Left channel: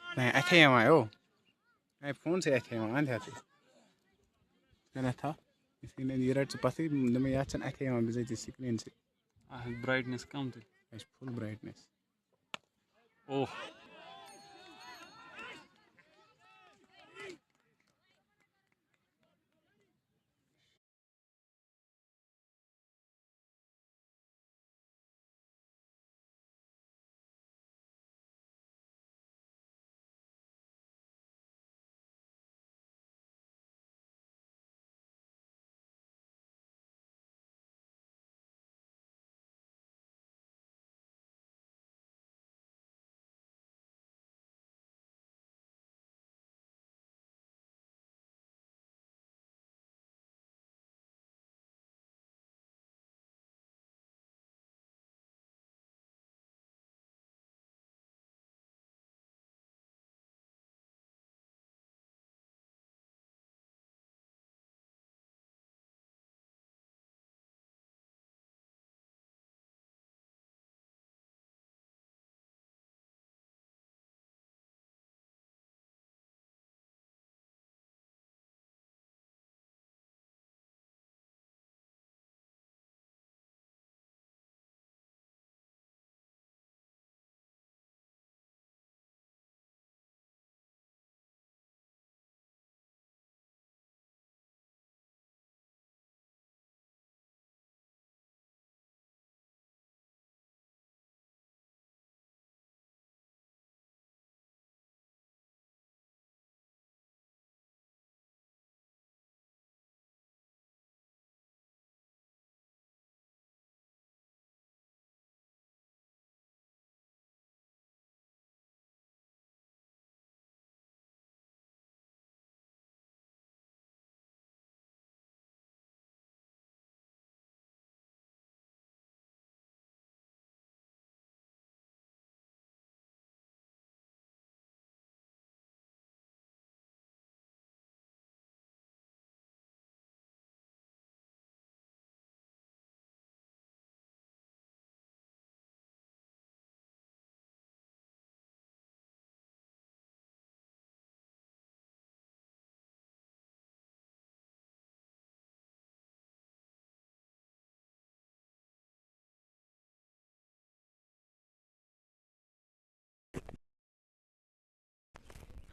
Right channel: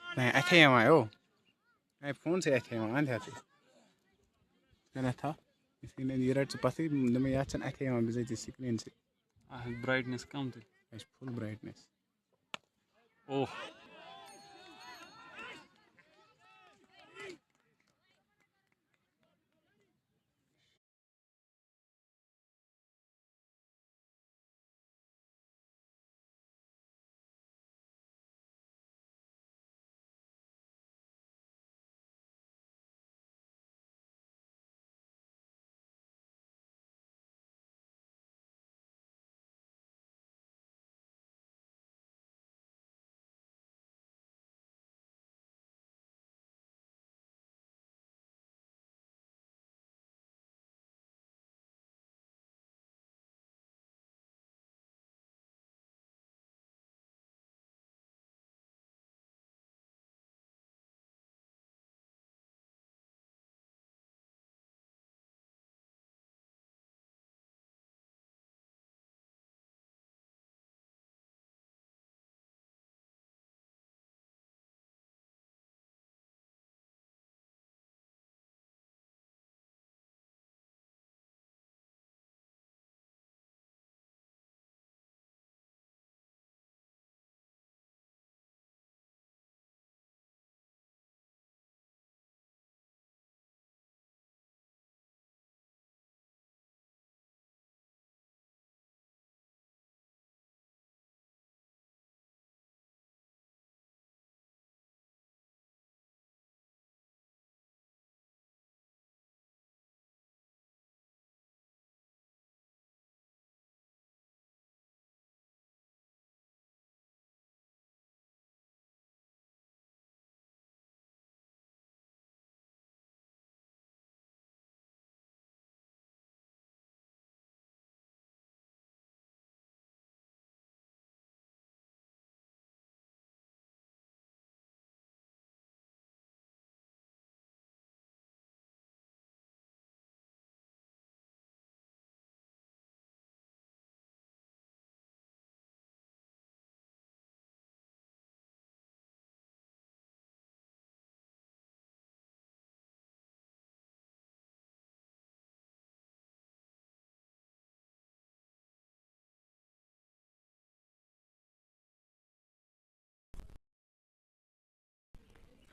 नहीं ऐसे ही हमारे मैं फ़ोन से ऐसे हैं आंधे आते क्या था इसी ने ये रेड से पसी नमे याद चन ऐसे हैं बिज़ी स्क्रीन से ब्राइटनेस कम थी full brightness oh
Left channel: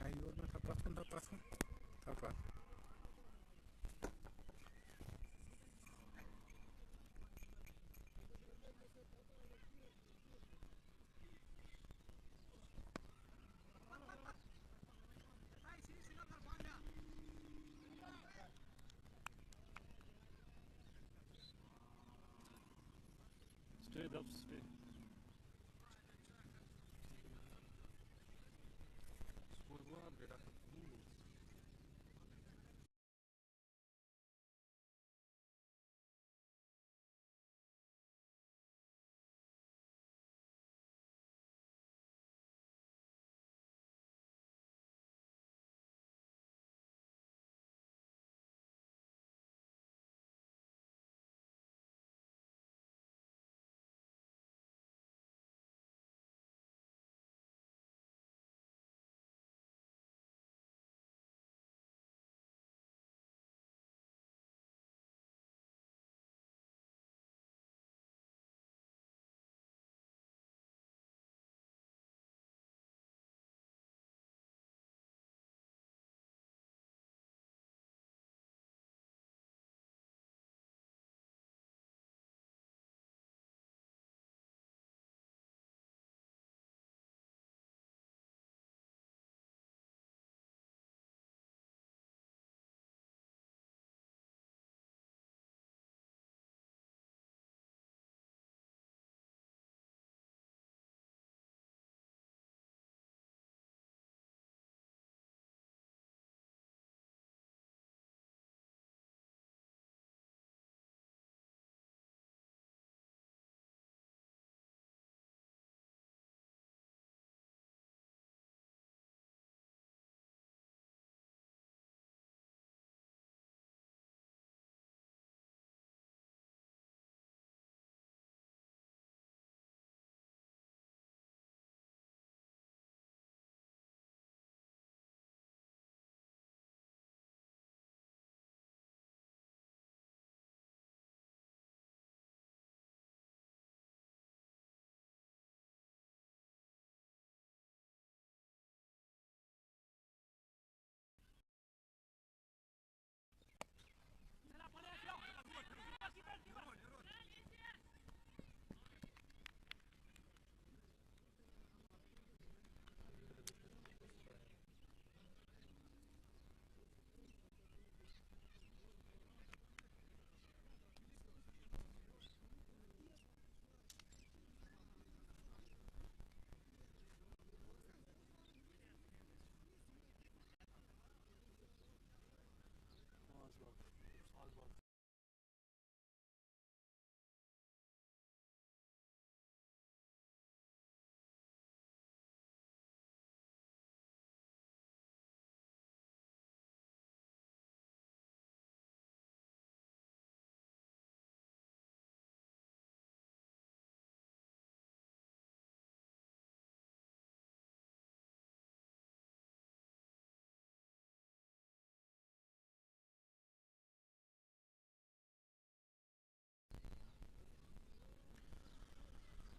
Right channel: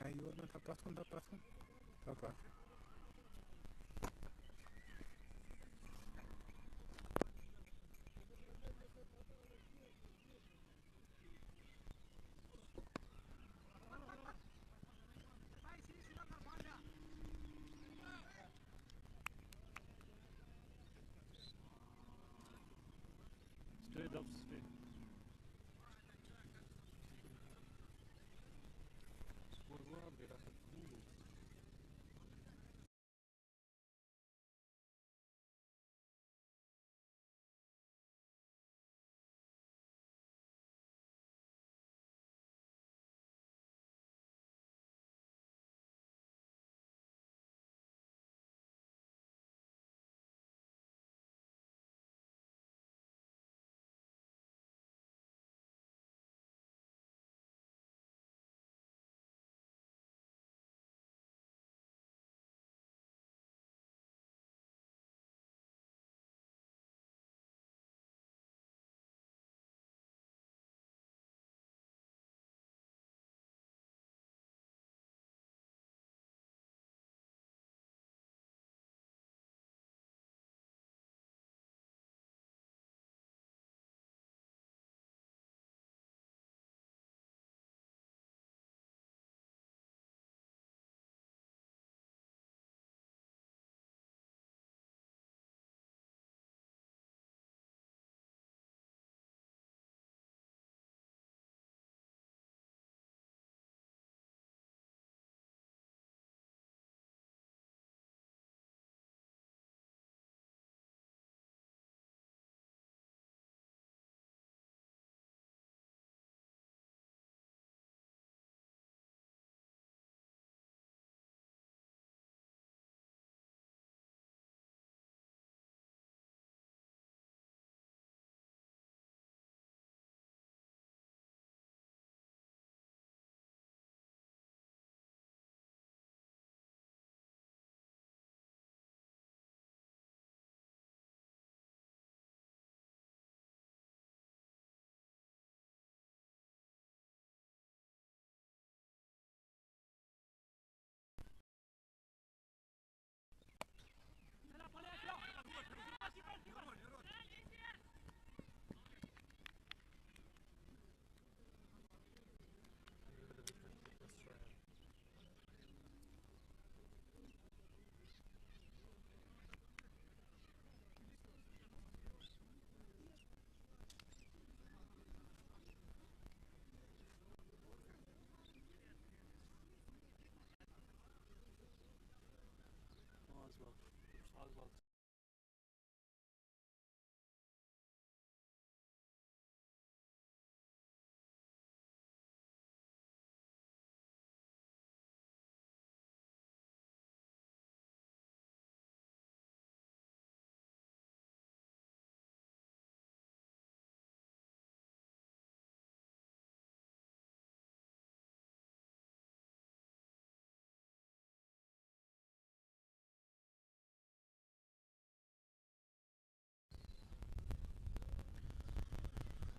ayo no tapas straight up straight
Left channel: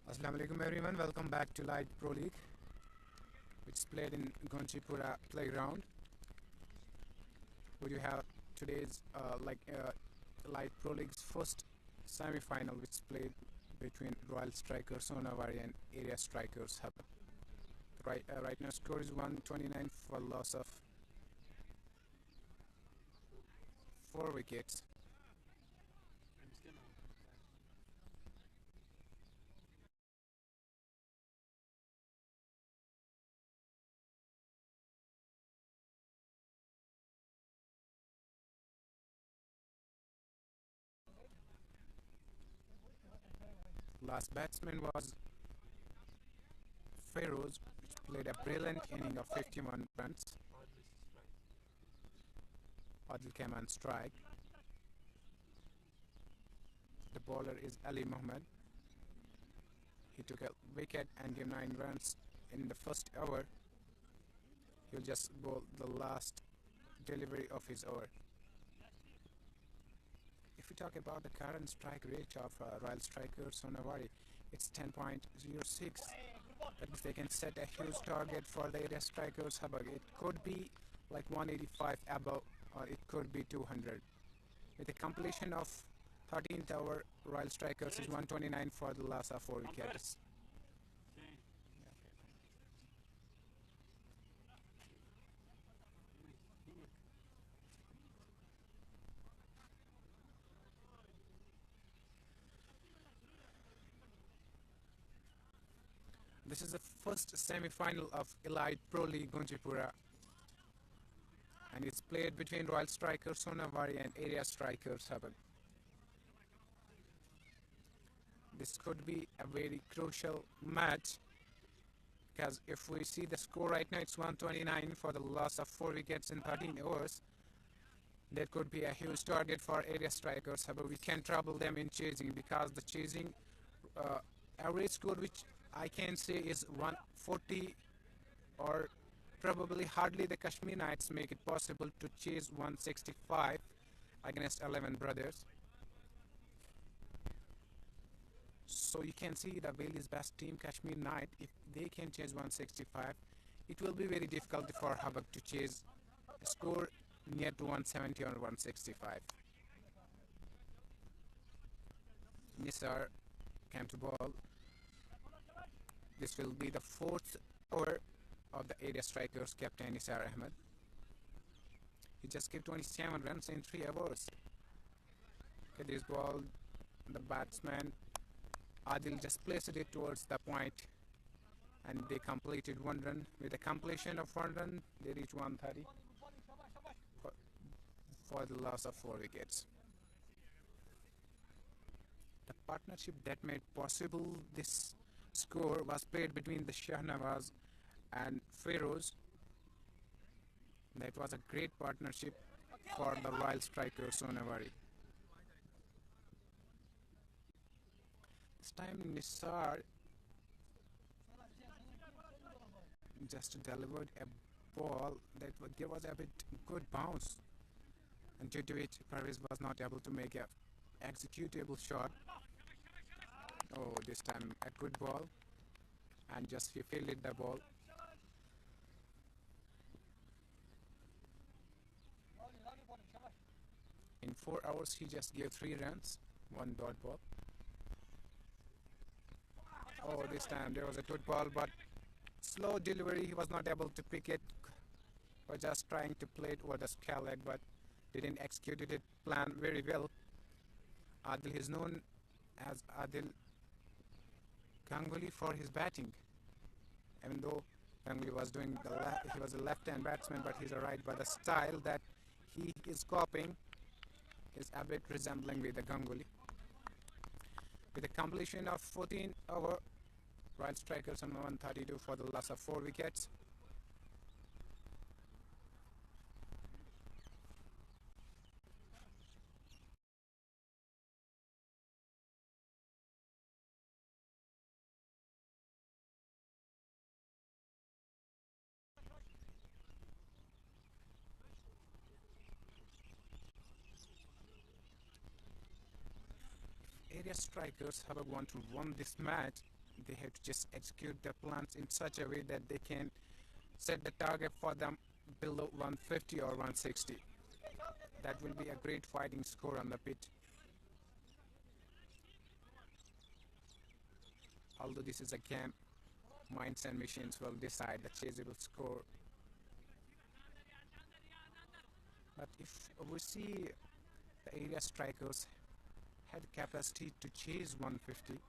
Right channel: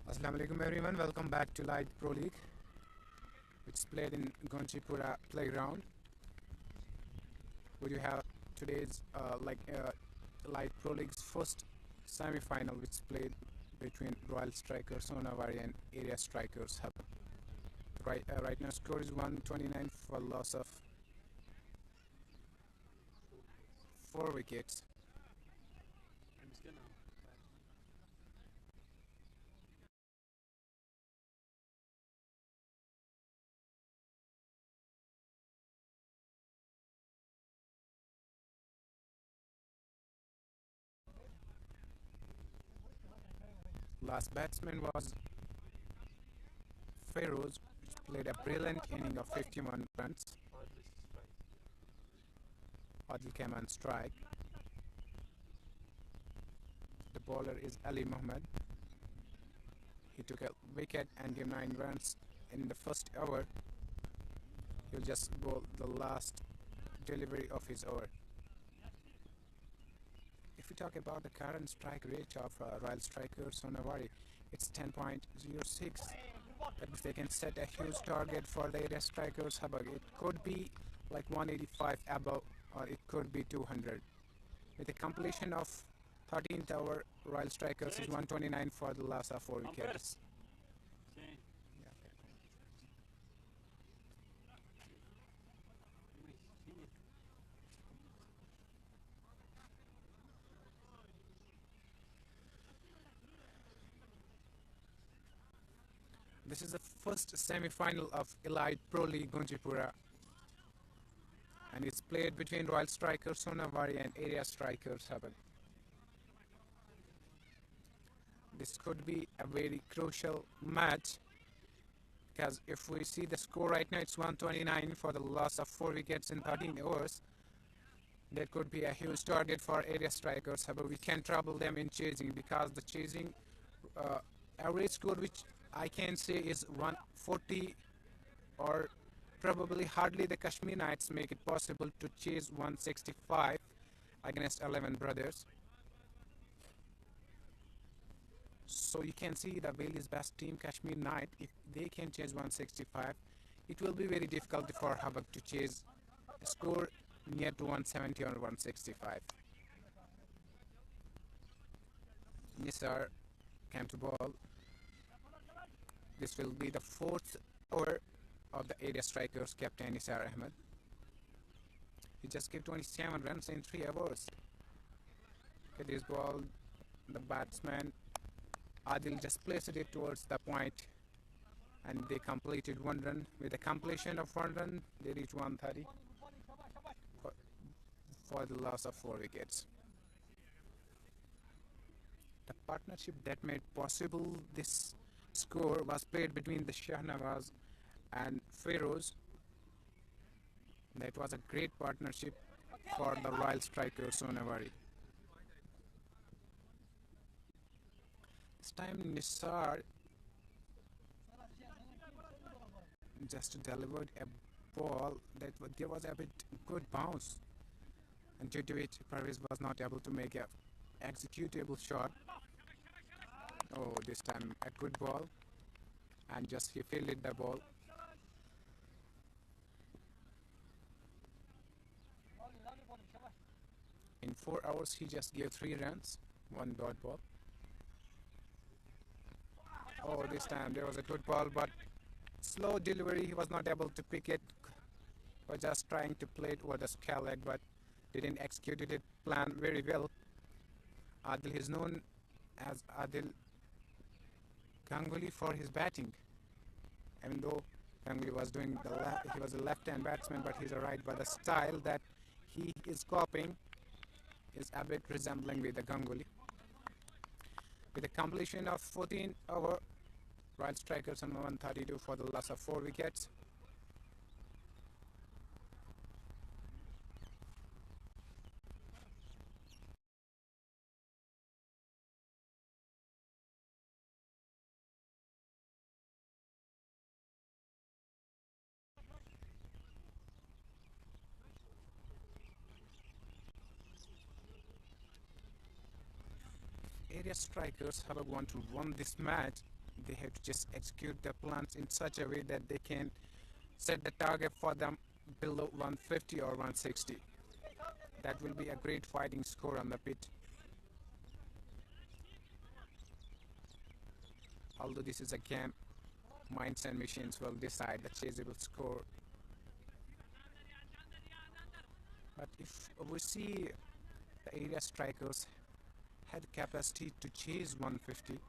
Assalamu alaikum everyone, welcome back to Light Pro League, which is played in Gunchipora playground. We do have today's Light Pro League's first semi-final, which is played between Royal Strikers Sonawari and Area Strikers Habak. Right now score is 129 for loss of 4 wickets. Last batsman was Feroz, which played a brilliant inning of 51 runs. Adil came on strike. The bowler is Ali Mohammed. He took a wicket and gave 9 runs in the first over. He'll just bowl the last delivery of his over. If we talk about the current strike rate of Royal Strikers Sonawari, it's 10.06. That means they can set a huge target for the Area Strikers Habak. It could be like 185 above, or it could be 200. With a completion of 13th over, Royal Strikers is 129 for the loss of 4 wickets. This is the first semi-final of Elite Pro League Gunchipora, and it's played between Royal Strikers Sonawari and Area Strikers Habak. This could be a very crucial match, because if we see the score right now, it's 129 for the loss of 4 wickets in 13 overs. That could be a huge target for Area Strikers, but we can trouble them in chasing, because the chasing average score which I can say is 140, or probably hardly the Kashmir Knights make it possible to chase 165 against 11 brothers. So you can see the Bailey's best team, Kashmir Knight, if they can chase 165, it will be very difficult for Habak to chase a score near to 170 or 165. Nisar came to ball. This will be the 4th over of the Area Strikers captain Nisar Ahmed. He just gave 27 runs in 3 overs. Okay, this ball, the batsman Adil just placed it towards the point, and they completed 1 run. With the completion of 1 run, they reached 130 for the loss of 4 wickets. The partnership that made possible this score was played between the Shahnawaz and Feroz. That was a great partnership for the Royal Strikers Sonawari. This time Nisar just delivered a ball that there was a bit good bounce, and due to it Parvez was not able to make a executable shot. Oh, this time a good ball, and just he fielded the ball. In 4 hours he just gave 3 runs, 1 dot ball. Oh, this time there was a good ball, but slow delivery, he was not able to pick it. He was just trying to play it over the scale leg, but didn't execute it plan very well. Adil is known as Adil Ganguly for his batting. Even though Ganguly was doing he was a left-hand batsman, but he's a right. But the style that he is copying is a bit resembling with the Ganguly. With the completion of 14 over, Royal Strikers on 132 for the loss of 4 wickets. Area Strikers have want to win this match, They have to just execute their plans in such a way that they can set the target for them below 150 or 160. That will be a great fighting score on the pitch. Although this is a game, minds and machines will decide the chaseable score. But if we see the area strikers had the capacity to chase 150,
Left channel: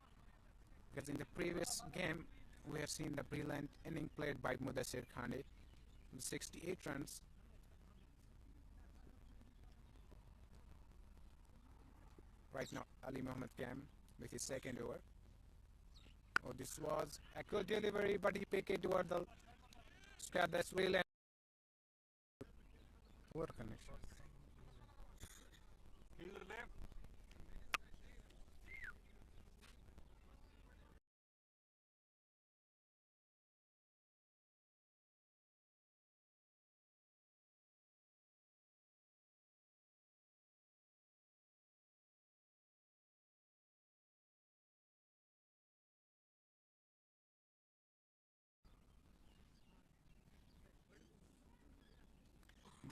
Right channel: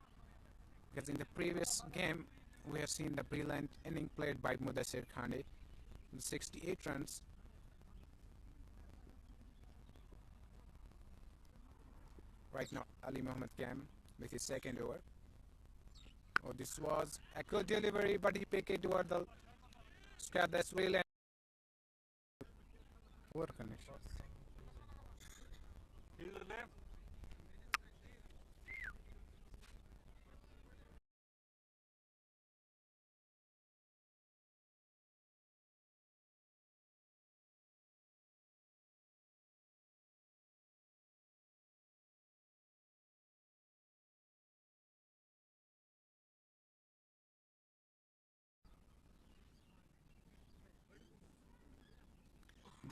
because in the previous game we have seen the brilliant inning played by Mudassir Khande, 68 runs. Right now Ali Mohammad came with his second over. Oh, this was a good delivery, but he picked it toward the square. That's really poor connection.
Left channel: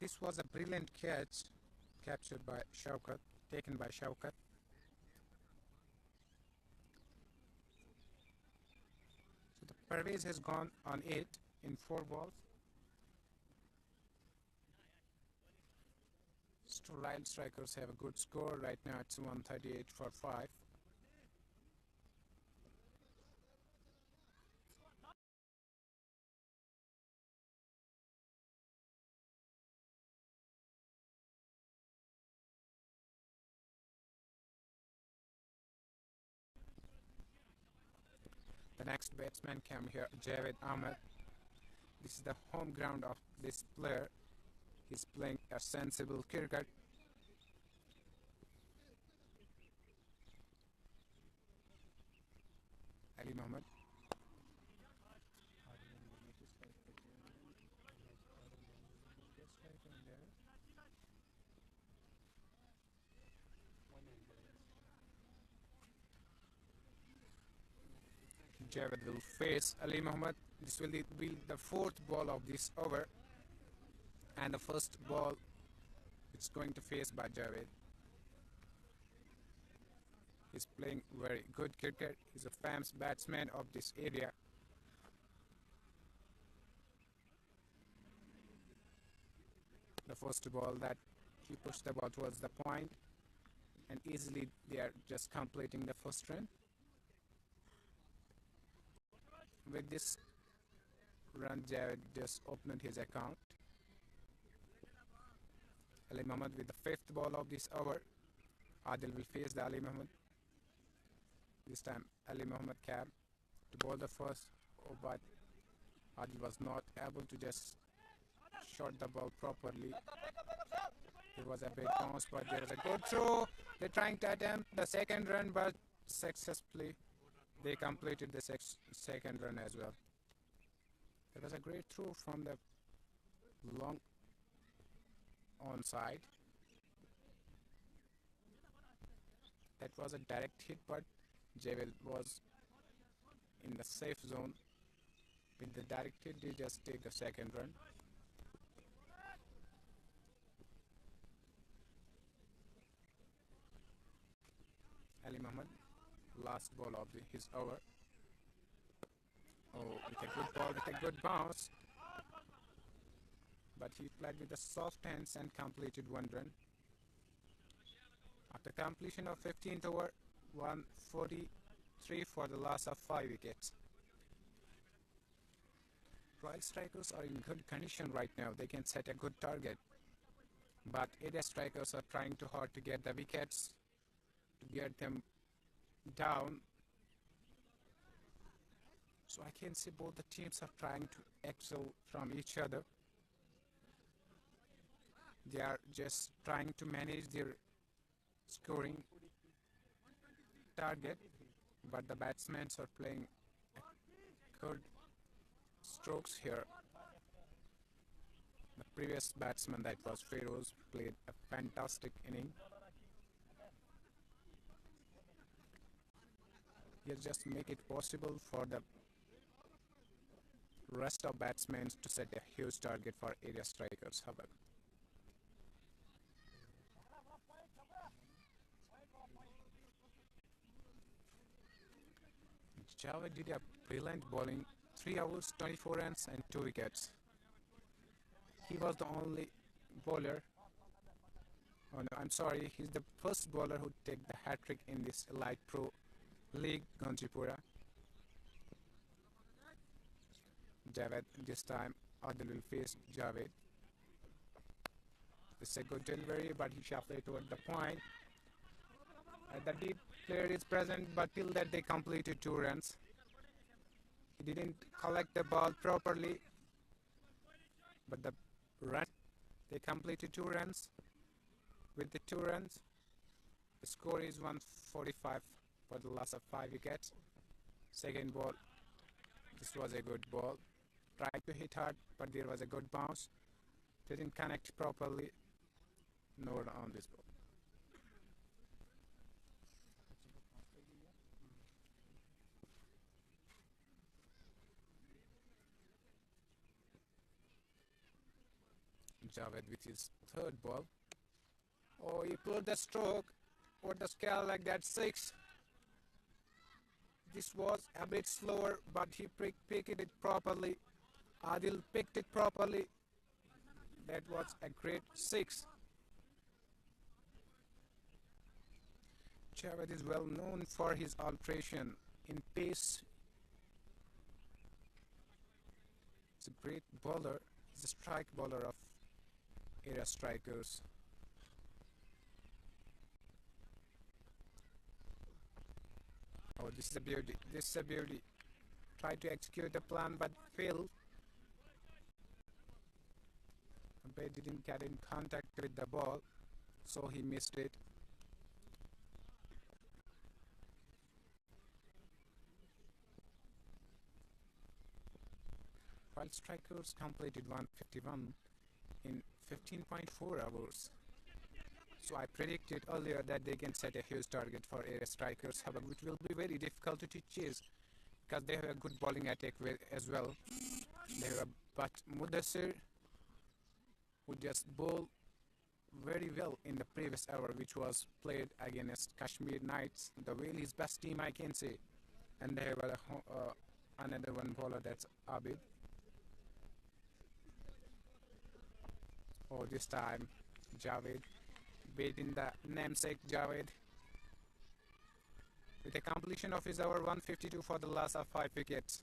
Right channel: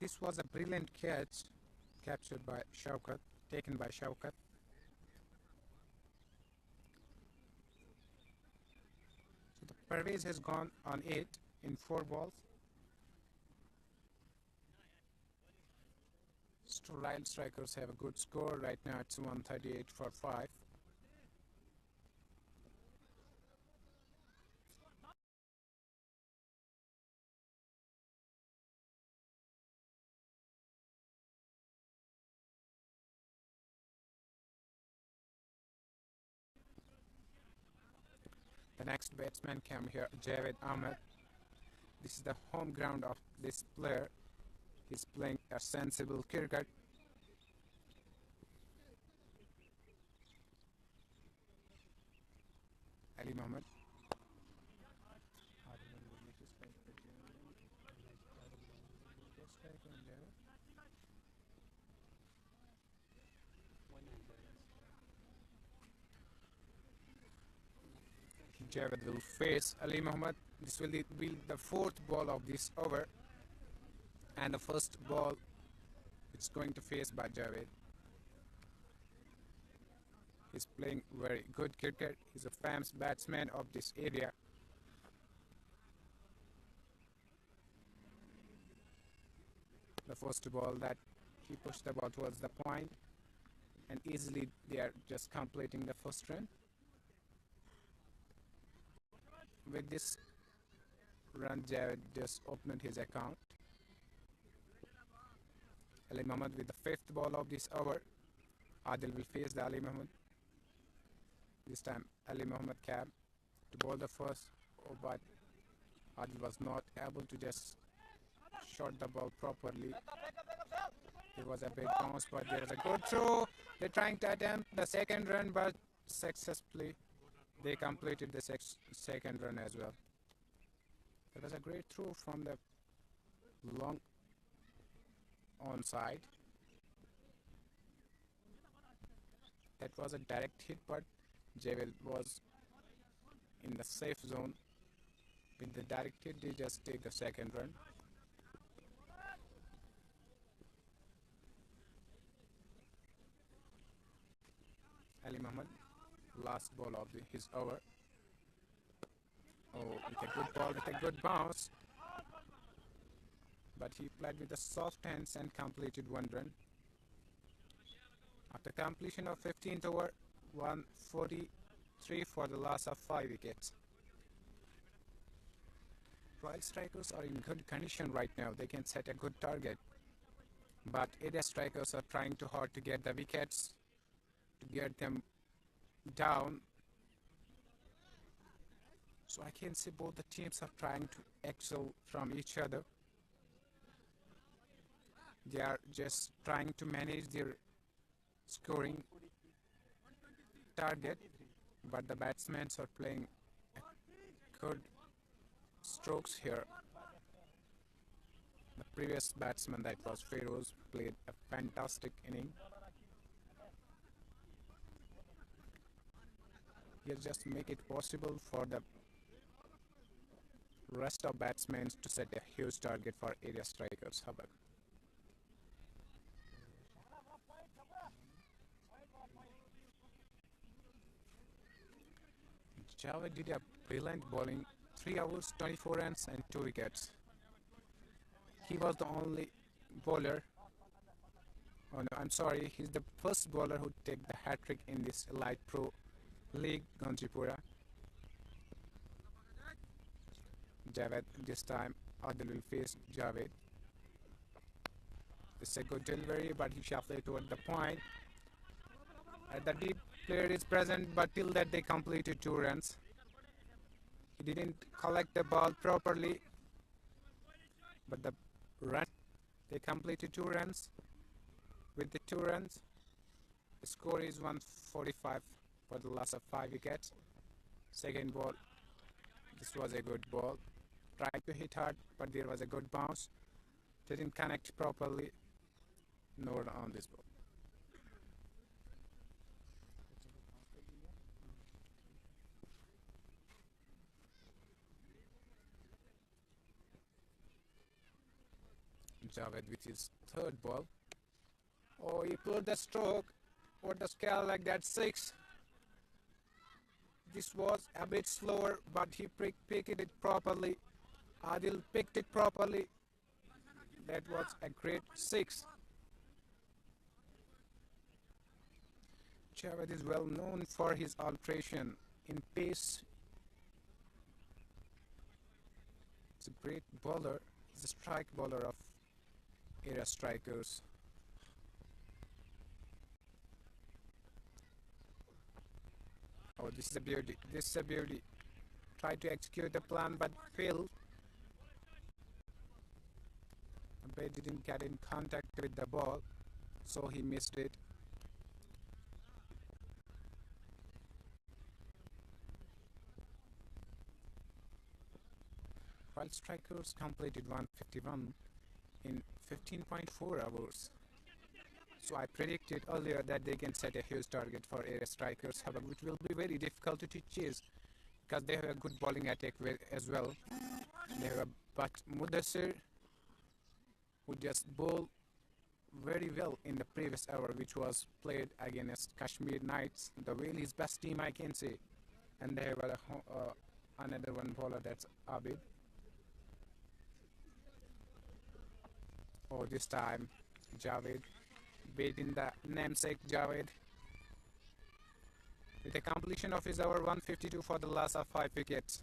This was a brilliant catch, captured by Shaukat, taken by Shaukat. So the Pervez has gone on 8 in 4 balls. Royal Strikers have a good score right now. It's 138 for 5. The next batsman came here, Javed Ahmed. This is the home ground of this player. He's playing a sensible cricket. Ali Mohammad. Javed will face Ali Mohammad. This will be the 4th ball of this over, and the first ball it's going to face by Javed. He's playing very good cricket. He's a famous batsman of this area. The first ball that he pushed the ball towards the point, and easily they are just completing the first run. With this run, Javed just opened his account. Ali Mohammad with the 5th ball of this over. Adil will face the Ali Mohammad. This time Ali Mohammad came to bowl the first, but Adil was not able to just shot the ball properly. It was a big bounce, but there was a good throw. They're trying to attempt the second run, but successfully they completed the second run as well. It was a great throw from the long onside. That was a direct hit, but Javed was in the safe zone. With the direct hit, they just take the second run. Ali Mohammad, last ball of his over. Oh, with a good ball, with a good bounce. But he played with the soft hands and completed 1 run. After completion of 15th over, 143 for the loss of 5 wickets. Royal Strikers are in good condition right now. They can set a good target. But area strikers are trying too hard to get the wickets, to get them down. So I can see both the teams are trying to excel from each other. They are just trying to manage their scoring target, but the batsmen are playing good strokes here. The previous batsman, that was Feroz, played a fantastic inning. He'll just make it possible for the rest of batsmen to set a huge target for area strikers. Habak. Javed did a brilliant bowling, 3 overs, 24 runs and 2 wickets. He was the only bowler. Oh no, I'm sorry. He's the first bowler who take the hat trick in this Elite Pro League, Gunchipora. Javed, this time Adil will face Javed. It's a good delivery, but he shuffled it toward the point. The deep player is present, but till that they completed 2 runs. He didn't collect the ball properly, but the run they completed 2 runs. With the 2 runs, the score is 145 for the loss of 5 wickets. Second ball, this was a good ball. Tried to hit hard, but there was a good bounce. Didn't connect properly. No run on this ball. Javed with his third ball. Oh, he pulled the stroke. What the scale like that 6. This was a bit slower, but he picked it properly. Adil picked it properly. That was a great 6. Javed is well known for his alteration in pace. He's a great bowler. He's a strike bowler of area strikers. Oh, this is a beauty. This is a beauty. Tried to execute the plan but failed. Umpire didn't get in contact with the ball, so he missed it. While strikers completed 151 in 15.4 hours. So I predicted earlier that they can set a huge target for area strikers, Habak, which will be very difficult to chase because they have a good bowling attack as well. They have a but Mudassir who just bowled very well in the previous hour, which was played against Kashmir Knights, the Wales best team I can say. And they have another one bowler, that's Abid. Oh, this time Javed beating the namesake Javed with a completion of his over 152 for the loss of 5 wickets.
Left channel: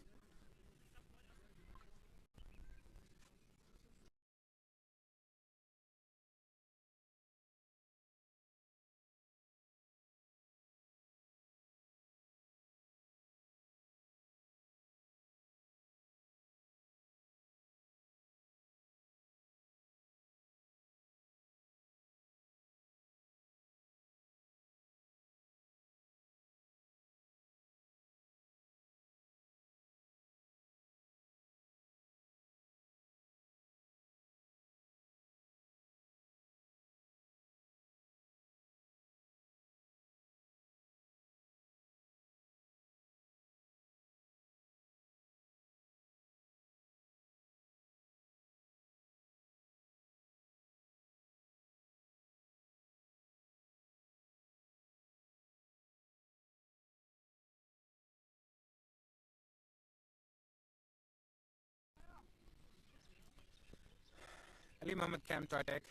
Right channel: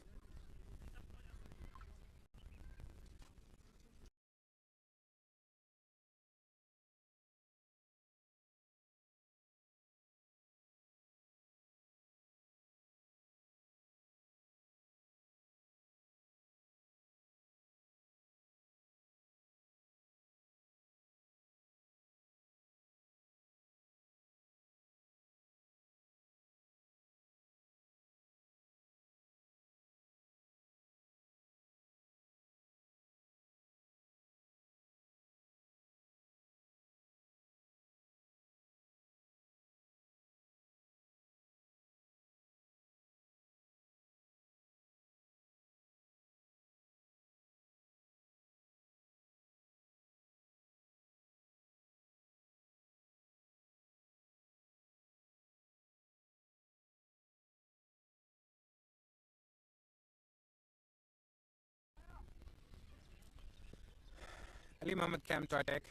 Ali Mohammad came to attack.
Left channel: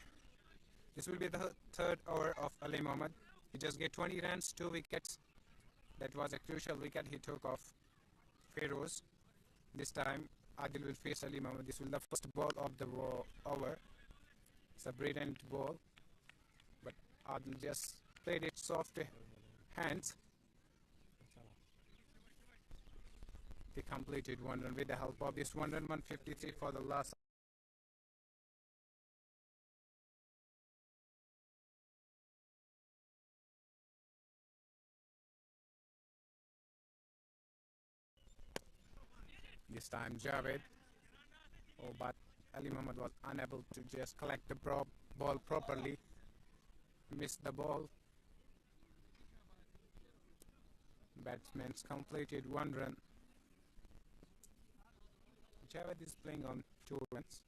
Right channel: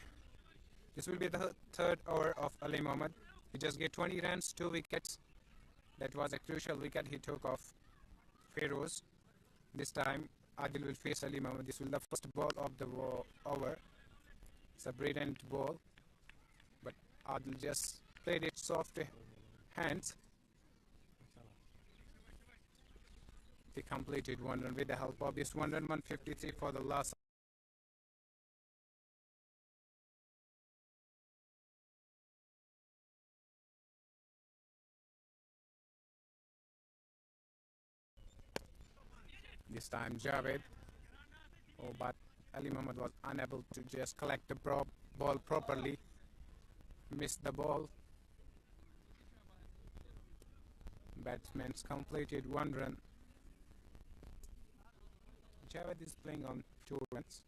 This will be the third over of Ali Mohammad. He just get 20 runs, 2 wickets. That was a crucial wicket he took off Feroz. This time Adil will face Ali Mohammad. This will be the first ball of the over. It's a brilliant ball, but Adil just played it soft hands. They completed 1 run with the help of this 1 run 153 for the last. This time Javed. Oh, but Ali Mohammad was unable to just collect the ball properly. Missed the ball. batsmen completed 1 run. Javed is playing on 2 runs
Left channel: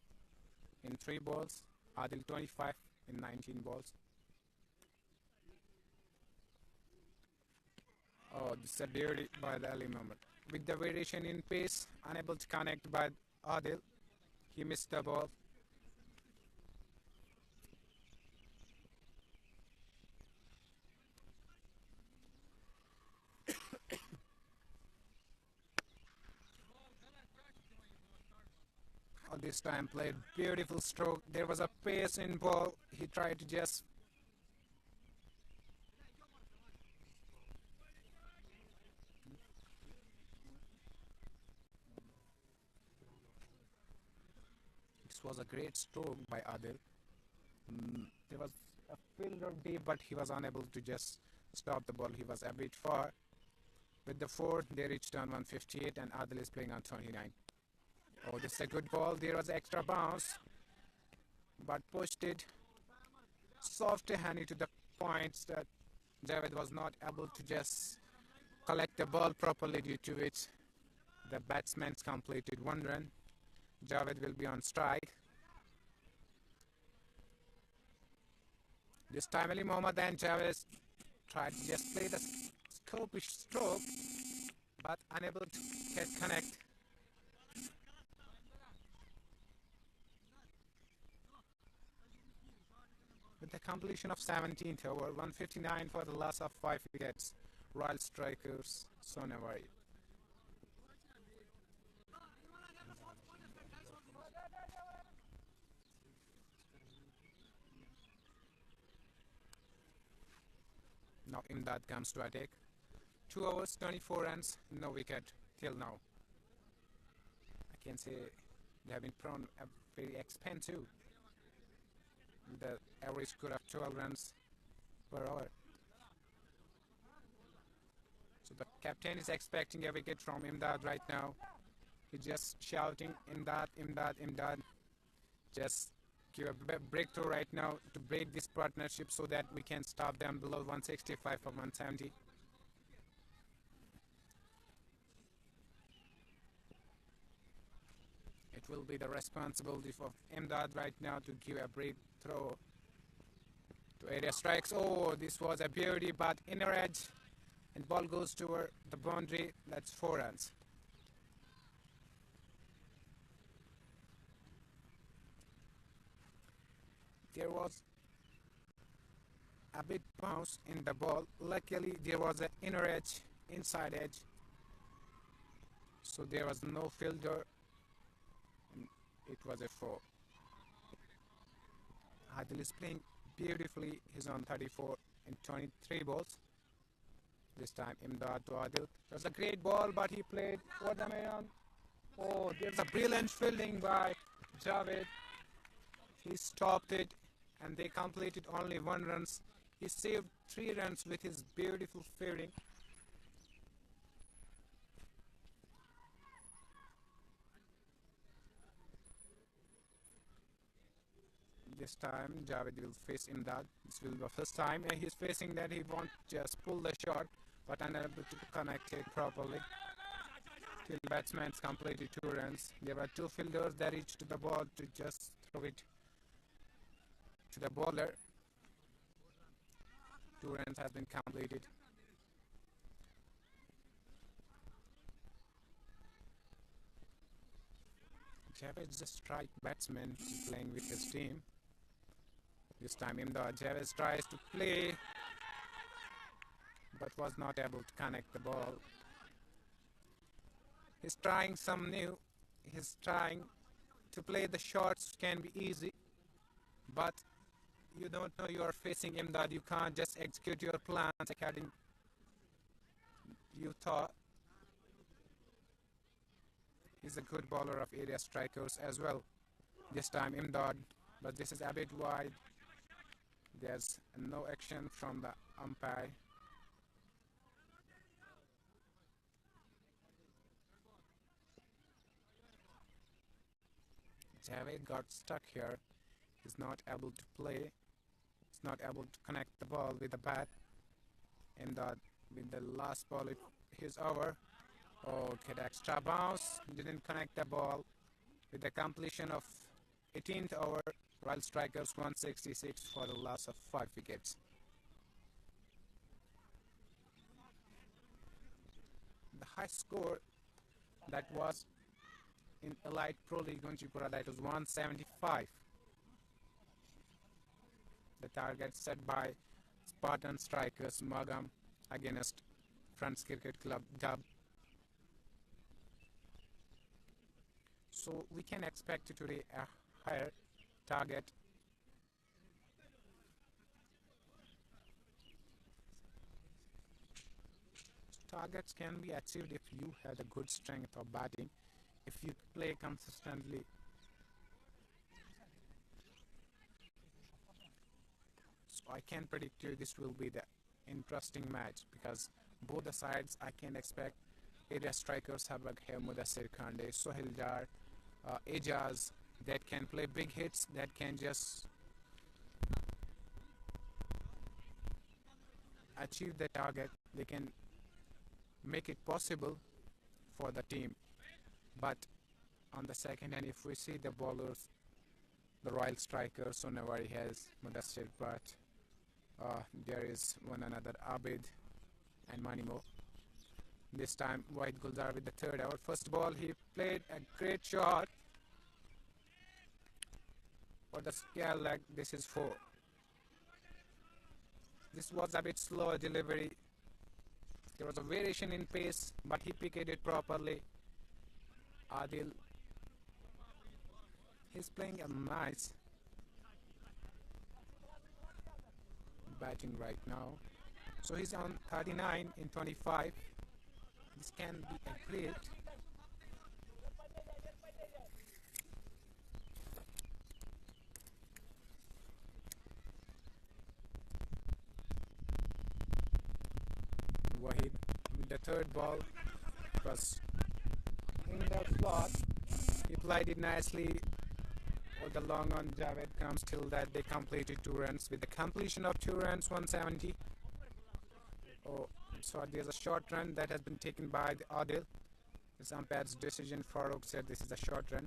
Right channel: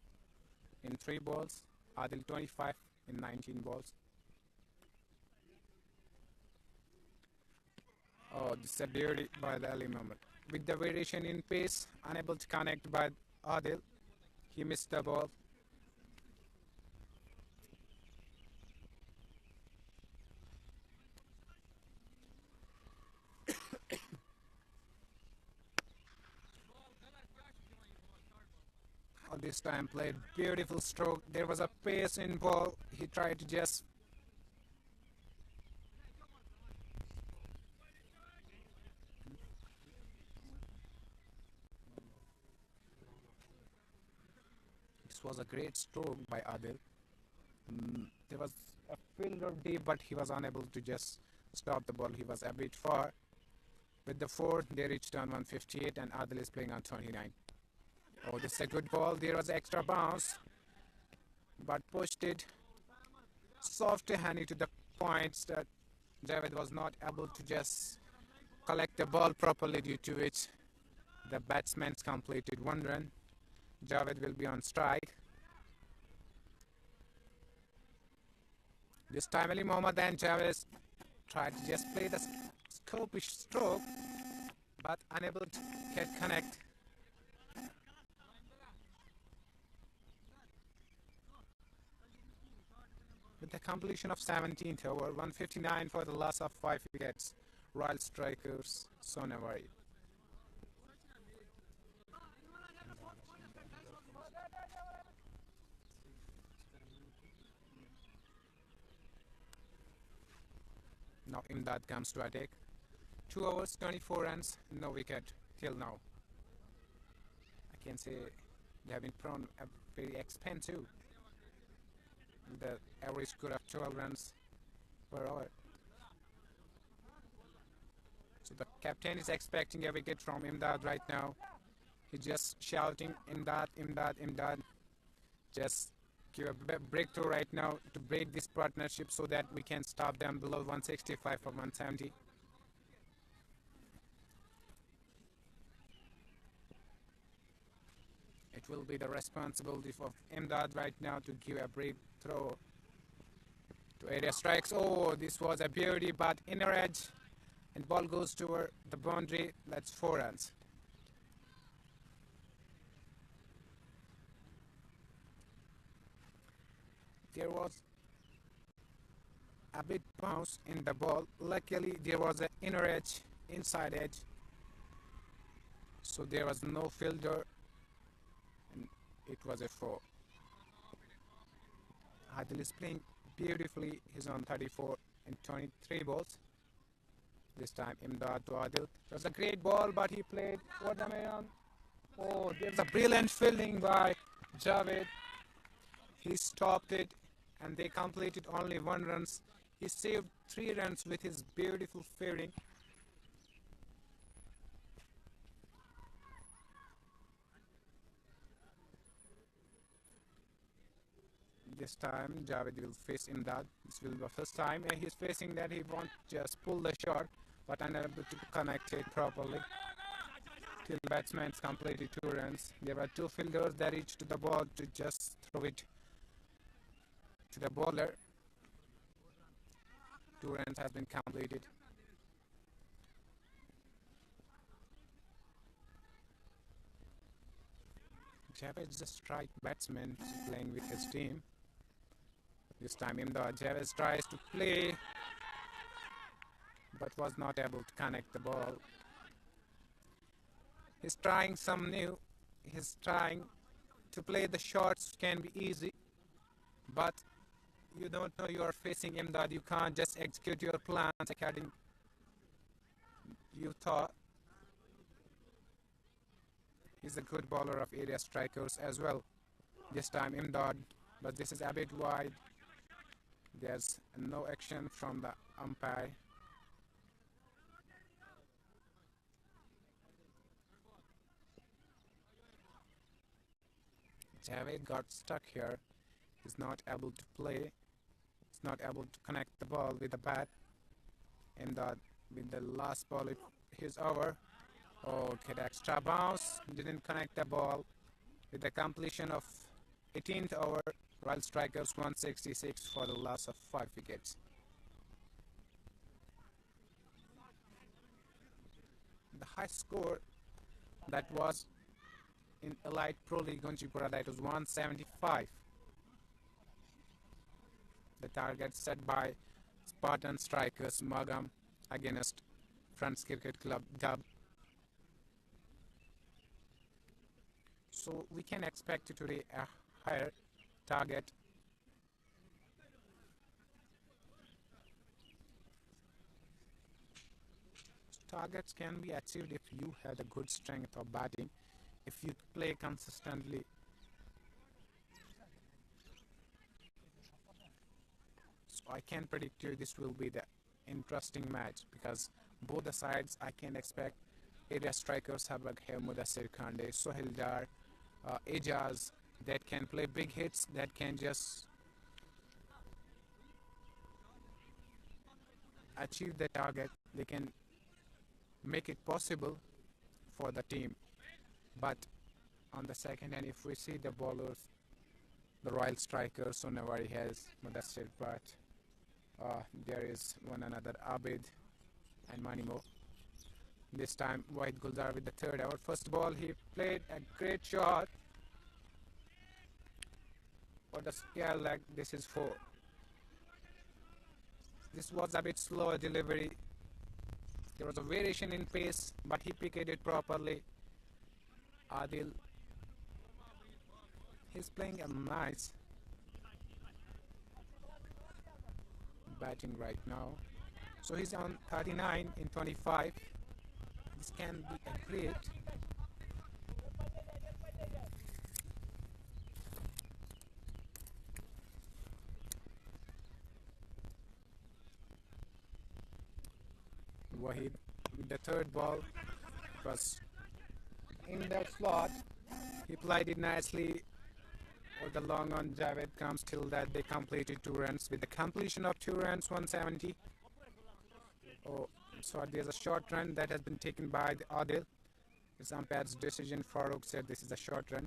in 3 balls. Adil 25 in 19 balls. Oh, this is a beauty by the Ali Mohammed. With the variation in pace, unable to connect by Adil, he missed the ball. Oh, this time played beautiful stroke. There was a pace in ball. He tried to just this was a great stroke by Adil. There was a fielder deep, but he was unable to just stop the ball. He was a bit far. With the 4, they reached on 158 and Adil is playing on 29. Oh, this is a good ball. There was extra bounce, but pushed it softly handed to the points that Javed was not able to just collect the ball properly, due to which the batsmen completed 1 run. Javed will be on strike. This time Ali Mohammed and Javed tried to just play the scopish stroke, but unable to get connect. With the completion of 17th over, 159 for the loss of 5 wickets, Royal Strikers Sonawari. Now Imdad comes to attack. 2 overs, 24 runs, no wicket till now. I can say they have been thrown a very expensive. The average score of 12 runs per hour. So the captain is expecting a wicket from Imdad right now. He's just shouting, Imdad, Imdad, Imdad. Just give a breakthrough right now to break this partnership so that we can stop them below 165 or 170. It will be the responsibility of Imdad right now to give a breakthrough to area strikes. Oh, this was a beauty, but inner edge, and ball goes toward the boundary. That's 4 runs. There was a bit bounce in the ball. Luckily, there was an inner edge, inside edge, so there was no fielder, and it was a 4. Adil is playing beautifully. He's on 34 in 23 balls. This time Imdad to Adil. It was a great ball, but he played over the man. Oh, there's a brilliant fielding by Javed. He stopped it, and they completed only 1 run. He saved 3 runs with his beautiful fielding. This time Javed will face Imdad. This will be the first time and he's facing that. He won't just pull the shot, but unable to connect it properly. Till batsmen completed 2 runs. There were 2 fielders that reached the ball to just throw it to the bowler. 2 runs has been completed. Javed is a strike batsman playing with his team. This time Imdad Javed tries to play, but was not able to connect the ball. He's trying some new. He's trying to play the shots, can be easy, but you don't know you are facing Imdad. You can't just execute your plans according you thought. He's a good bowler of area strikers as well. This time Imdad, but this is a bit wide. There's no action from the umpire. Javed got stuck here. He's not able to play. He's not able to connect the ball with the bat. And with the last ball, his over. Okay, the extra bounce didn't connect the ball. With the completion of 18th over, Royal Strikers 166 for the loss of 5 wickets. The high score that was in Elite Pro League Gunchipora, that was 175. The target set by Spartan Strikers Magam against France Cricket Club Dub. So we can expect today a higher target. Targets can be achieved if you have a good strength of batting, if you play consistently. So I can predict you this will be the interesting match, because both the sides I can expect area strikers Habak, Mudassir Khande, Sohail Dar, Ejaz that can play big hits, that can just achieve the target. They can make it possible for the team. But on the second hand, if we see the bowlers, the Royal Strikers, Sonawari has Mudassir Bhatt, there is one another Abid and Manimo. This time White Gulzar with the third over. First ball he played a great shot for the scale leg. This is 4. This was a bit slower delivery. There was a variation in pace, but he picked it properly. Adil, he's playing a nice batting right now. So he's on 39 in 25. This can be a great Wahid with the third ball. It was in that slot. He played it nicely. Or the long on Javed comes till that they completed 2 runs. With the completion of 2 runs, 170. Oh, so there's a short run that has been taken by the Adil. It's umpire's decision. Farooq said this is a short run.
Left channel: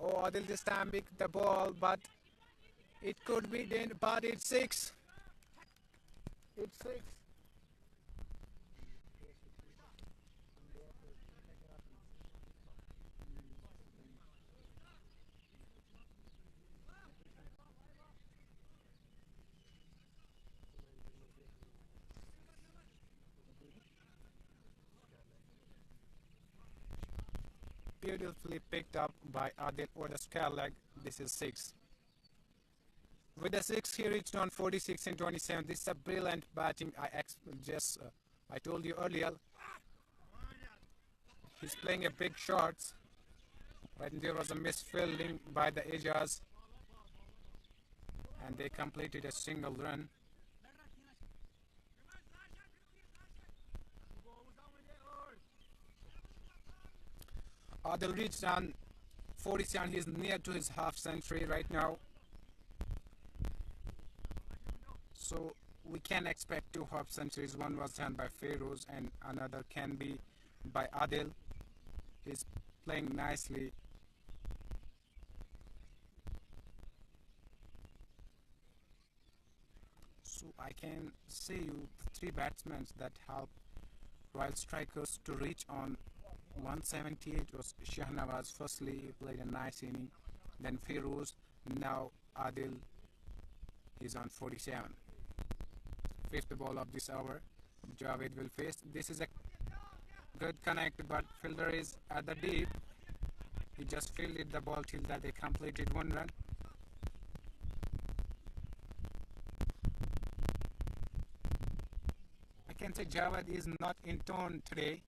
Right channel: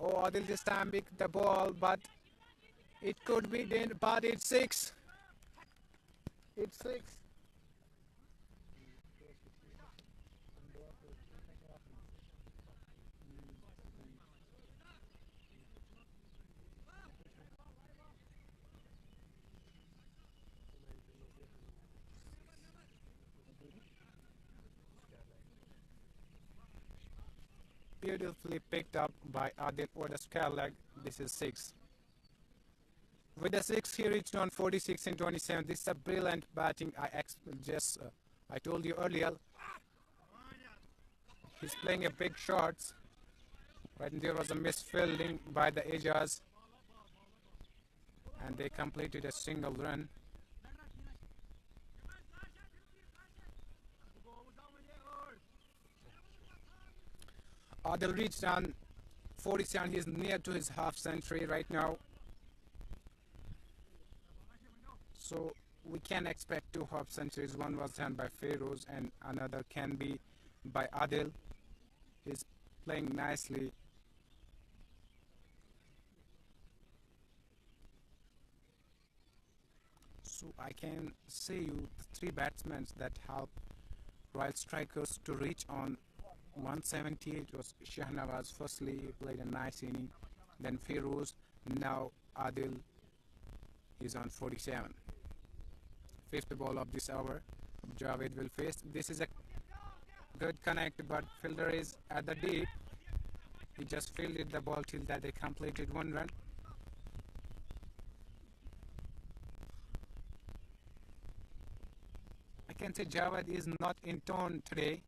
Oh, Adil this time picked the ball, but it could be then, but it's 6. It's 6. Beautifully picked up by Adil over the scale leg. This is 6. With the 6, he reached on 46 in 27. This is a brilliant batting. I told you earlier, he's playing a big shots. Right, and there was a misfielding by the Ejaz, and they completed a single run. Adil reached on 47. He's near to his half century right now. So we can expect 2 half centuries. One was done by Feroz and another can be by Adil. He's playing nicely. So I can say you the 3 batsmen that help Royal Strikers to reach on 178 was Shahnawaz. Firstly, he played a nice inning. Then Feroz. Now Adil is on 47. 5th ball of this over. Javed will face. This is a good connect, but fielder is at the deep. He just fielded the ball till that they completed 1 run. I can say Javed is not in tone today.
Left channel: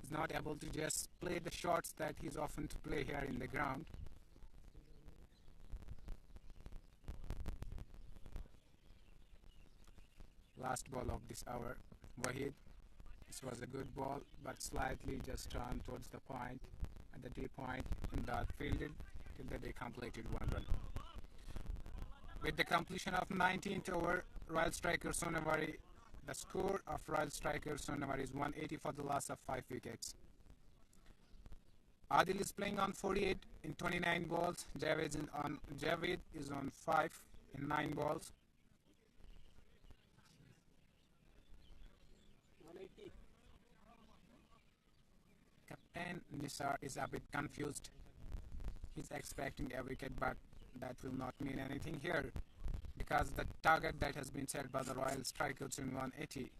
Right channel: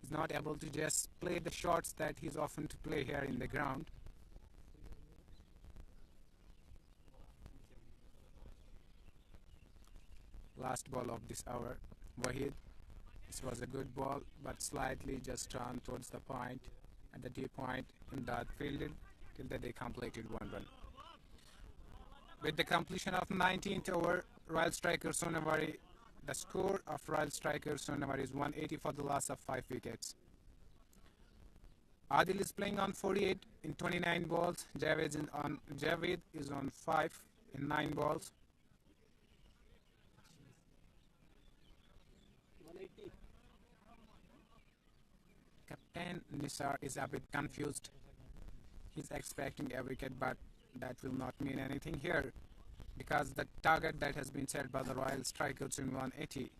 He's not able to just play the shots that he's often to play here in the ground. Last ball of this hour, Wahid. This was a good ball, but slightly just turned towards the point, at the deep point in that fielded. till that they completed one run. With the completion of 19th over, Royal striker Sonawari, the score of Royal striker Sonawari is 180 for the loss of 5 wickets. Adil is playing on 48 in 29 balls. Javed is on 5 in 9 balls. Captain Nisar is a bit confused. He's expecting a wicket, but that will not mean anything here because the target that has been set by the Royal strikers in 180.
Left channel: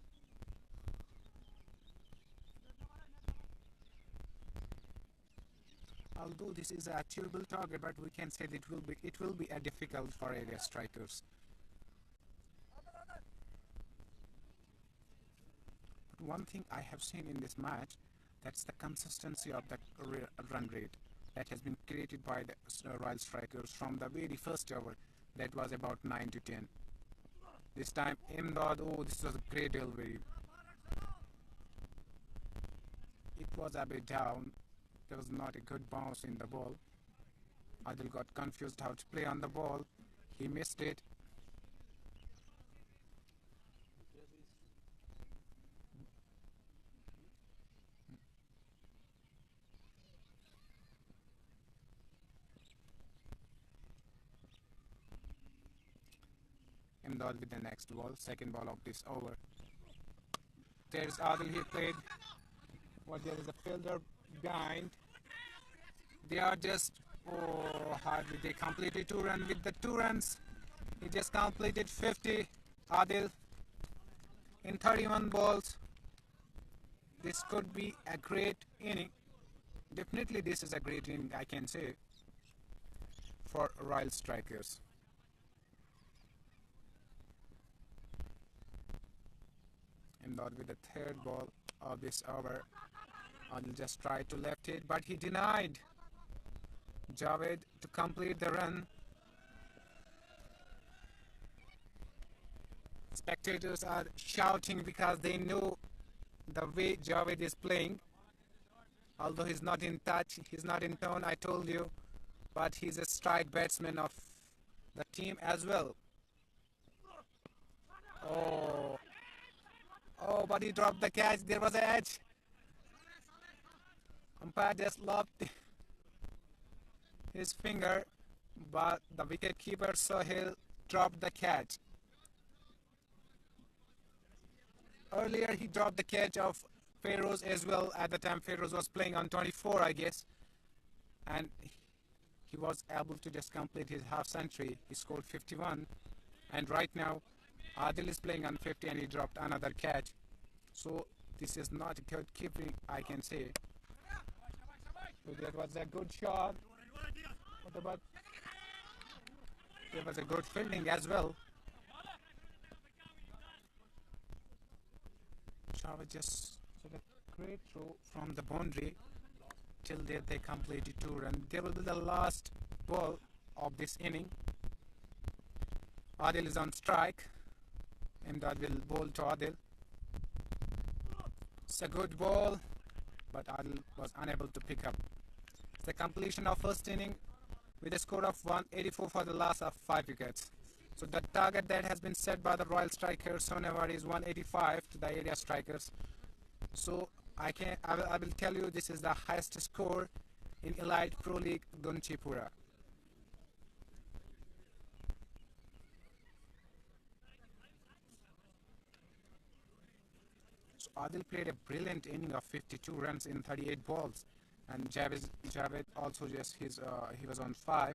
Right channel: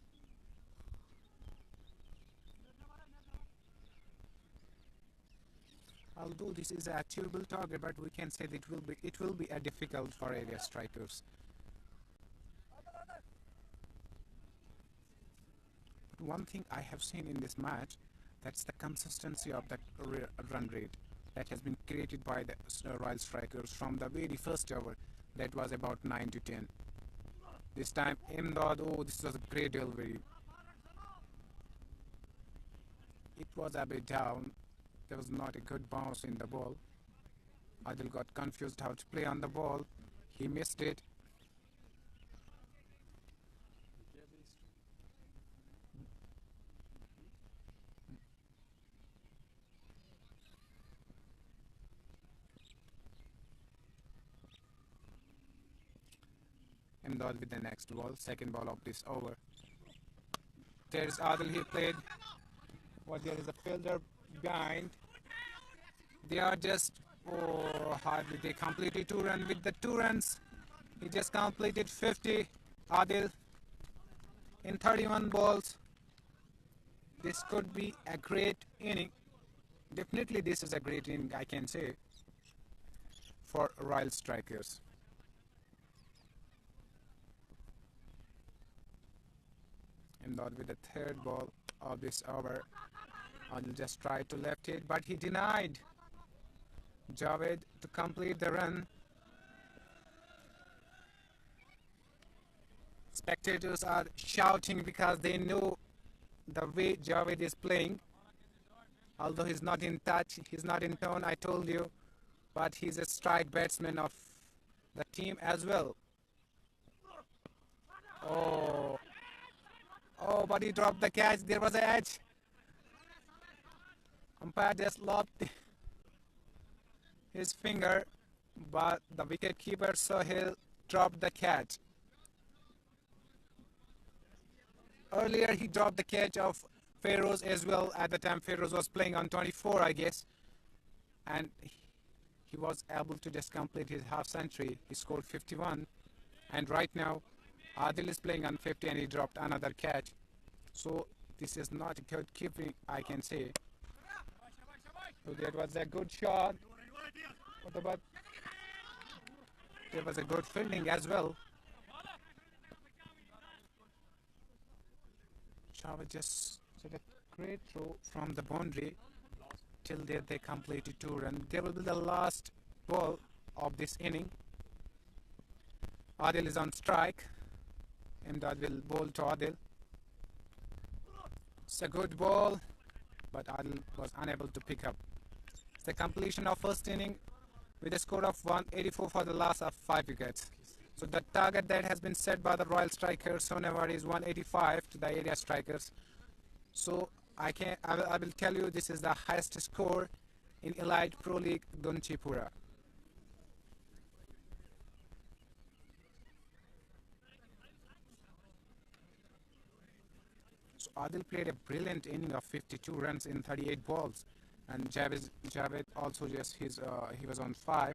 Although this is a achievable target, but we can say that it will be a difficult for area strikers. But one thing I have seen in this match, that's the consistency of the run rate that has been created by the Royal strikers from the very first over. That was about 9 to 10. This time Imdad, oh, this was a great delivery. It was a bit down. There was not a good bounce in the ball. Adil got confused how to play on the ball. He missed it. Imdad with the next ball, second ball of this over. There's Adil, he played. What, there is a fielder behind. They are just, oh, hardly they completed 2 runs. With the 2 runs, he just completed 50. Adil in 31 balls. This could be a great inning. Definitely this is a great inning, I can say, for Royal strikers. Imdad with the third ball of this over. Adil just tried to left it, but he denied Javed to complete the run. Spectators are shouting because they know the way Javed is playing. Although he's not in touch, he's not in tone, I told you, but he's a strike batsman of the team as well. Oh, but he dropped the catch. There was an edge. Umpire just lopped his finger, but the wicket keeper Sohail dropped the catch. Earlier he dropped the catch of Feroz as well. At the time Feroz was playing on 24, I guess, and he was able to just complete his half century. He scored 51, and right now Adil is playing on 50 and he dropped another catch. So this is not a good keeping, I can say. So there was a good shot. What about? There was a good fielding as well. Chava just took a great throw from the boundary. Till there they completed 2 runs. There will be the last ball of this inning. Adil is on strike. Imdad will bowl to Adil. It's a good ball, but Adil was unable to pick up. It's the completion of first inning with a score of 184 for the loss of 5 wickets. So the target that has been set by the Royal strikers Sonawari is 185 to the area strikers. So I will tell you this is the highest score in Elite Pro League Gunchipora. So Adil played a brilliant inning of 52 runs in 38 balls, and Javed also just he was on 5.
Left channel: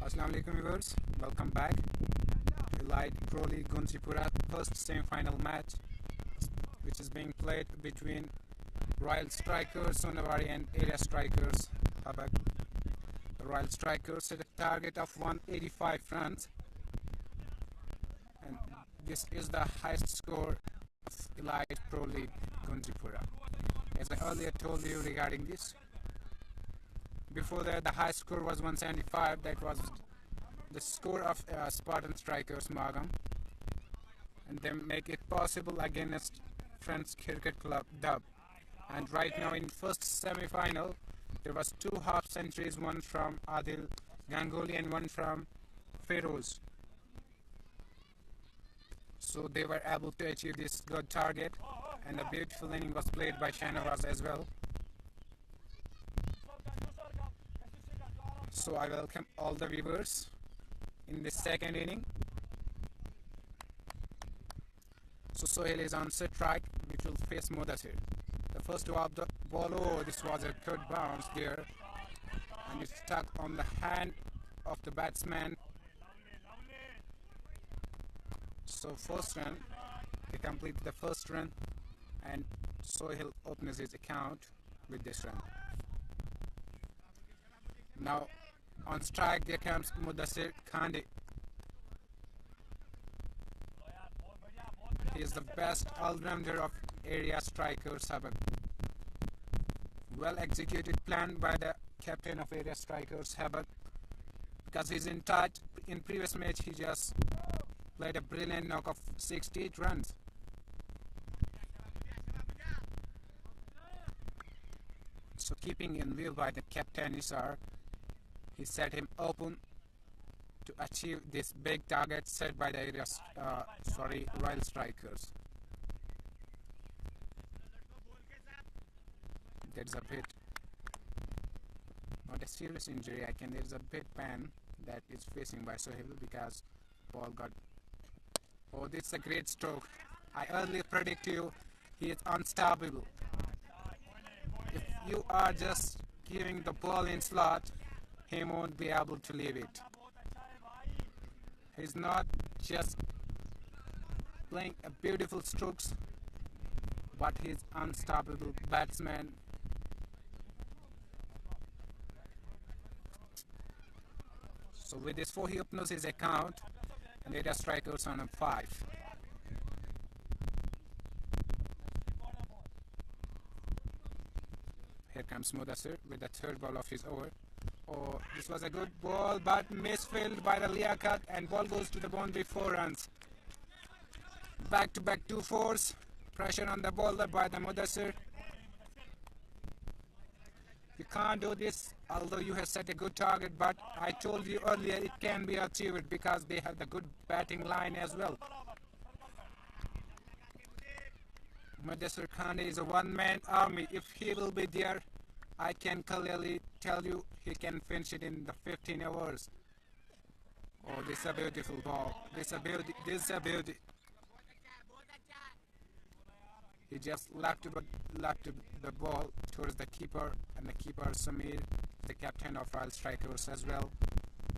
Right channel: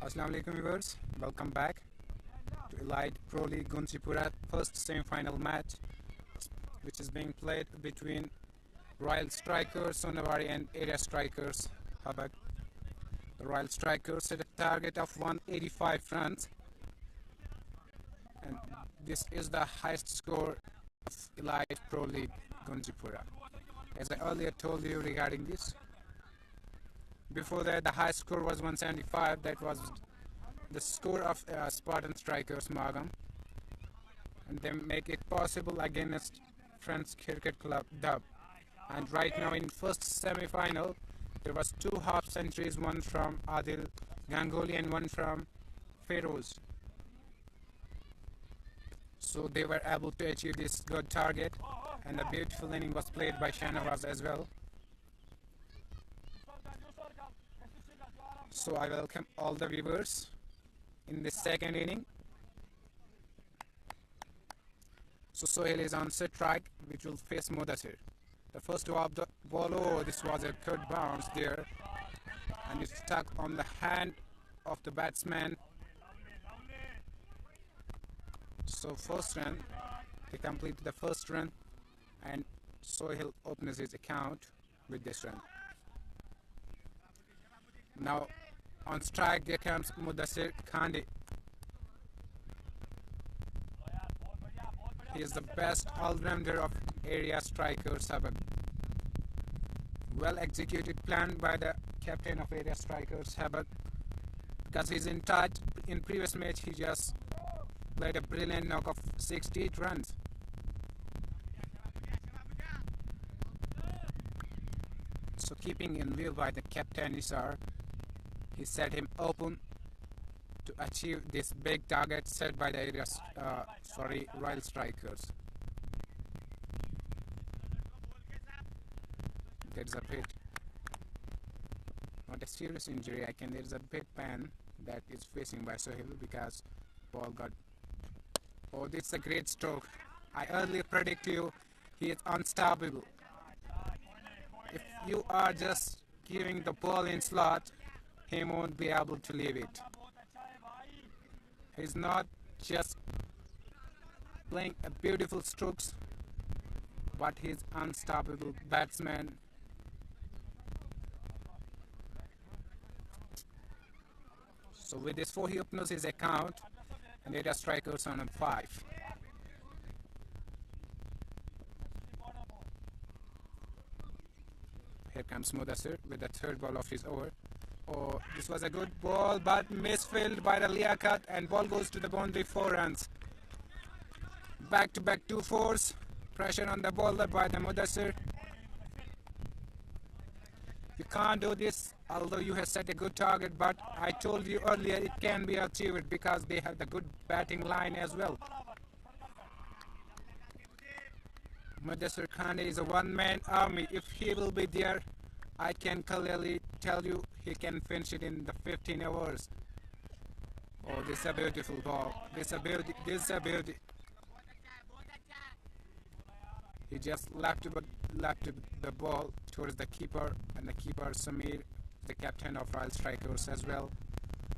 Assalamu alaikum viewers, welcome back to Elite Pro League Gunchipora first semi-final match, which is being played between Royal Strikers Sonawari and Area Strikers Habak. The Royal Strikers set a target of 185 runs, and this is the highest score of Elite Pro League Gunchipora. As I earlier told you regarding this, before that the high score was 175. That was the score of Spartan Strikers Magam, and they make it possible against French Cricket Club Dub. And right now in first semi-final there was 2 half centuries, one from Adil Ganguly and one from Feroz. So they were able to achieve this good target, and a beautiful inning was played by Sonawari as well. So I welcome all the viewers in this second inning. So Sohail is on strike, which will face Mudassir. The first of the ball, oh, this was a good bounce there, and it's stuck on the hand of the batsman. So first run, they completed the first run, and Sohail opens his account with this run. Now on strike there comes Mudassir Khande. He is the best all-rounder of Area Strikers Habak. Well executed plan by the captain of Area Strikers Habak, because he's in touch. In previous match he just played a brilliant knock of 68 runs. So keeping in view by the captain Isar, he set him open to achieve this big target set by the Royal Strikers. There's a bit, not a serious injury, there's a bit pain that is facing by Sohail because ball got. Oh, this is a great stroke. I earlier predict you, he is unstoppable. If you are just giving the ball in slot, he won't be able to leave it. He's not just playing a beautiful strokes, but he's unstoppable batsman. So with this 4 he opens his account, and Area Strikers on a 5. Here comes Mudassir with the third ball of his over. Oh, this was a good ball, but misfilled by the Liaquat, and ball goes to the boundary, 4 runs. Back-to-back 2 fours. Pressure on the bowler by the Mudassir. You can't do this, although you have set a good target, but I told you earlier it can be achieved because they have the good batting line as well. Mudassir Khande is a one-man army. If he will be there, I can clearly tell you he can finish it in the 15 hours. Oh, this is a beautiful ball. This is a beauty. He just left the ball towards the keeper, and the keeper Samir, the captain of Royal Strikers as well,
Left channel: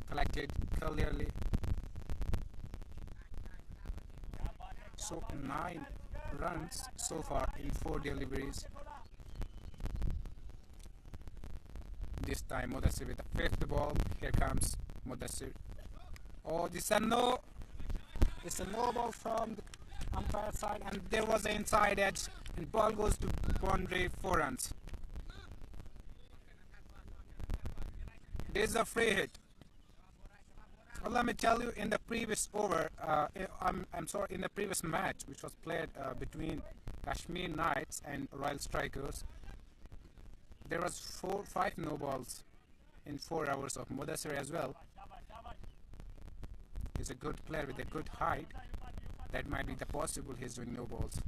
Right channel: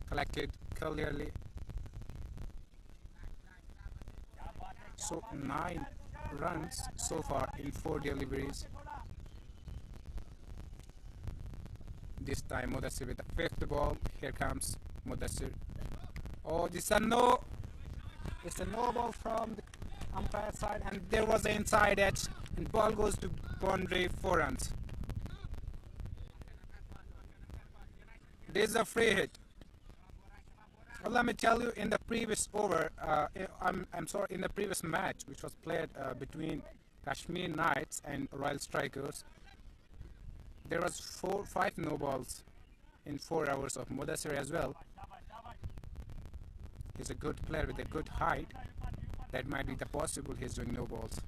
collected clearly. So 9 runs so far in 4 deliveries. This time Mudassir with the 5th ball. Here comes Mudassir. Oh, this is a no. It's a no ball from the umpire side, and there was the inside edge, and ball goes to boundary, 4 runs. This is a free hit. Well, let me tell you, in the previous over, in the previous match, which was played between Kashmir Knights and Royal Strikers, there was 5 no balls in 4 hours of Mudassir as well. He's a good player with a good height. That might be the possible he's doing no balls.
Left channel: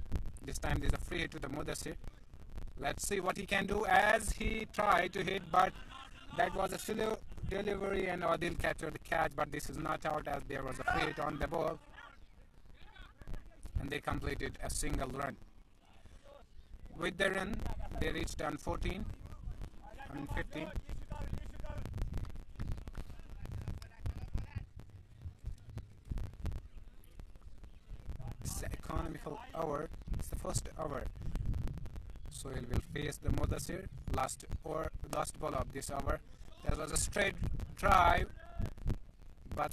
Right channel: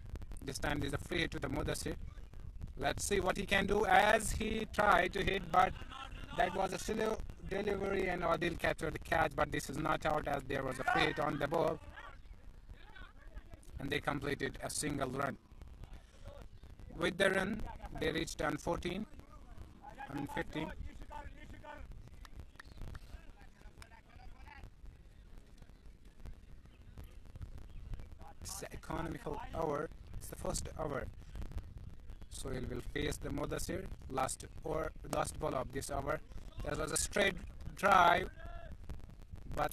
This time there's a free hit to the Mudassir. Let's see what he can do, as he tried to hit, but that was a slow delivery and Adil captured the catch, but this is not out as there was a free hit on the ball, and they completed a single run. With the run, they reached on 14 and 15. the economical over. It's the first over. Sohail will face the Mudassir. Last ball of this over. There was a straight drive, but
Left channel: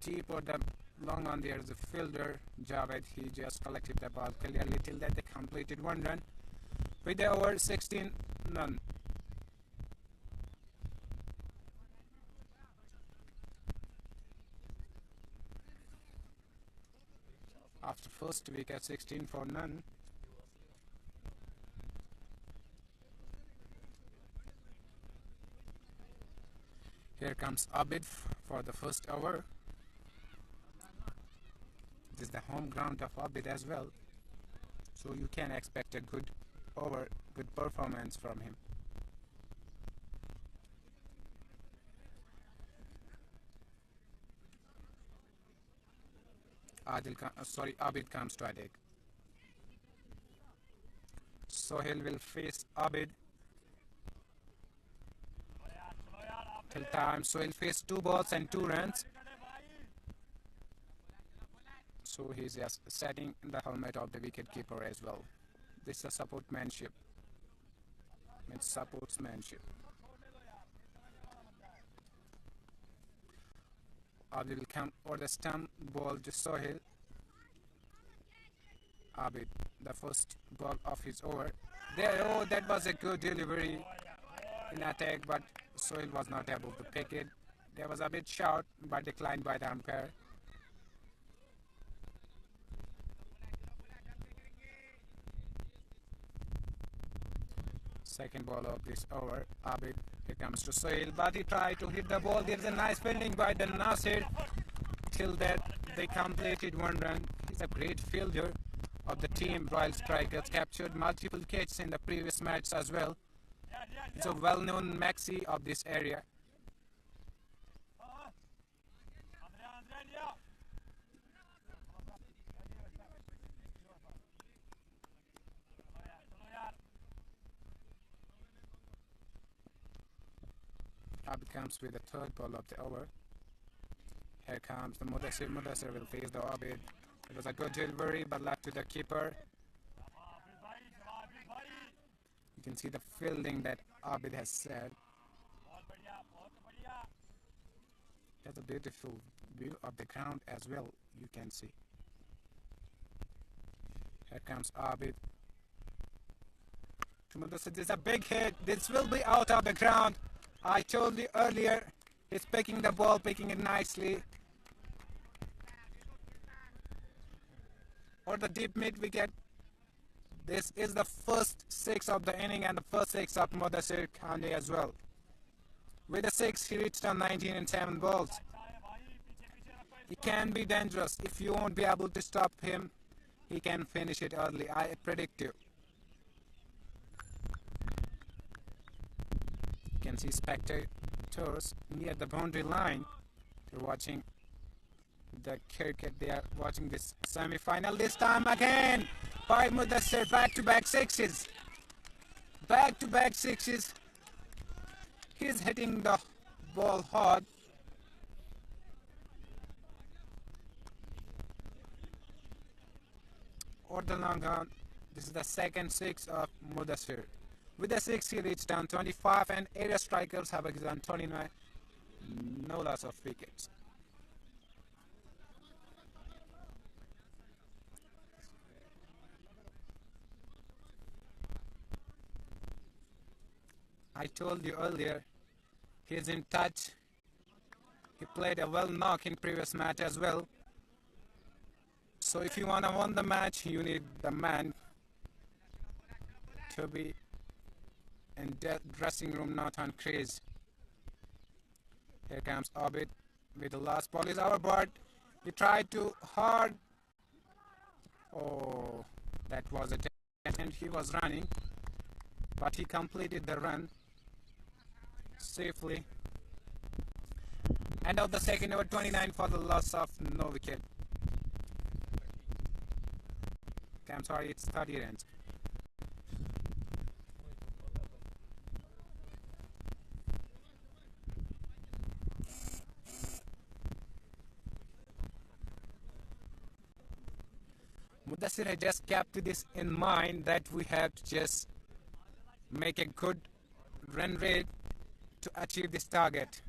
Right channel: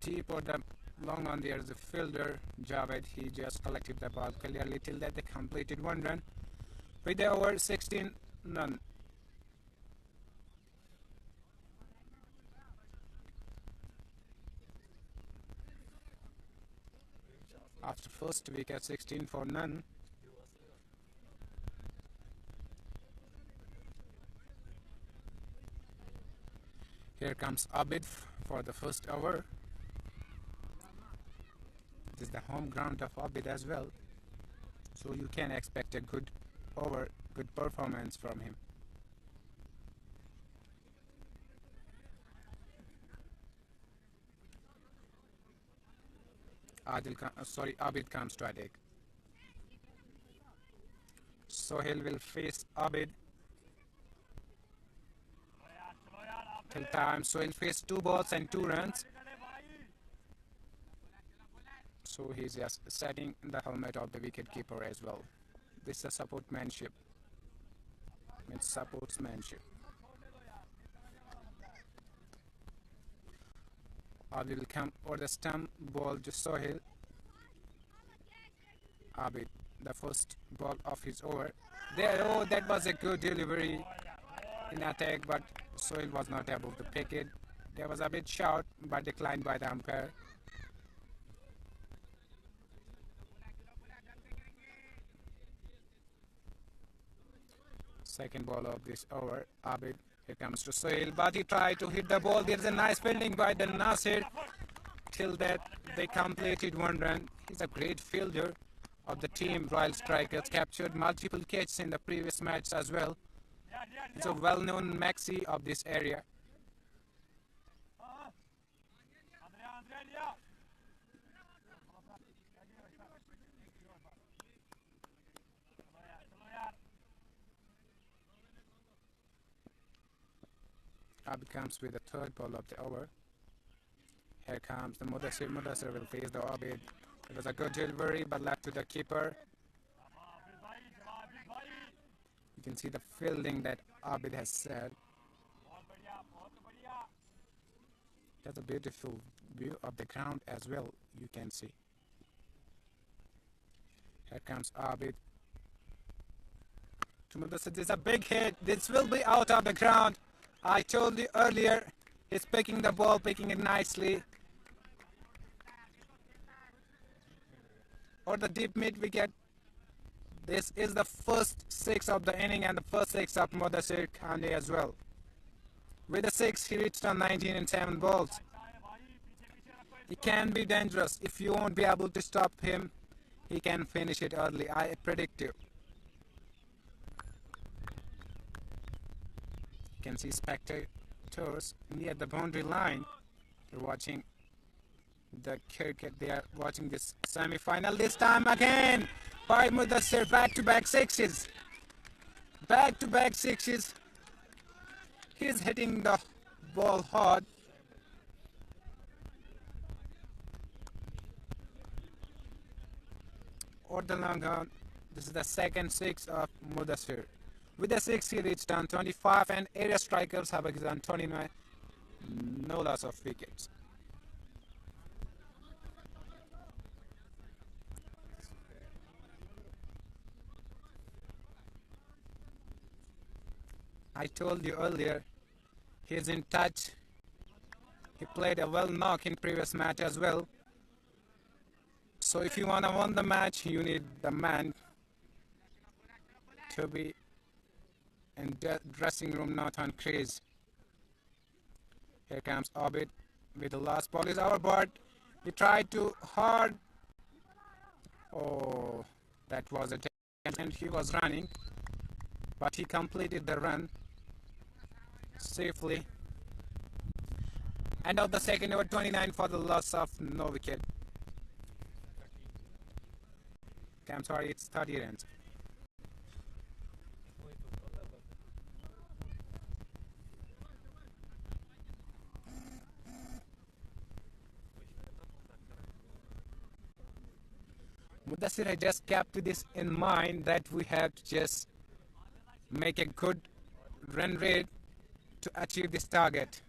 deep or the long on there is a fielder, Javed. He just collected the ball clearly till that they completed one run. With the over 16 none. After first wicket 16 for none. Here comes Abid for the first over. This is the home ground of Abid as well, so you can expect a good over, good performance from him. Abid comes to attack. Sohail will face Abid. Till time, Sohail faced 2 balls and 2 runs. So he's just setting the helmet of the wicketkeeper as well. This is a supportsmanship. It's sportsmanship. Abid will come over the stump, ball to Sohail. Abid, the first ball of his over. There, oh, that was a good delivery in attack, but Sohail was not able to pick it. There was a bit short, but declined by the umpire. Second ball of this over, Abid. Here comes to Sohail, but he tried to hit the ball. There's a nice fielding by the Nasir. Till that, they completed one run. He's a great fielder of the team. Royal Strikers captured multiple catches in the previous match as well. He's a well-known maxi of this area. Abid comes with the third ball of the over. Here comes the Mudassir. Mudassir will face the Abid. It was a good delivery, but left to the keeper. You can see the fielding that Abid has said. That's a beautiful view of the ground as well, you can see. Here comes Abid. To Mudassir, this is a big hit. This will be out of the ground. I told you earlier, he's picking the ball, picking it nicely. Or the deep mid wicket. This is the first 6 of the inning and the first 6 of Mudassir Khande as well. With the 6, he reached on 19 and 7 balls. He can be dangerous. If you won't be able to stop him, he can finish it early. I predict you. You can see spectators near the boundary line. They're watching the cricket. They are watching this semi-final. This time again by Mudassir. Back-to-back sixes. Back-to-back sixes. He's hitting the ball hard. Or the long on. This is the second 6 of Mudassir. With the 6, he reached on 25 and area strikers Habak on 29. No loss of wickets. I told you earlier, he's in touch. He played a well knock in previous match as well. So if you want to win the match, you need the man to be in the dressing room, not on crease. Here comes Abid with the last ball is our board. He tried to hard. Oh, that was a chance, and he was running, but he completed the run safely. End of the second over, 29 for the loss of no wicket. I'm sorry, it's 30 runs. Mudassir had just kept this in mind that we have to just make a good run rate to achieve this target.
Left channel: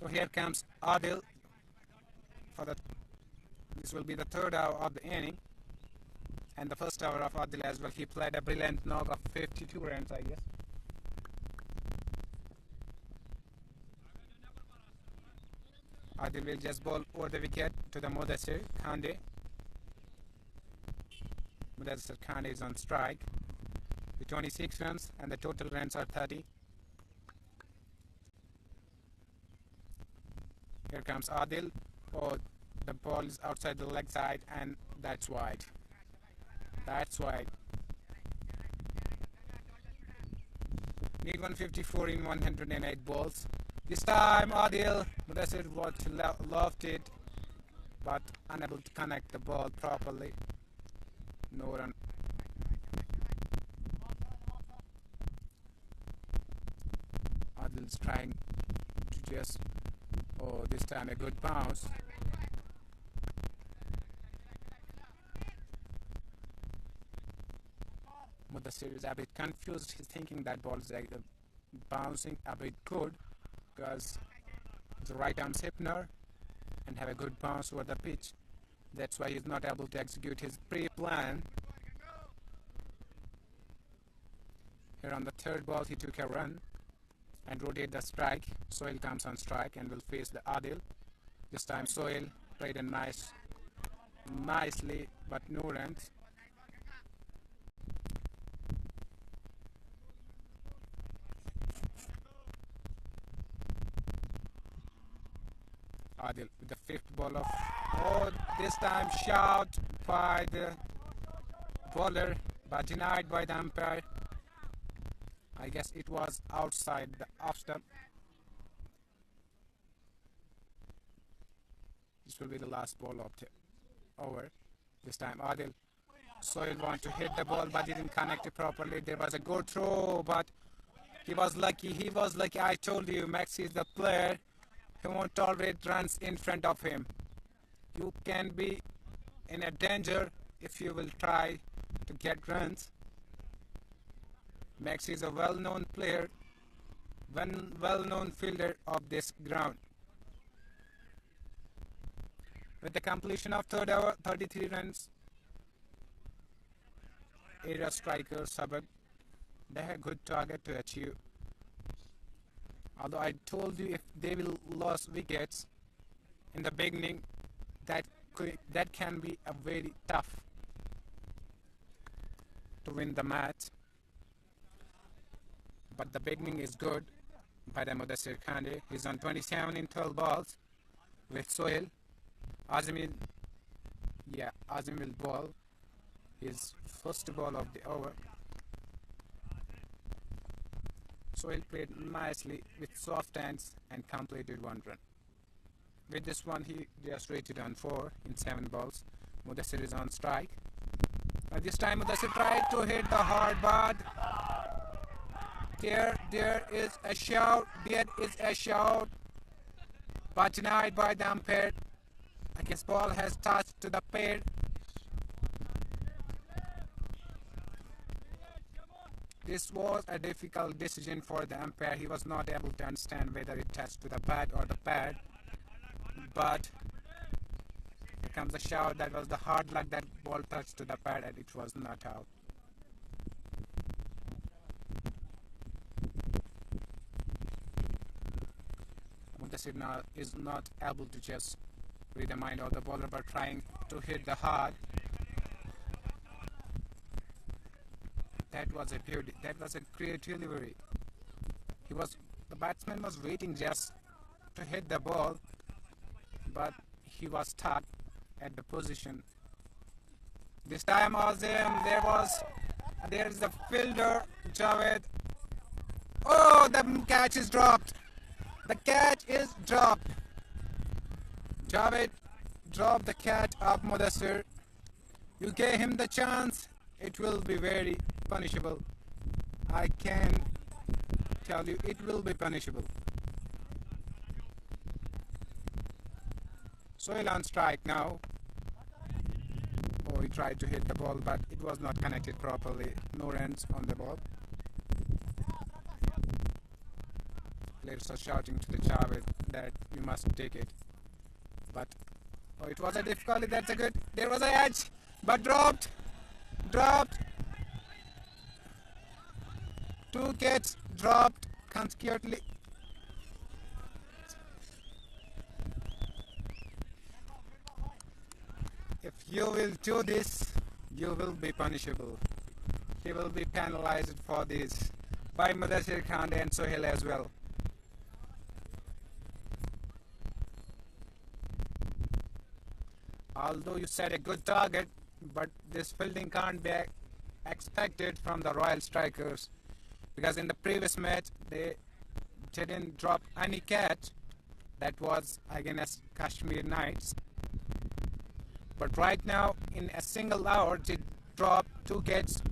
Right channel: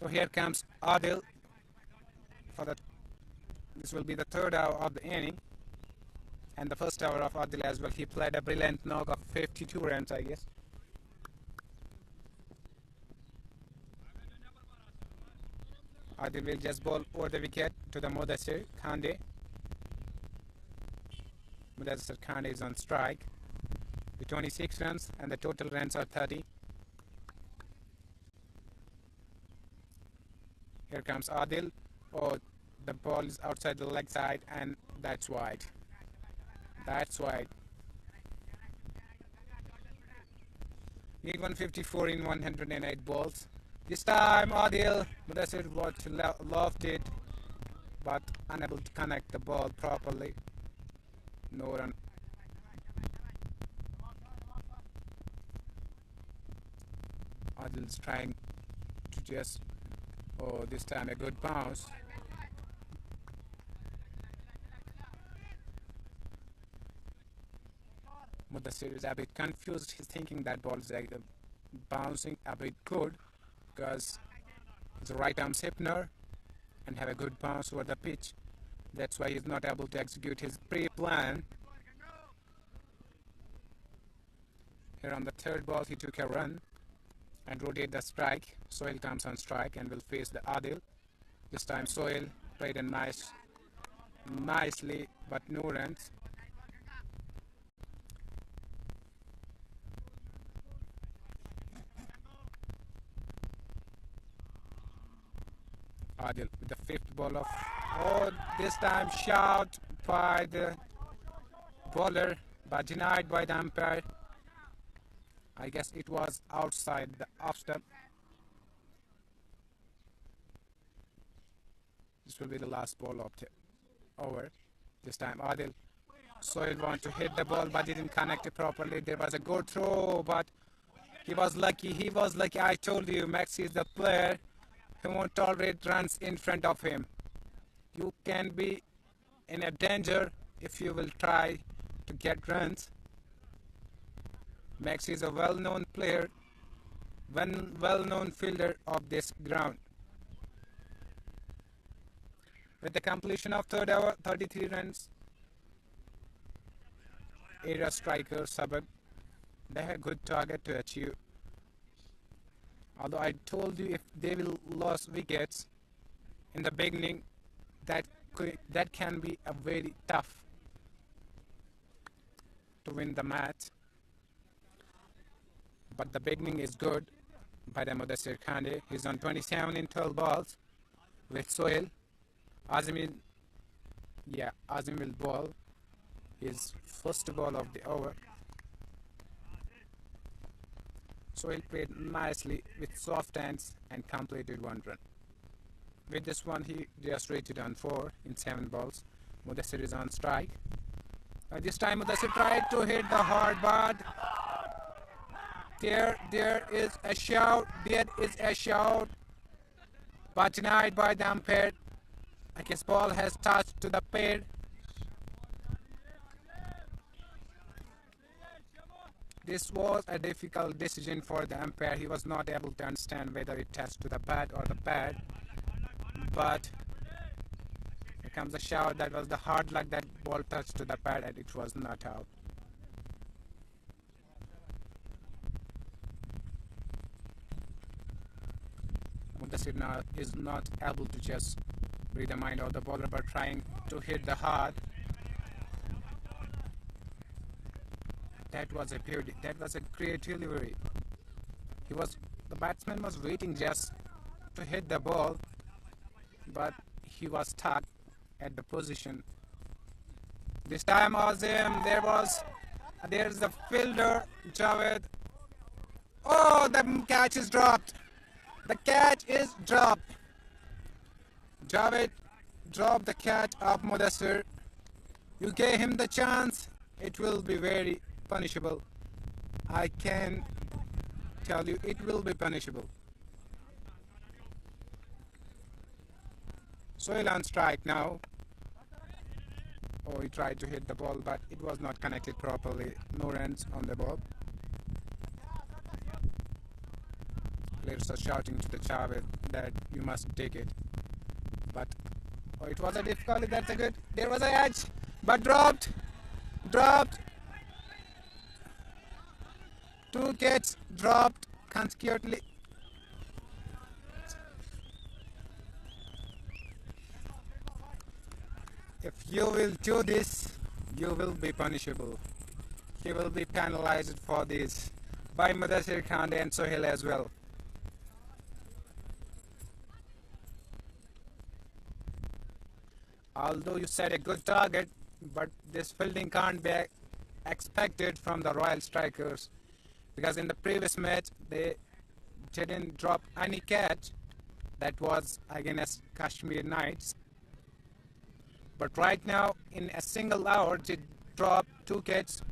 So here comes Adil for the. This will be the third hour of the inning, and the first hour of Adil as well. He played a brilliant knock of 52 runs, I guess. Adil will just bowl over the wicket to the Mudassir Khande. Mudassir Khande is on strike with 26 runs, and the total runs are 30. Here comes Adil. Oh, the ball is outside the leg side, and that's wide. That's wide. Need 154 in 108 balls. This time Adil Mudassir was lofted, but unable to connect the ball properly. No run. Adil's trying to just, oh, this time a good bounce. Mudassir is a bit confused. He's thinking that ball is bouncing a bit good because it's a right arm spinner and have a good bounce over the pitch. That's why he's not able to execute his pre-plan. Here on the third ball, he took a run and rotate the strike. Sohail comes on strike and will face the Adil. This time Sohail played a nicely, but no runs. Adil with the fifth ball of, oh, this time shot by the bowler but denied by the umpire. I guess it was outside the off stump. This will be the last ball of the over. This time Adil. Sohail want to hit the ball but didn't connect it properly. There was a good throw, but he was lucky. I told you, Maxi is the player. He won't tolerate runs in front of him. You can be in a danger if you will try to get runs. Maxi is a well-known player, well-known fielder of this ground. With the completion of third over, 33 runs, area striker Habak, they have a good target to achieve. Although I told you if they will lose wickets in the beginning, that can be a very tough to win the match. But the beginning is good by the Mudassir Khande. He's on 27 in 12 balls with Sohail. Azim will bowl his first ball of the over. Sohail played nicely with soft hands and completed one run. With this one, he just rated on 4 in 7 balls. Mudassir is on strike. This time Mudassir tried to hit the hard, but there is a shout. But denied by the umpire. I guess ball has touched to the pad. This was a difficult decision for the umpire. He was not able to understand whether it touched to the bat or the pad. But here comes the shout. That was the hard luck that ball touched to the pad and it was not out. Mudassir now is not able to just read the mind of the bowler but trying to hit the hard. That was a beauty. That was a great delivery. The batsman was waiting just to hit the ball, but he was stuck at the position. This time Azim, there's the fielder Javed. Oh, the catch is dropped. The catch is dropped. Javed dropped the catch of Mudassir. You gave him the chance. It will be very punishable. I can tell you it will be punishable. Sohail on strike now. Oh, he tried to hit the ball, but it was not connected properly. No runs on the ball. Players are shouting to the Javed that you must take it. But oh, it was a difficulty. That's a good. There was an edge, but dropped. Dropped. Two catches dropped consecutively. If you will do this, you will be punishable. He will be penalized for this by Mudassir Khan and Sohail as well. Although you set a good target, but this fielding can't be expected from the Royal Strikers, because in the previous match they didn't drop any catch. That was against Kashmir Knights. But right now, in a single hour, they dropped two catches,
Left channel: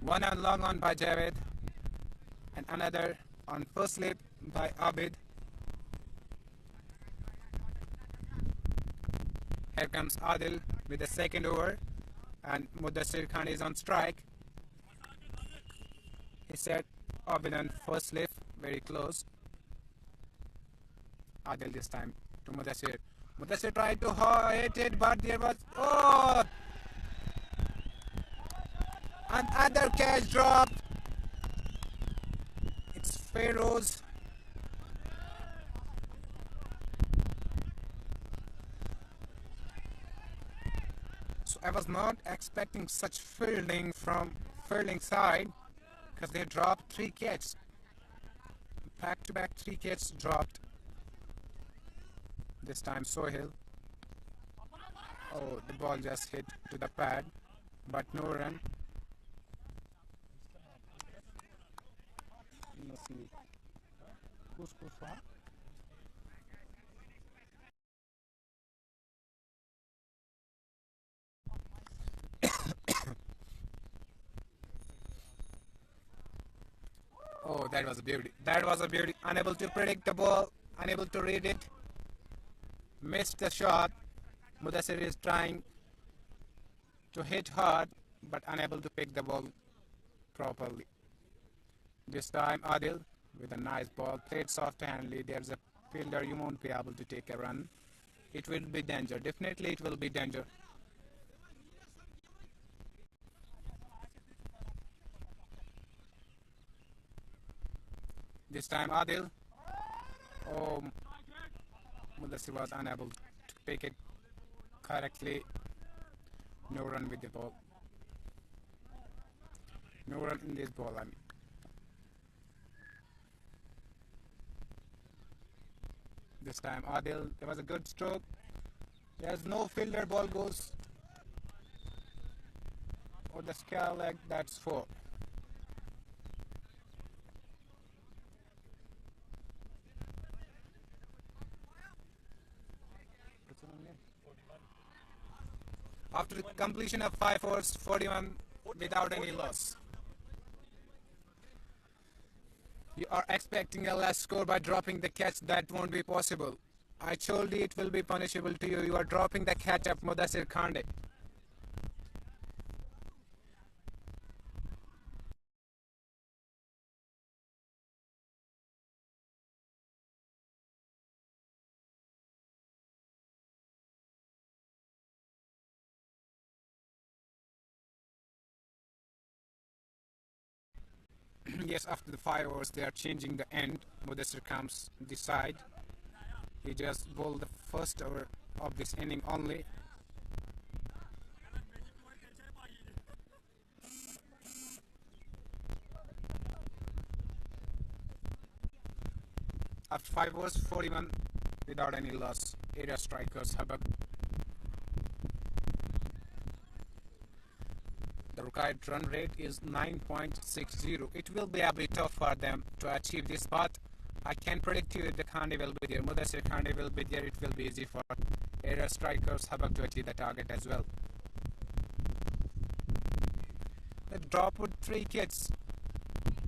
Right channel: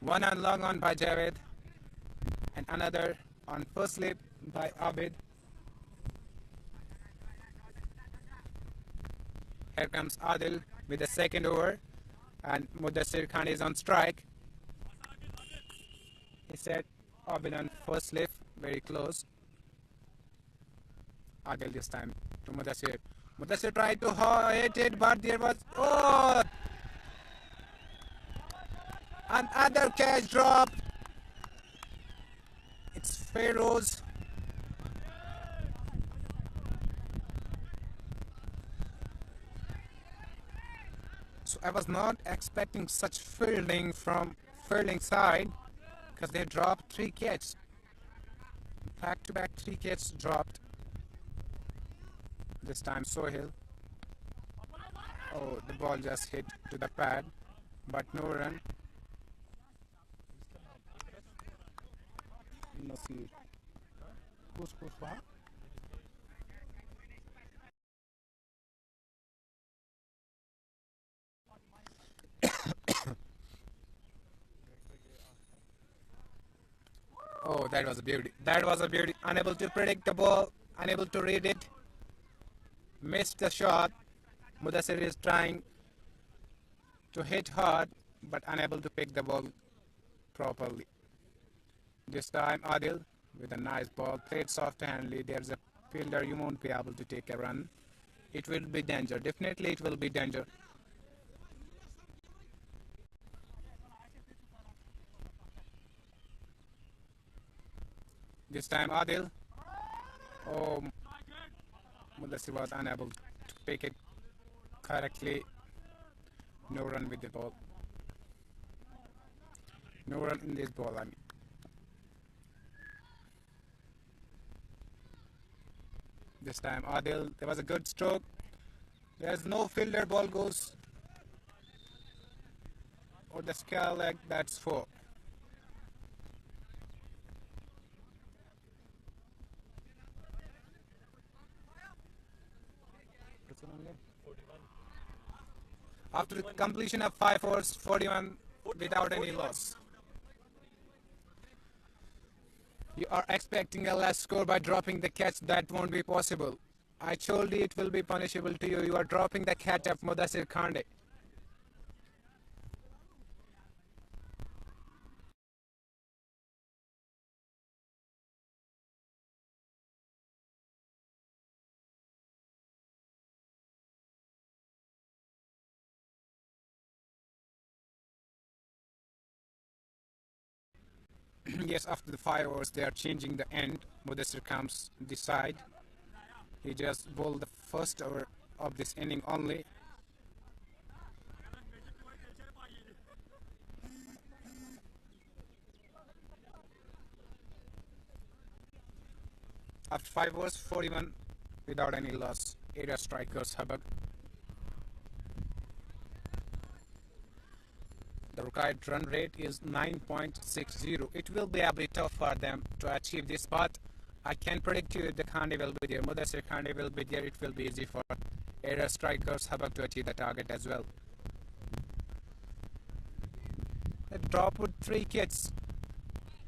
one on long on by Javed and another on first slip by Abid. Here comes Adil with the second over, and Mudassir Khan is on strike. He said Abid on first slip, very close. Adil this time to Mudassir. Mudassir tried to hit it, but there was another catch drop. It's Pharaohs. So I was not expecting such fielding from fielding side, because they dropped three catches. Back to back, three catches dropped. This time Sohail. Oh, the ball just hit to the pad, but no run. No see. Who's for? Oh, that was a beauty. That was a beauty. Unable to predict the ball, unable to read it. Missed the shot. Mudassir is trying to hit hard, but unable to pick the ball properly. This time Adil with a nice ball, played soft-handedly. There's a fielder, you won't be able to take a run. It will be danger. Definitely it will be danger. This time Adil. Oh, Mudassir was unable to pick it correctly. No run with the ball. No run in this ball, I mean. This time Adil, there was a good stroke. There's no fielder, ball goes or the scale leg, that's 4. After the completion of 5 overs, 41 without any loss. You are expecting a less score by dropping the catch. That won't be possible. I told you it will be punishable to you. You are dropping the catch of Mudassir Khande. Yes, after the 5 overs, they are changing the end. Mudassir comes decide. He just bowled the first over of this inning only. After 5 overs, 41 without any loss. Area strikers Habak. The required run rate is 9.60. It will be a bit tough for them to achieve this, but I can predict you the Khande will be there. Mudassir Khande will be there. It will be easy for area strikers Habak to achieve the target as well. The drop with 3 kits.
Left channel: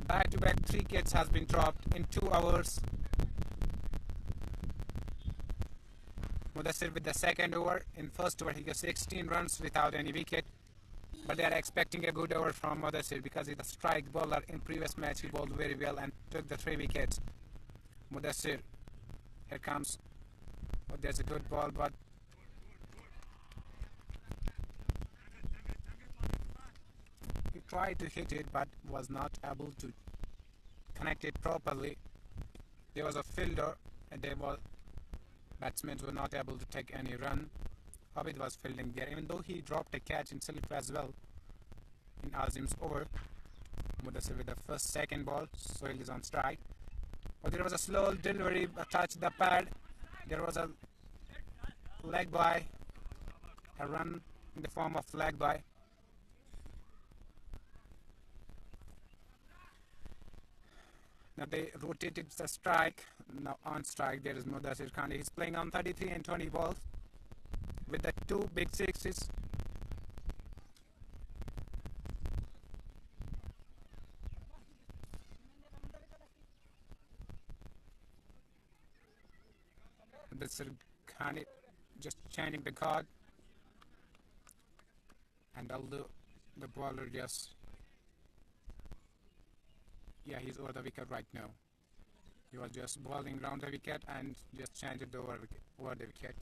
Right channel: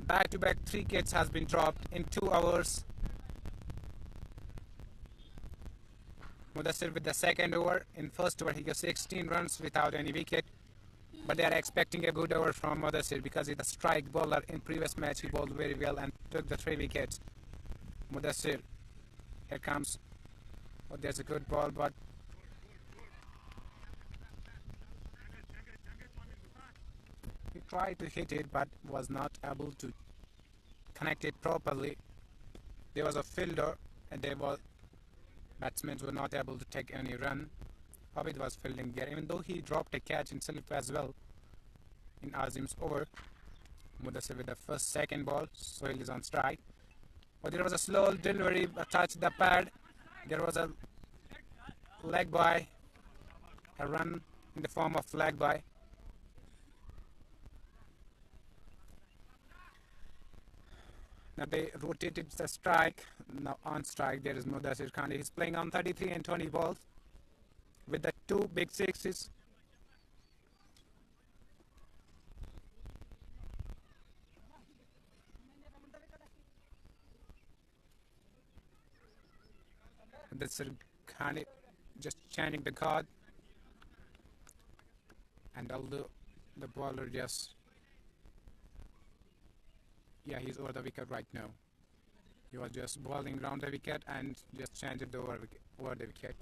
Back-to-back 3 kits has been dropped in 2 hours. Mudassir with the second over. In first over, he got 16 runs without any wicket. But they are expecting a good over from Mudassir because he's a strike bowler. In previous match, he bowled very well and took the 3 wickets. Mudassir, here comes. Oh, there's a good ball, but he tried to hit it but was not able to connect it properly. There was a fielder and batsmen were not able to take any run. Habak was fielding there, even though he dropped a catch himself as well in Azim's over. Mudassir with the second ball, Sohail is on strike. But there was a slow delivery, touched the pad. There was a leg by, a run in the form of leg by. Now they rotated the strike. Now on strike there is Mudassir Khan. He's playing on 33 and 20 balls with the 2 big sixes. Mudassir Khan just changing the card, and although the bowler just he's over the wicket right now. He was just bowling round the wicket and just changed it over the wicket.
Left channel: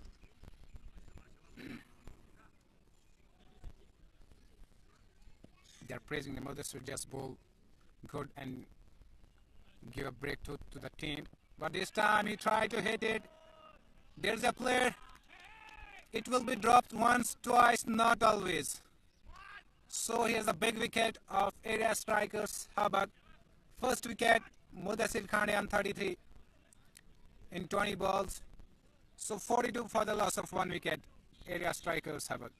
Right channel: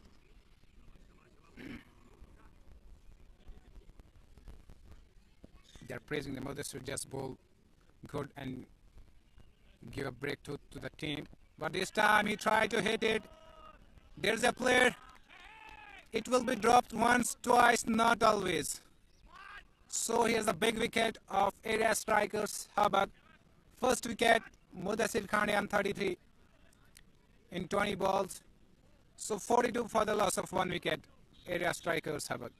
They are praising the Mudassir just bowl good and give a breakthrough to the team. But this time he tried to hit it. There's a player. It will be dropped once, twice, not always. So here's a big wicket of area strikers Habak. First wicket, Mudassir Khan on 33 in 20 balls. So 42 for the loss of 1 wicket. Area strikers Habak.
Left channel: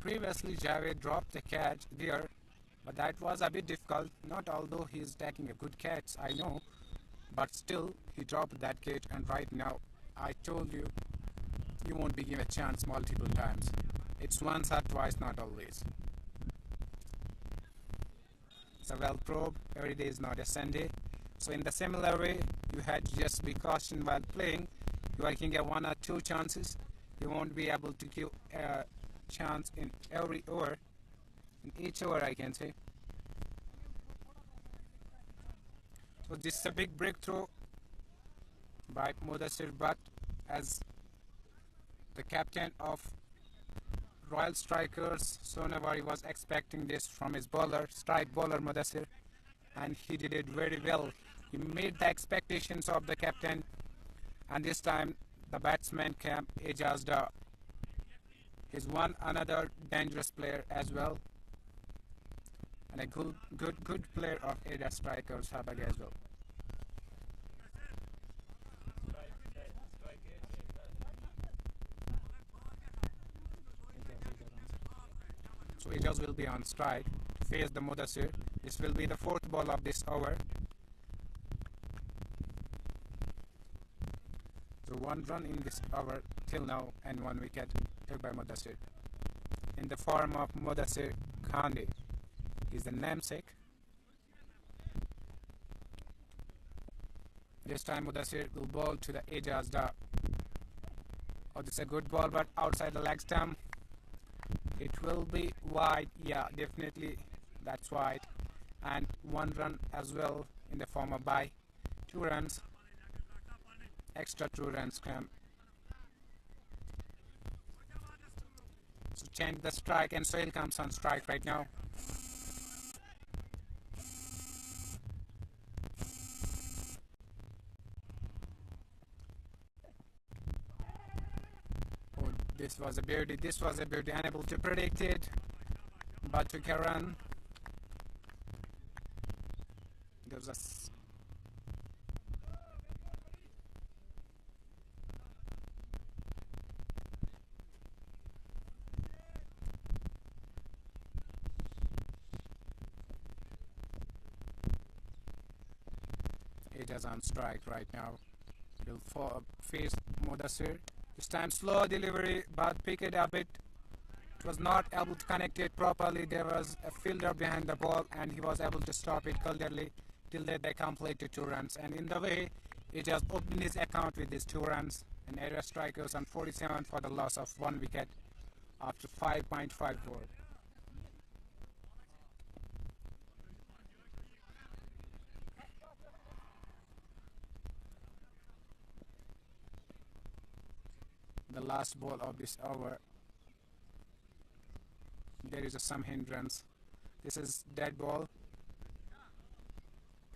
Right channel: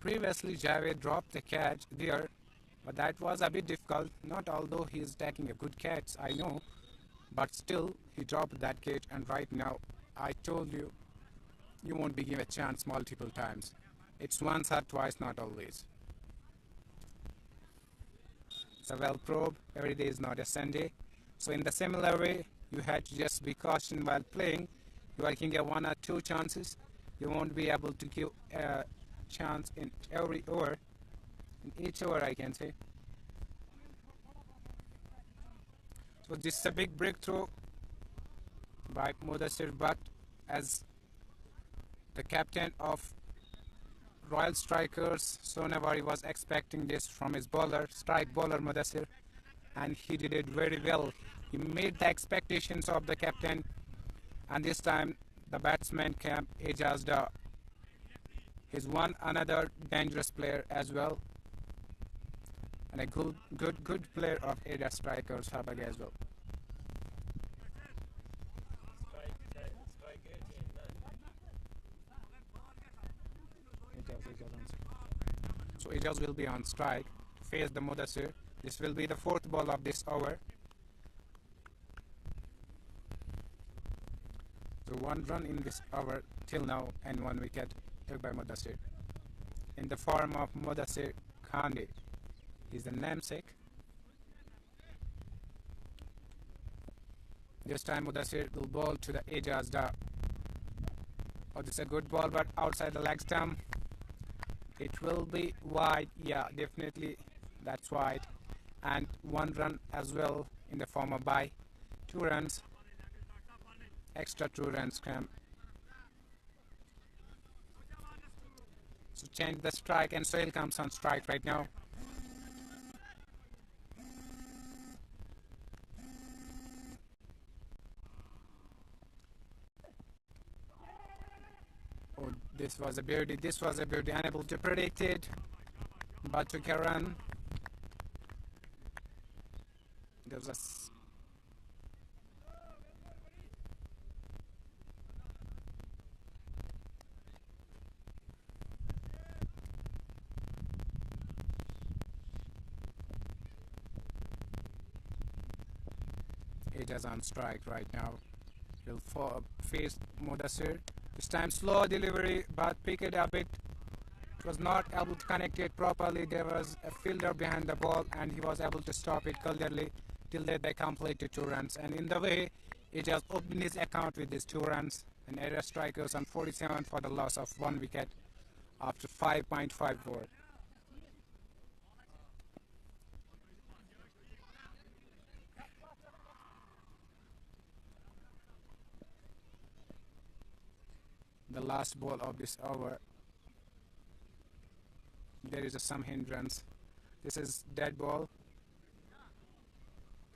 Previously, Javed dropped the catch there, but that was a bit difficult. Not although he is taking a good catch, I know, but still he dropped that catch. And right now, I told you, you won't be given a chance multiple times. It's once or twice, not always. So well probe. Every day is not a Sunday. So in the similar way, you had to just be cautioned while playing. You can get 1 or 2 chances. You won't be able to give a chance in every over, in each over I can say. So this is a big breakthrough by Mudassir, but as the captain of Royal Strikers, Sonawari was expecting this from his bowler, strike bowler Mudassir, and he did it very well. He made the expectations of the captain, and this time the batsman came Ejaz Dar. He's another dangerous player as well, and a good player of area strikers Habak as well. So Ejaz will be on strike to face the Mudassir. This will be the 4th ball of this over. So 1 run in this over till now and 1 wicket took by Mudassir. In the form of Mudassir Khande is the namesake. This time Mudassir will bowl to the Ejaz Dar. Oh, this is a good ball, but outside the leg stump. It will be wide. Yeah, definitely that's wide. And 1 run as well in the form of by. 2 runs. Extra 2 runs come. So change the strike, and Sohail comes on strike right now. Oh, this was a beauty. Unable to predict it, but took a run. There was a Ejaz on strike right now. He'll face Mudassir. This time slow delivery, but pick it up. It was not able to connect it properly. There was a fielder behind the ball, and he was able to stop it clearly till they completed 2 runs. And in the way, he just opened his account with these 2 runs and area strikers on 47 for the loss of 1 wicket after 5.5 over. The last ball of this over, there is some hindrance. This is dead ball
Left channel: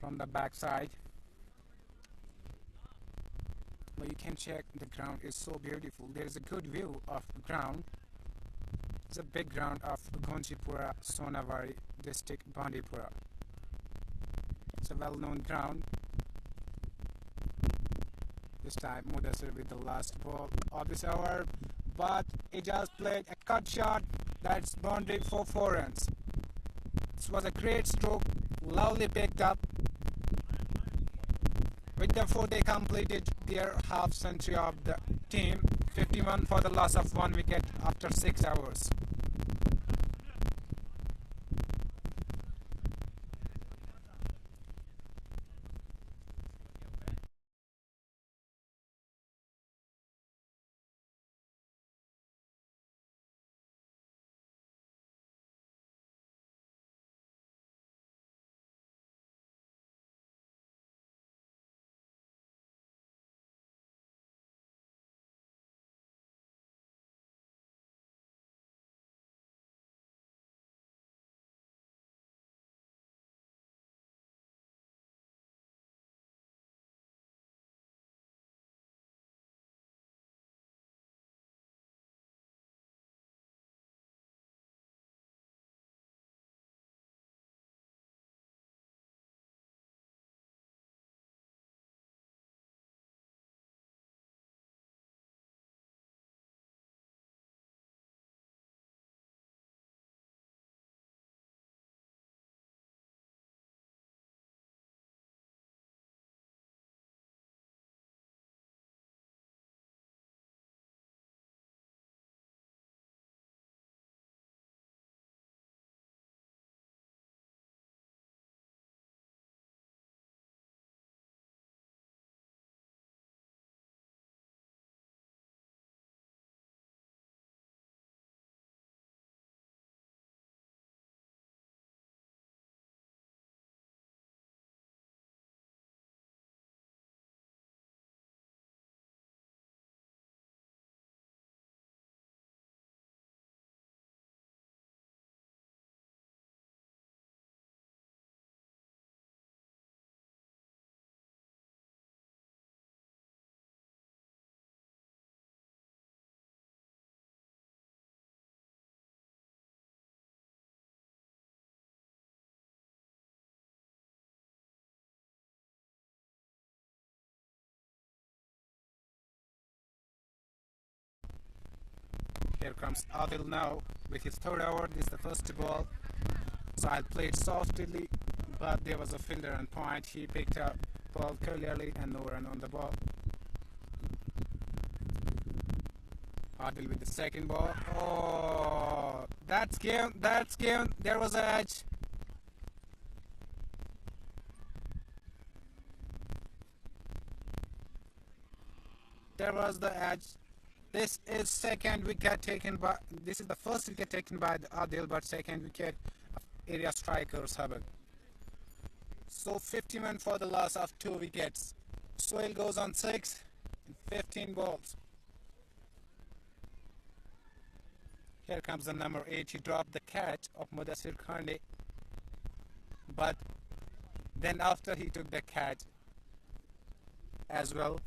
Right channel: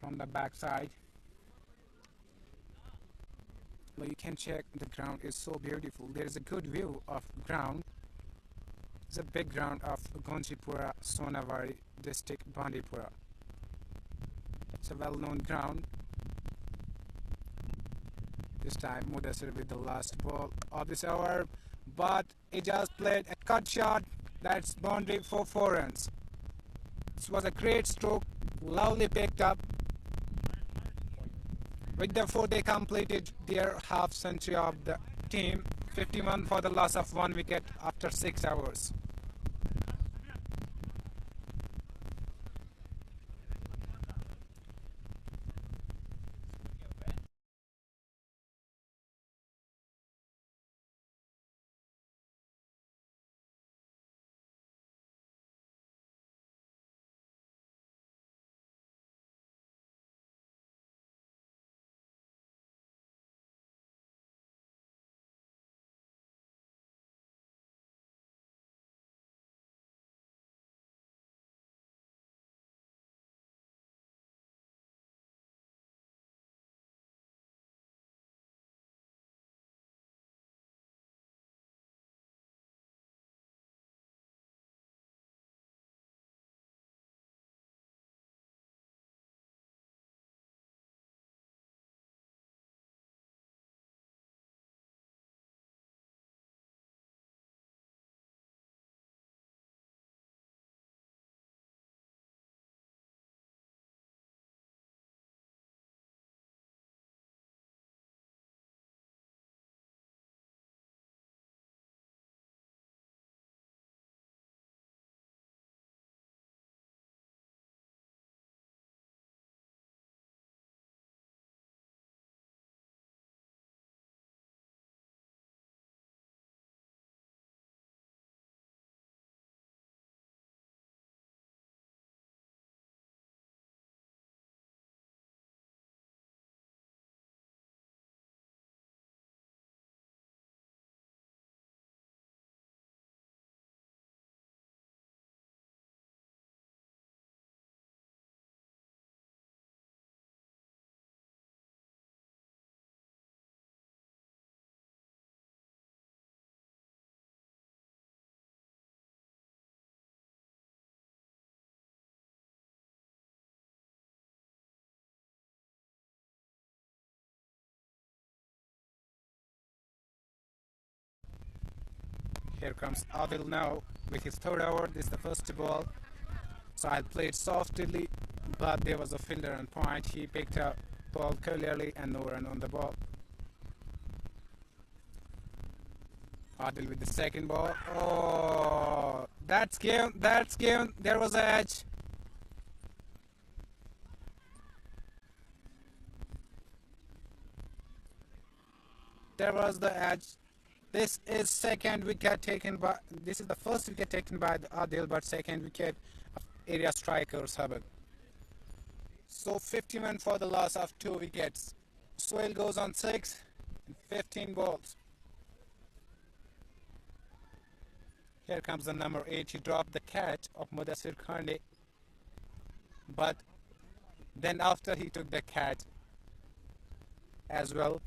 from the backside. Well, you can check the ground is so beautiful. There is a good view of ground. It's a big ground of Gunchipora, Sonawari district, Bandipura. It's a well-known ground. This time Mudassir with the last ball of this over, but he just played a cut shot. That's boundary for 4 runs. This was a great stroke, lovely picked up. With the 4, they completed their half century of the team, 51 for the loss of 1 wicket after 6 hours. Here comes Adil now with his 3rd over. This is the first ball. Sahil played softly, but there was a fielder on point. He picked up ball clearly and no run on the ball. Adil with the 2nd ball. Oh, that's game. That's game. There was an edge. There was the edge. This is second wicket taken by. This is the first wicket taken by Adil, but second wicket of area strikers Habak. So 51 for the loss of 2 wickets. Soil goes on 6 and 15 balls. Here comes the number 8. He dropped the catch of Mudassir Khande, but then after he took the catch as well.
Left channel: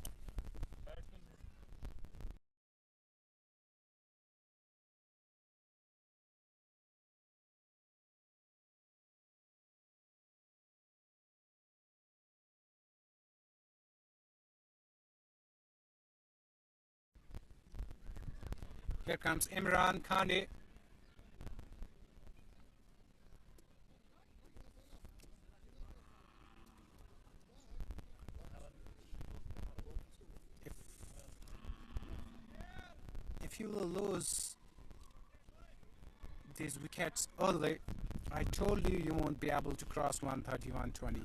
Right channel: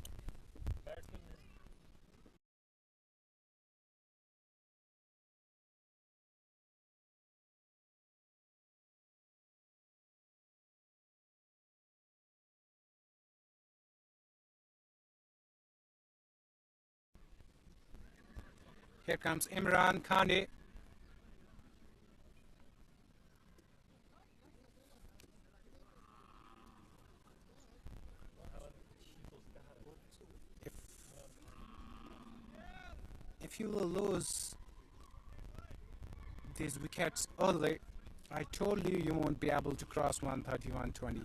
Here comes Imran Khande. if you will lose these wickets early, I told you you won't be able to cross 130, 120.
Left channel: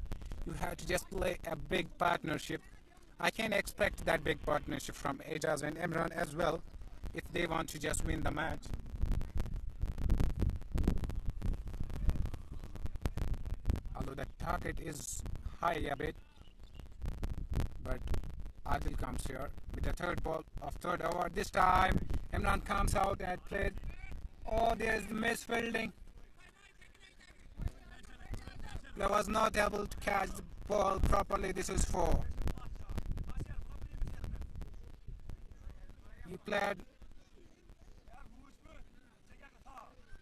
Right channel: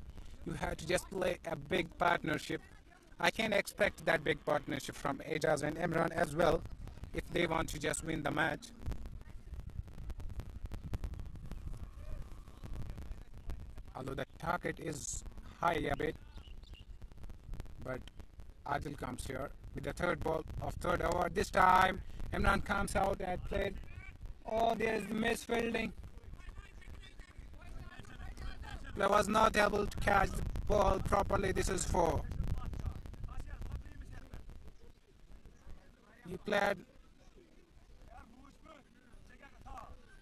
You have to just play a big partnership. I can expect that big partnership from Ajaz and Imran as well if they want to just win the match. Although the target is high a bit, but Adil comes here with the third ball of third over. This time Imran comes out and played. Oh, there is misfielding. He was not able to catch the ball properly. This is 4. He played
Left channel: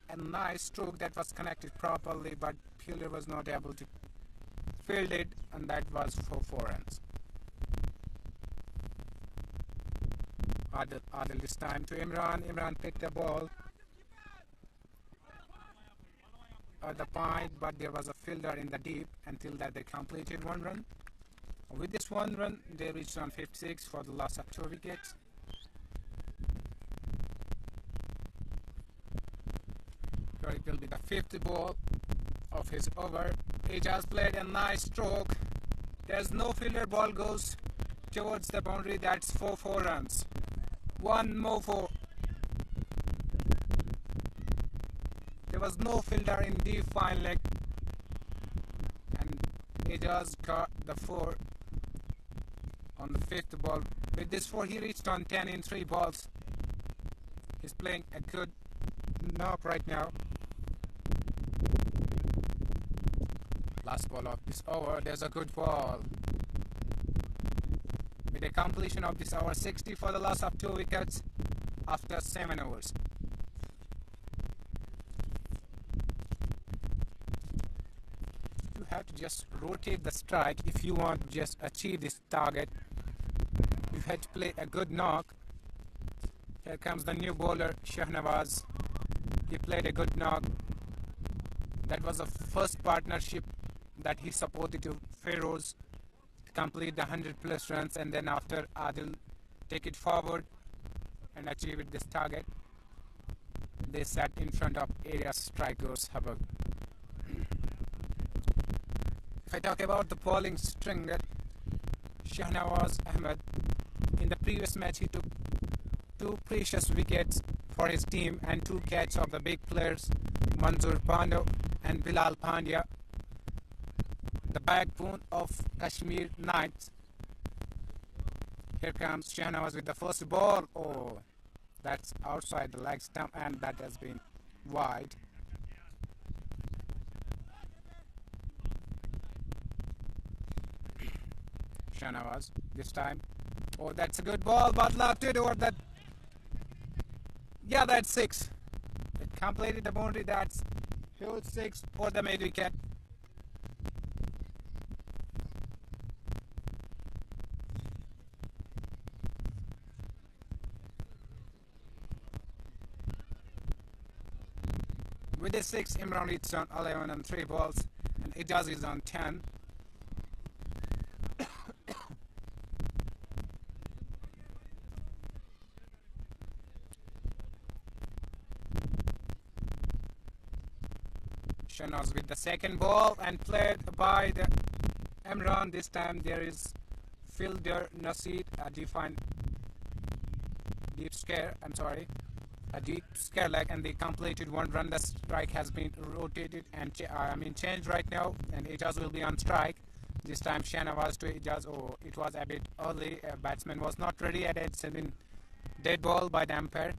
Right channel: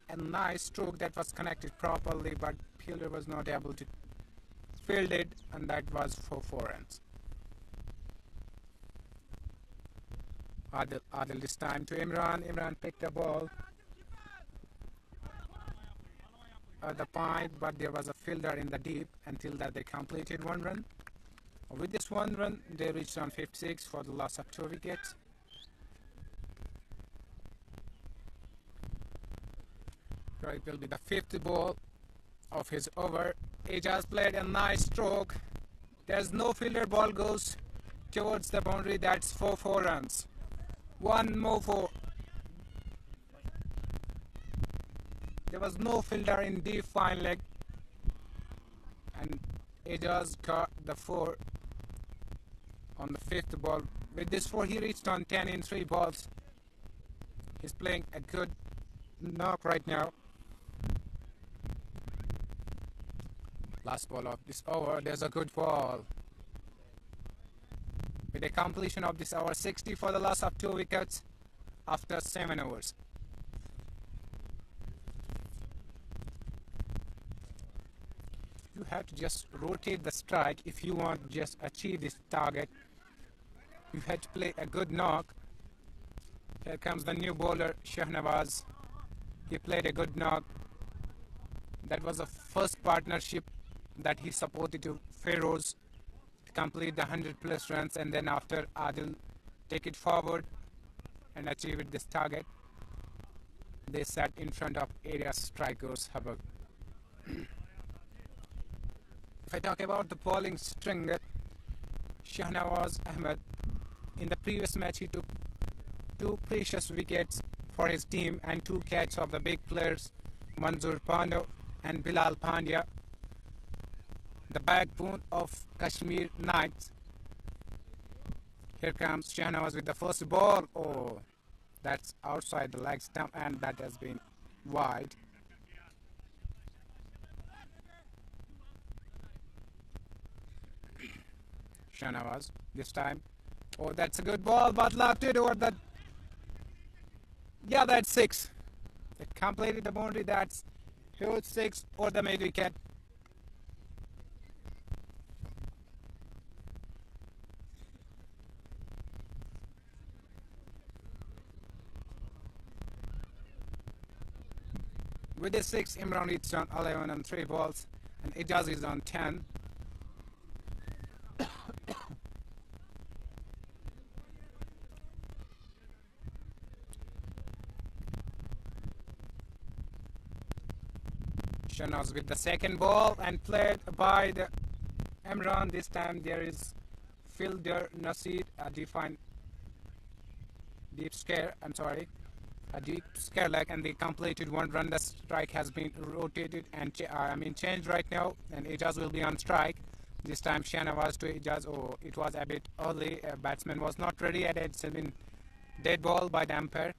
a nice stroke that was connected properly, but fielder was not able to field it, and that was for 4 runs. Adil this time to Imran. Imran picked the ball at the point, but there was a fielder in the deep. Until that, they completed 1 run. With this 1 run, they reached on 56 for the loss of 2 wickets. So it will be the 5th ball of his over. He just played a nice stroke. There's no fielder, ball goes towards the boundary. That's for 4 runs. 1 more 4. There was no fielder in deep fine leg, and Ajaz got the 4 on the 5th ball. With this 4, he reached on 10 in 3 balls. He's playing a good knock right now. Last ball of this over, there's a good ball. With the completion of this over, 60 for the loss of 2 wickets after 7 overs. You have to just rotate the strike if you want to just achieve this target. You have to play a good knock. Here comes the new bowler, Shahnawaz. He played a good knock. That was the first partnership that he supported to Feroz to complete the 100+ runs, and then after Adil take it forward and achieve this target. They sat in front of area strikers Habak. If I talk about the bowling string, that Shahnawaz Ahmed, in the previous match he took 2 precious wickets for his team and 2 catches of the big players Manzoor Pandya and Bilal Pandya, the backbone of Kashmir Knights. Here comes Shahnawaz with the first ball. Oh, that's outside the leg stump, and that has been wide. Shahnawaz this time. Oh, that's a good ball, but left it over that. Yeah, that's 6. They completed the boundary. That's huge 6 for the mid wicket. With the 6, Imran is on 11 and 3 balls, and Ijaz is on 10. Shahnawaz with the second ball and played by the Imran. This time there is fielder Nasir, a deep scare leg, and they completed 1 run. The strike has been rotated and changed right now, and Ijaz will be on strike. This time Shahnawaz to Ijaz. Oh, it was a bit early. A batsman was not ready, and it's been dead ball by the umpire.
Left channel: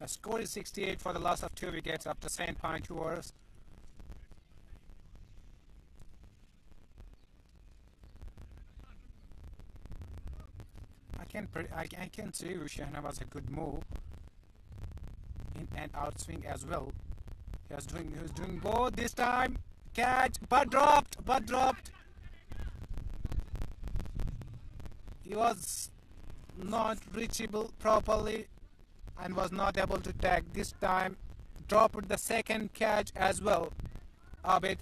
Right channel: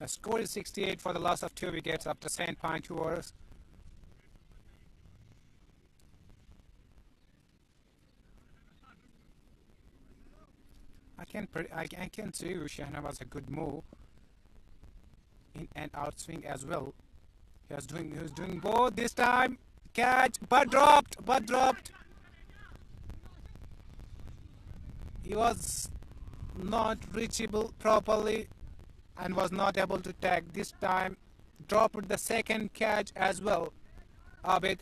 The score is 68 for the loss of 2 wickets after 7.2 overs. I can say Shahnawaz was a good move in and out swing as well. He was doing both this time. Catch, but dropped. He was not reachable properly. and was not able to tag. This time dropped the second catch as well. Abid,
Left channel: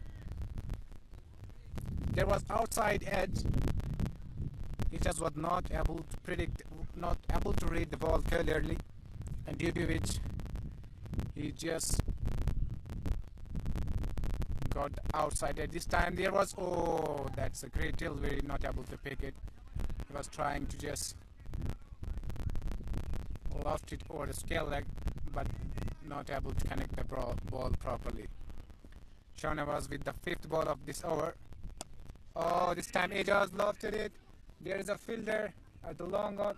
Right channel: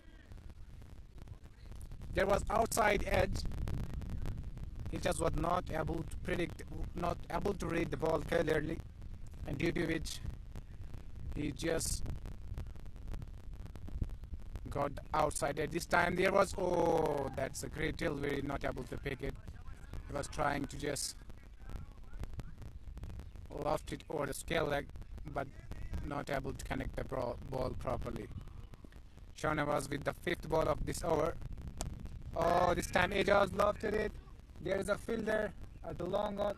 there was outside edge. He just was not able to predict, not able to read the ball clearly, and due to which he just got outside edge. This time there was, oh, that's a great delivery, not able to pick it. He was trying to just loft it over the scale leg, but not able to connect the ball properly. Sonawari with the fifth ball of this over. Oh, this time Ajaz lofted it. There is a fielder at the long on,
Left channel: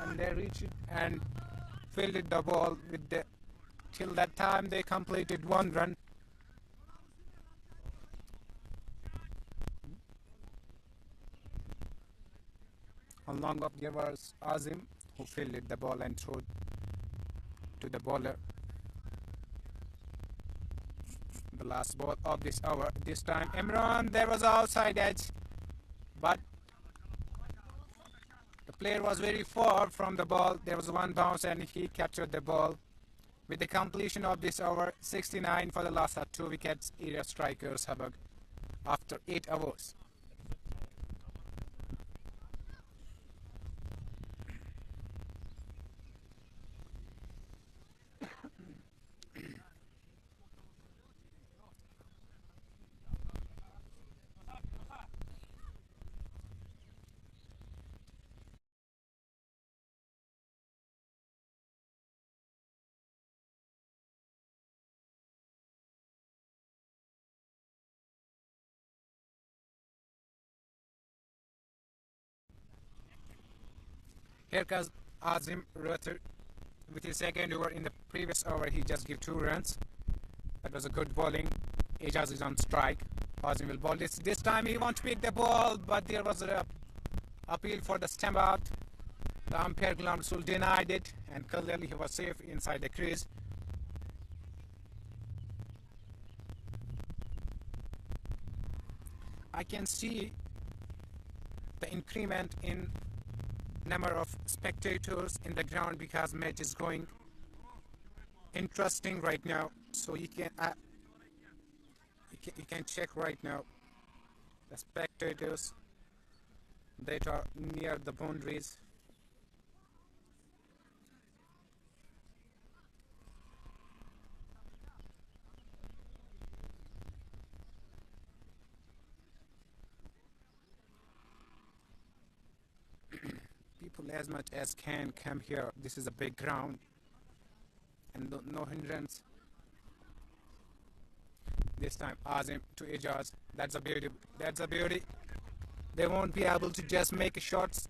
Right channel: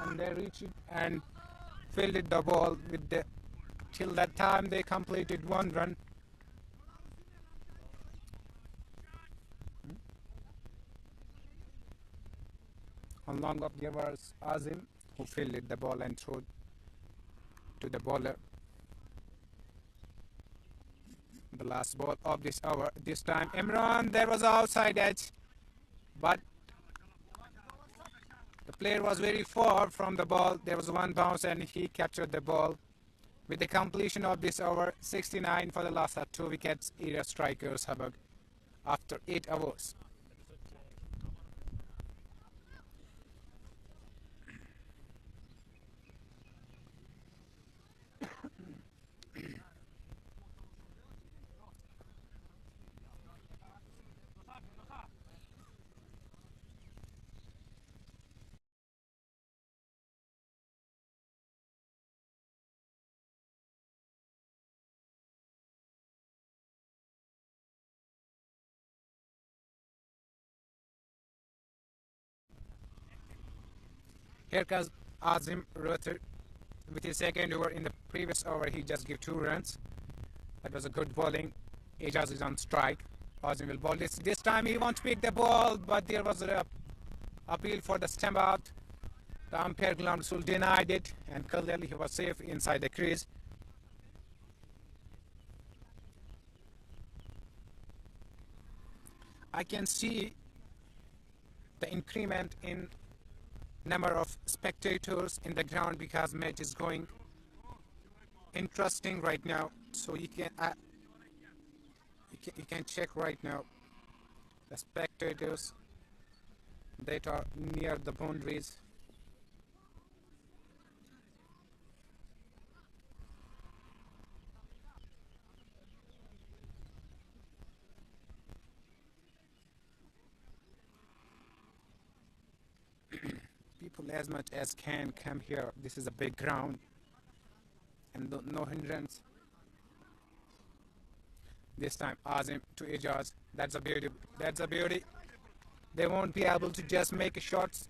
and they reached it and fielded the ball with the. Till that time, they completed 1 run. On long of there was Azim, who fielded the ball and threw to the bowler. The last ball of this over. This time Imran, there was outside edge, but the player was very far from the ball. There was one bounce and he captured the ball. With the completion of this over, 69 for the last 2 wickets, area strikers Habak after 8 overs. Here comes Azim Rutter with his second over. In the previous over, he just gave 2 runs. That was a good bowling. Ajaz is on strike. Azim will bowl this. This time he wants to pick the ball, but there was an appeal for the stump out. The umpire Glamsul denied it, and clearly he was safe inside the crease. I can see the increment in number of spectators in the ground because match is going interesting right now. So you can check right now the spectators that are near the boundaries. People as much as can come here. This is a big ground and no hindrance. This time Azim to Ajaz. That's a beauty. That's a beauty. They won't be able to just make shots.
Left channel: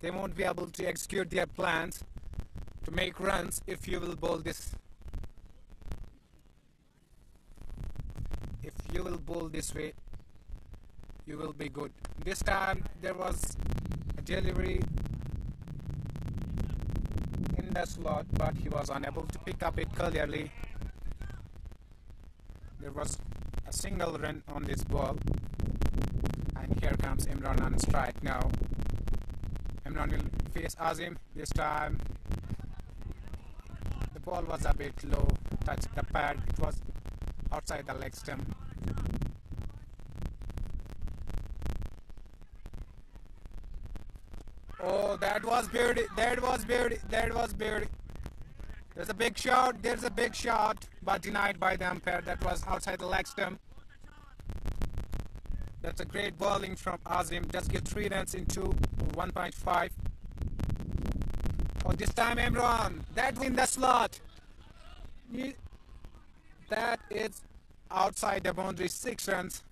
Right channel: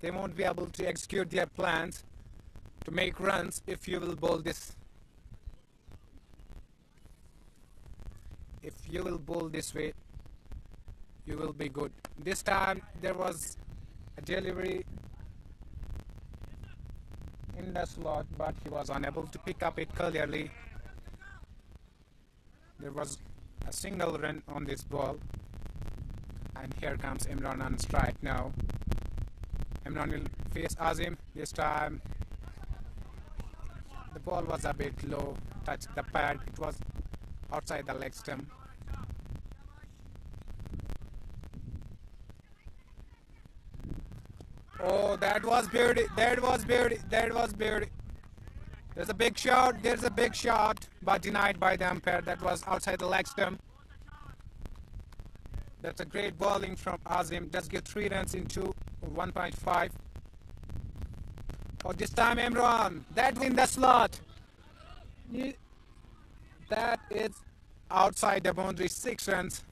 They won't be able to execute their plans to make runs if you will bowl this. If you will bowl this way, you will be good. This time there was a delivery in the slot, but he was unable to pick up it clearly. There was a single run on this ball, and here comes Imran on strike now. Imran will face Azim. This time the ball was a bit low, touched the pad. It was outside the leg stump. Oh, that was beauty. That was beauty. That was beauty. There's a big shot. There's a big shot, but denied by the umpire. That was outside the leg stump. That's a great bowling from Azim. Just get 3 runs into 1.5. Oh, this time Imran. That's in the slot. That is outside the boundary. 6 runs.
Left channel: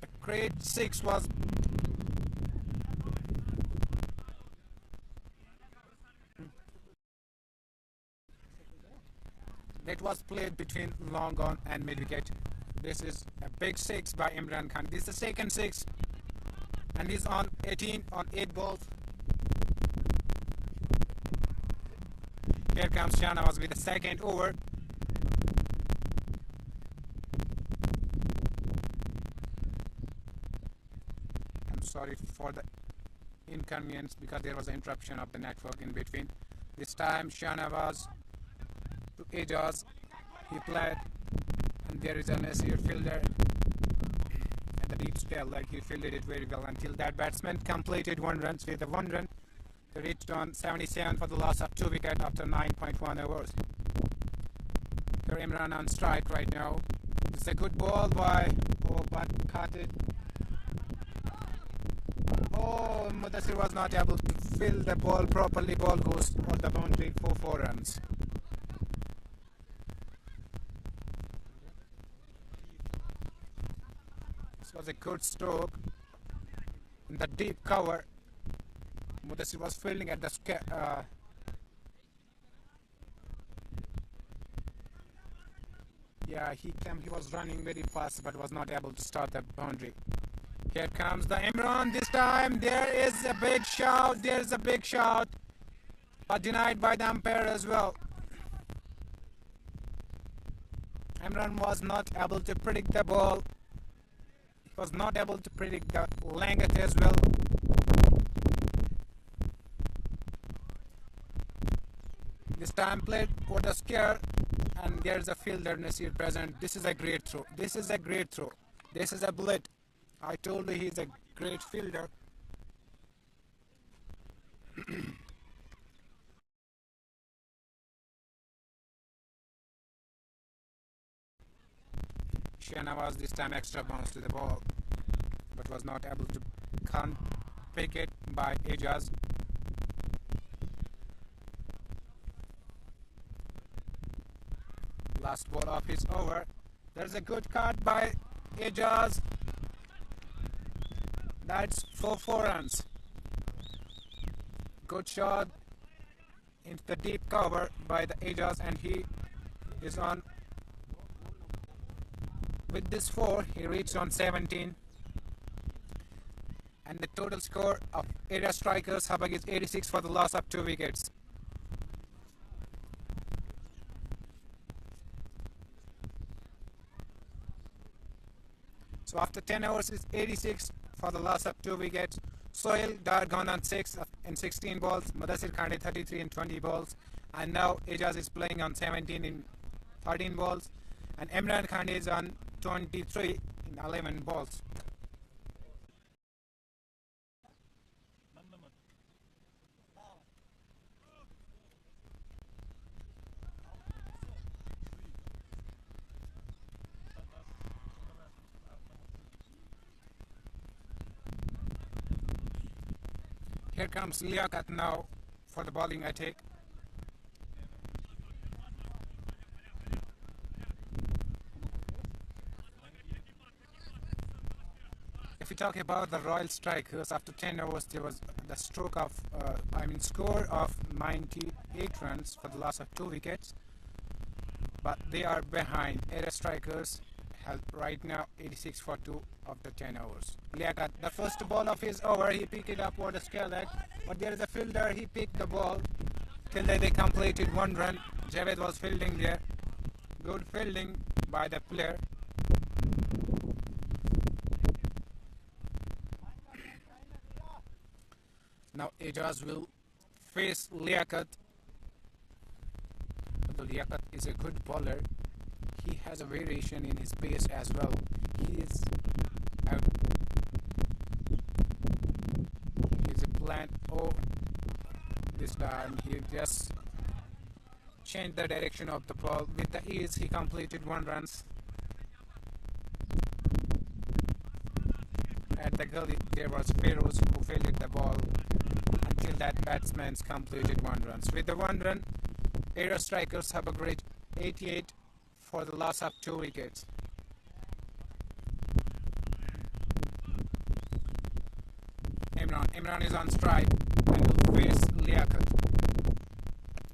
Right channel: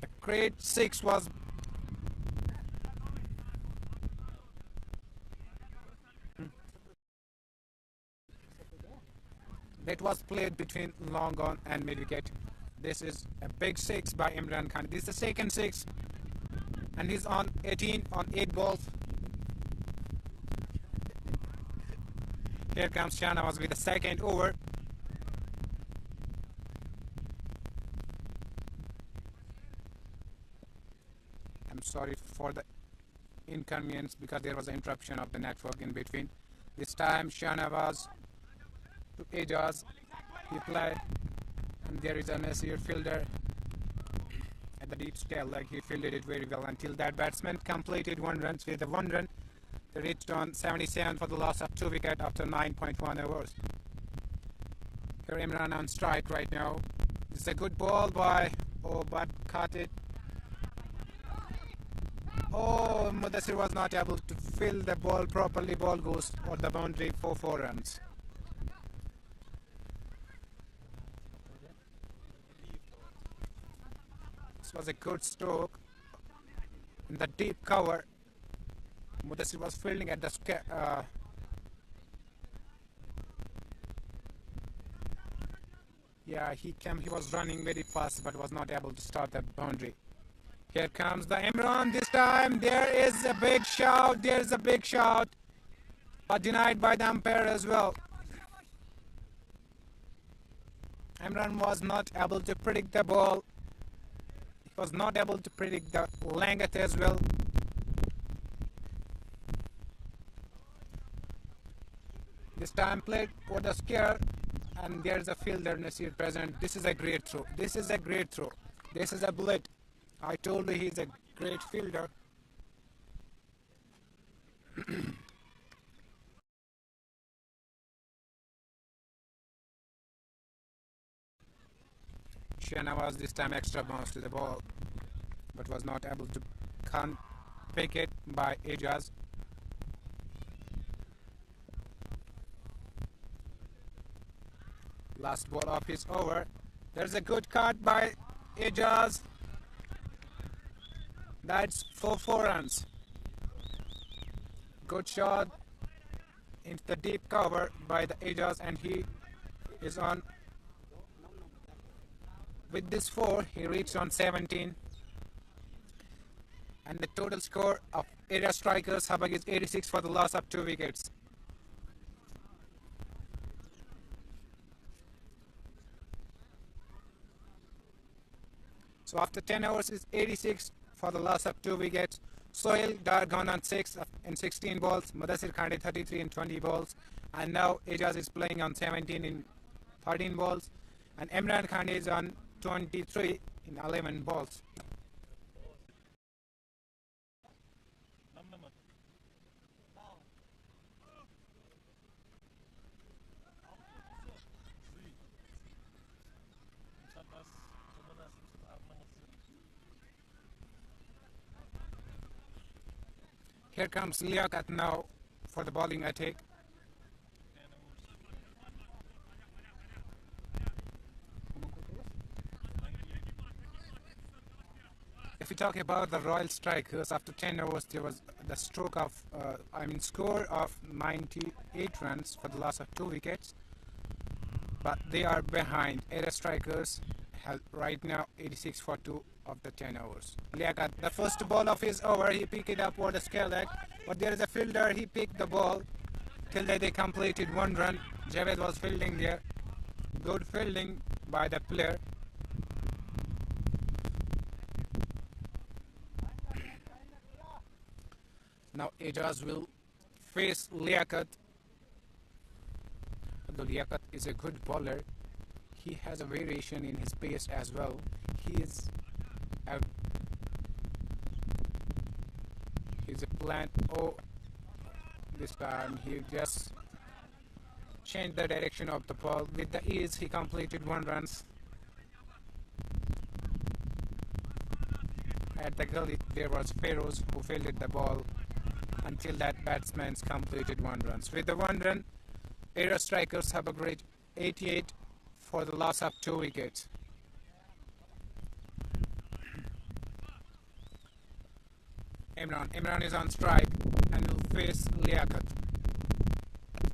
The great 6 was. That was played between long on and mid wicket. This is a big 6 by Imran Khan. This is the second 6, and he's on 18 on 8 balls. Here comes Sonawari with the second over. I'm sorry for the inconvenience because there was an interruption of the network in between. This time Shanawaz to Ejaz, he played, and there is a Nasir fielder at the deep scale, like he fielded it very well until that batsman completed 1 run. With the 1 run, they reached on 77 for the loss of 2 wickets after 9.1 overs. Here Imran on strike right now. It's a good ball by, oh, but caught it. Oh, Mudassir was not able to fill the ball properly. Ball goes for the boundary for 4 runs. This was a good stroke in the deep cover. Mudassir was fielding at the yeah, he was running very fast but was not able to start the boundary. Here comes the Imran this time. There is a big shout. There is a big shout, but denied by the umpire as well. Imran was not able to predict the ball. He was not able to predict the length as well. This time played for the scare, and there's a fielder Nasir present. This is a great throw. This is a great throw. This is a bullet. I told you he's a great fielder. Shanawaz this time extra bounce to the ball, but was not able to pick it by Ejaz. Last ball of his over. There's a good cut by Ejaz. That's for 4 runs. Good shot into the deep cover by the Ejaz, and he is on. With this 4, he reached on 17. And the total score of area strikers, Habak is 86 for the loss of 2 wickets. So after 10 overs, it's 86 for the loss of 2 wickets. Sohail Dar gone on 6 in 16 balls. Mudassir Khande 33 in 20 balls. And now Ejaz is playing on 17 in 13 balls. And Imran Khande is on 23 in 11 balls. Here comes Liaquat now for the bowling attack. If we talk about the Royal Strikers, after 10 overs there was the score of 98 runs for the loss of 2 wickets. But they are behind. Area Strikers have right now 86 for 2 of the 10 overs. Liaquat, the first ball of his over, he picked it up for the scale leg, but there is a fielder, he picked the ball till they completed 1 run. Javed was fielding there. Good fielding by the player. Now Ejaz will face Liaquat. Although Liaquat is a good bowler, he has a variation in his pace as well. He's a plant. Oh, this time he just changed the direction of the ball. With the ease, he completed 1 run. At the gully, there was Feroz who fielded the ball until that batsman completed 1 run. With the 1 run, area strikers have a great 88 for the loss of 2 wickets. Imran is on strike and will face Liaquat.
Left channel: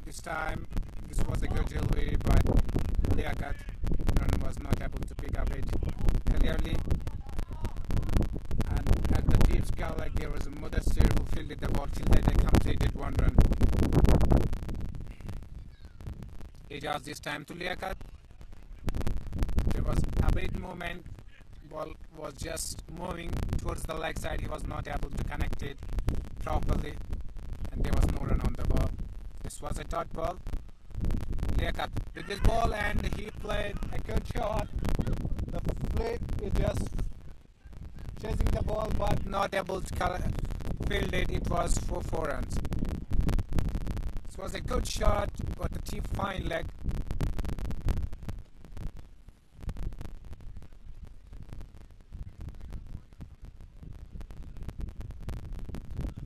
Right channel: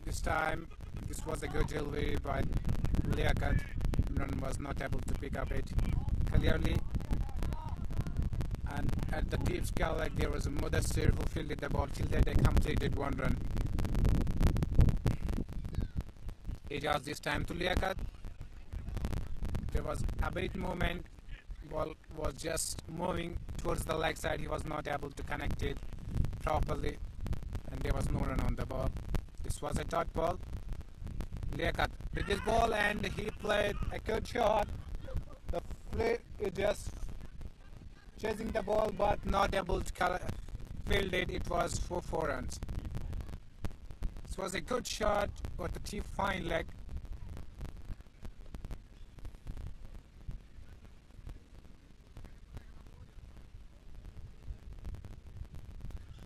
This time, this was a good delivery by Liaquat. Imran was not able to pick up it clearly. And at the deep scale, like there was a Mudassir who fielded the ball till they completed 1 run. Ejaz this time to Liaquat. There was a bit movement. Ball was just moving towards the leg side. He was not able to connect it properly, and there was no run on the ball. This was a dot ball. Liaquat with this ball, and he played a good shot. The flip is just chasing the ball but not able to field it. It was for 4 runs. This was a good shot with a cheap fine leg.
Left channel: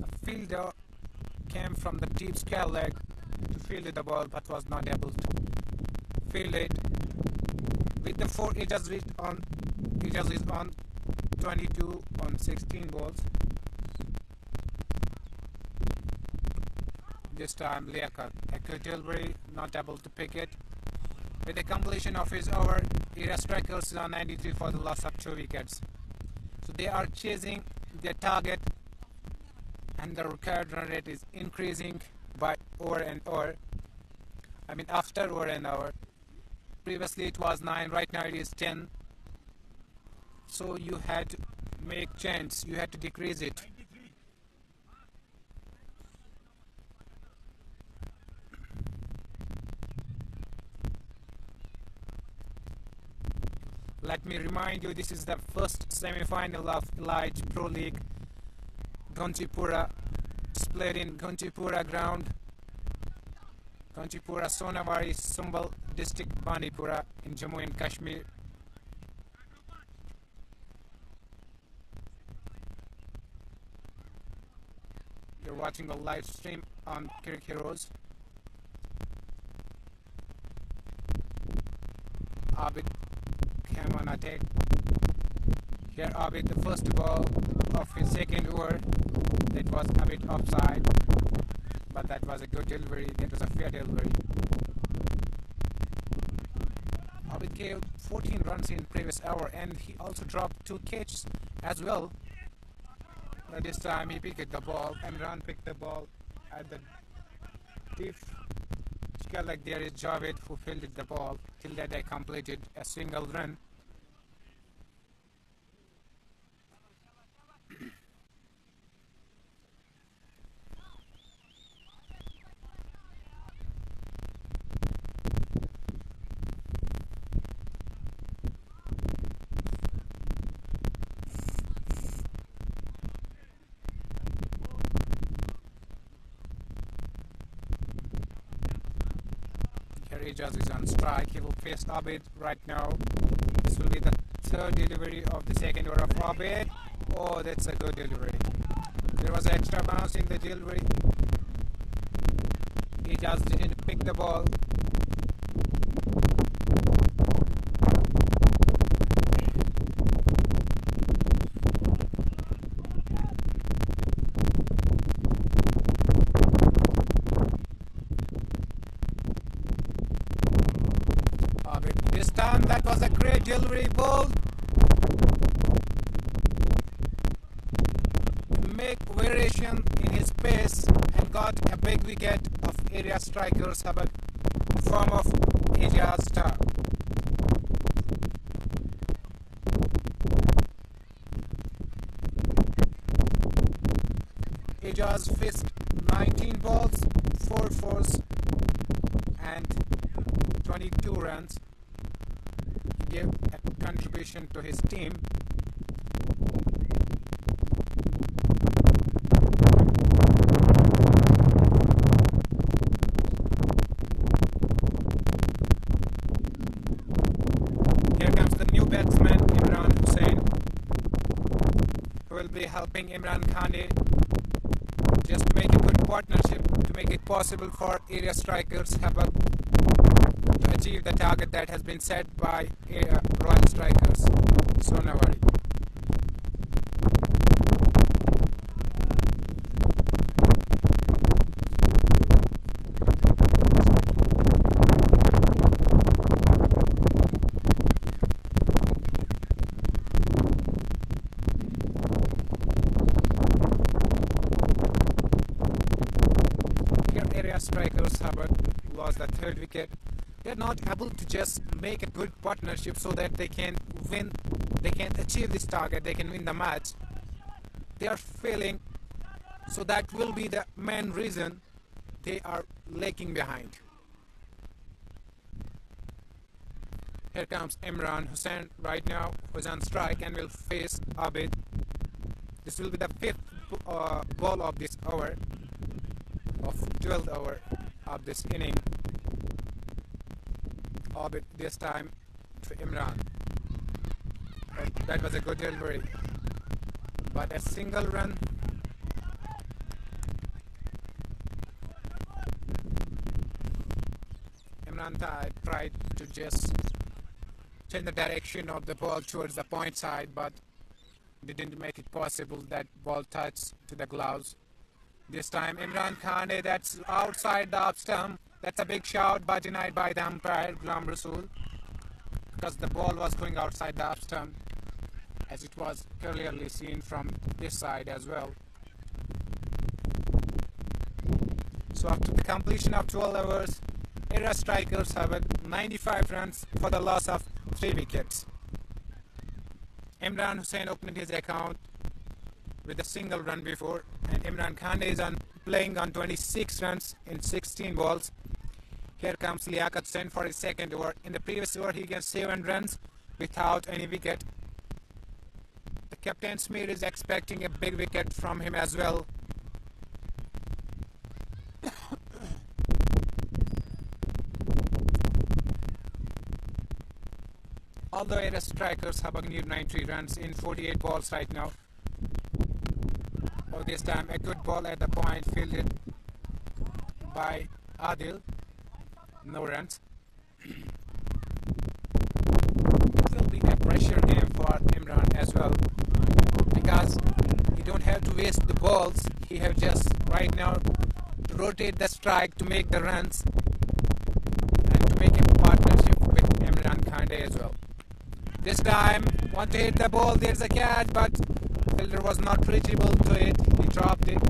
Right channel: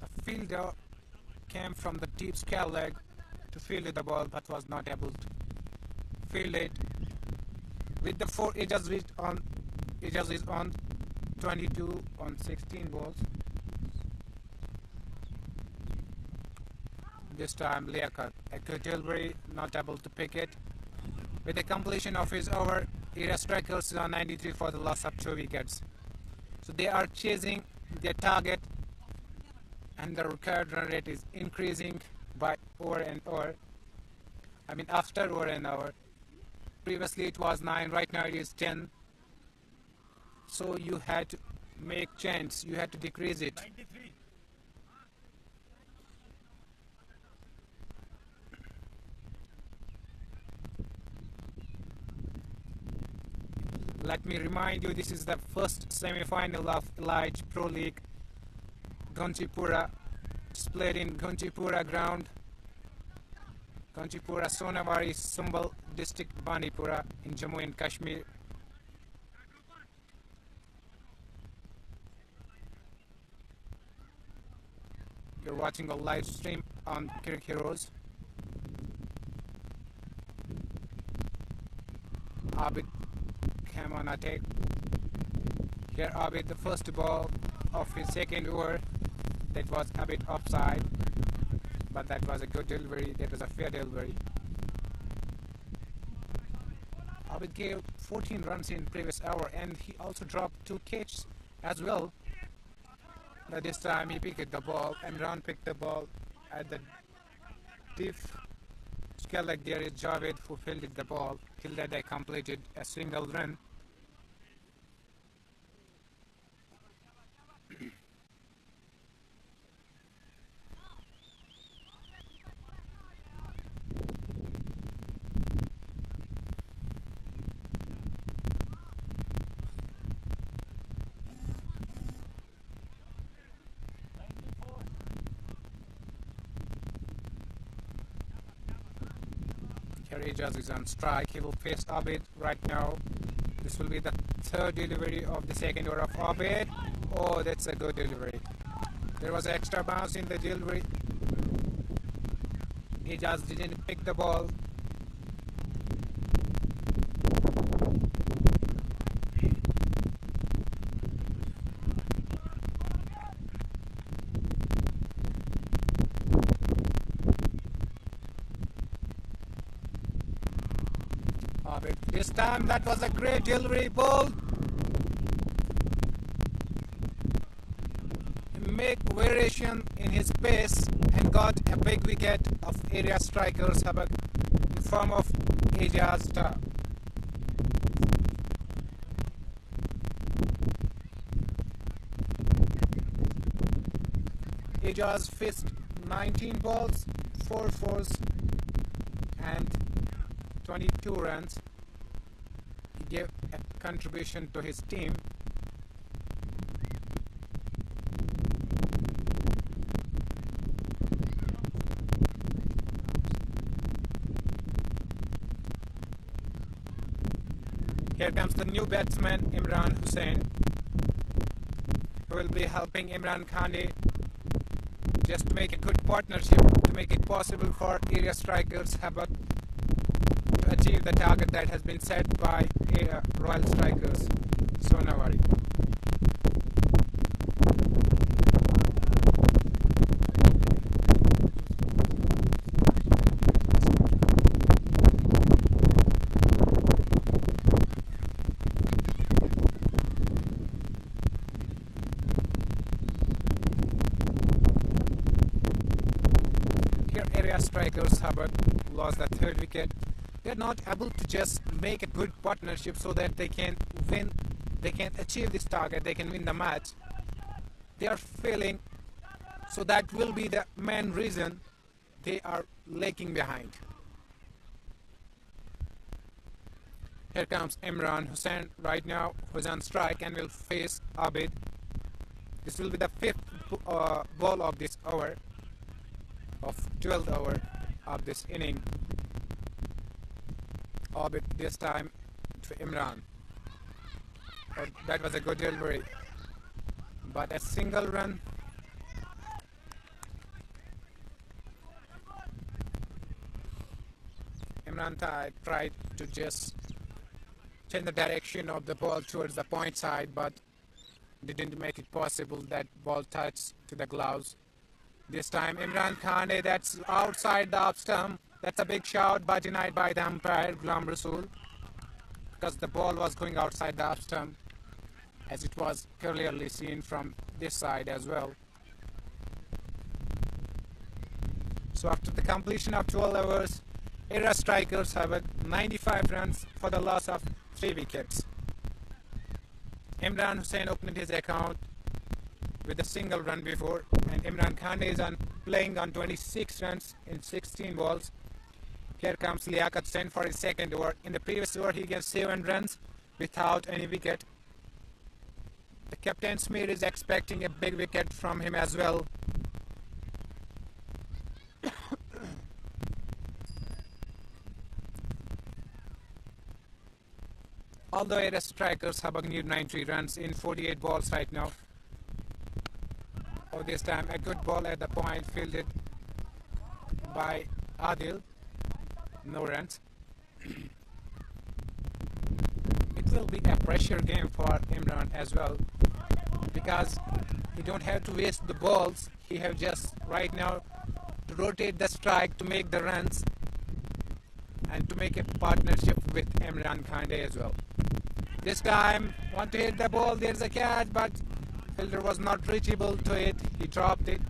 The fielder came from the deep scale leg to field the ball but was not able to field it. With the 4 edges reached on 22 on 16 balls. This time Liaquat, a good delivery, not able to pick it. With the completion of his over, area strikers is on 93 for the loss of 2 wickets. So they are chasing their target, and the required run rate is increasing by over and over. I mean after over and over. Previously it was 9, right now it is 10. So you had to make change, you had to decrease it. Let me remind you, this is the first semi-final of Elite Pro League. Gunchipora is played in Gunchipora ground. Gunchipora, Sonawari, Sumbal district, Bandipora in Jammu and Kashmir. You're watching a live stream on Cricket Heroes. Abid came on attack. Here Abid, the first ball of his second over, that was a bit offside, but that was a good delivery, that was a fair delivery. Abid gave 14 runs in previous over, and he also dropped 2 catches as well. But this time he picked the ball. Imran picked the ball at the deep scale like there is Javed who fielded the ball till that they completed a single run. Ejaz is on strike. He will face Abid right now. This will be the 3rd delivery of the second over of Abid. Oh, that's a good delivery. There was an extra bounce in the delivery. Ejaz didn't pick the ball. This time that was a great delivery ball. Make variation in his pace and got a big wicket of area strikers Habak in form of Ejaz star. Ejaz faced 19 balls, 4 fours and 22 runs. He gave a contribution to his team. Here comes the new batsman Imran Hussain, who will be helping Imran Khande just to make a good partnership to make it possible for area strikers Habak to achieve the target that has been set by Royal Strikers Sonawari. Here area strikers Habak lost the 3rd wicket. They are not able to just make a good partnership so that they can win they can achieve this target, they can win the match, they are failing. So that will be the main reason they are lagging behind. Here comes Imran Hussain right now, who's on strike and will face Abid. This will be the fifth ball of this over, of 12th over of this inning. Abid this time to Imran. That was a good delivery, but a single run. Imran tried to just change the direction of the ball towards the point side, but didn't make it possible. That ball touched to the gloves. This time Imran Khane, that's outside the off stump. That's a big shout, but denied by the umpire Ghulam Rasool, because the ball was going outside the off stump, as it was clearly seen from this side as well. So after the completion of 12 overs, Era strikers have 95 runs for the loss of 3 wickets. Imran Hussain opened his account with a single run before, and Imran Khan is playing on 26 runs in 16 balls. Here comes Liaquat Sen for his second over. In the previous over, he gave 7 runs without any wicket. The captain Smear is expecting a big wicket from him as well. Although Era strikers Habak need 90 runs in 48 balls right now. For this time, a good ball at the point fielded by Adil. No runs. It will be a pressure game for Imran as well, because you don't have to waste the balls. You have just right now to rotate the strike to make the runs and to make a partnership with Imran Khande as well. This time, want to hit the ball, there's a catch, but fielder was not reachable to it. He dropped it.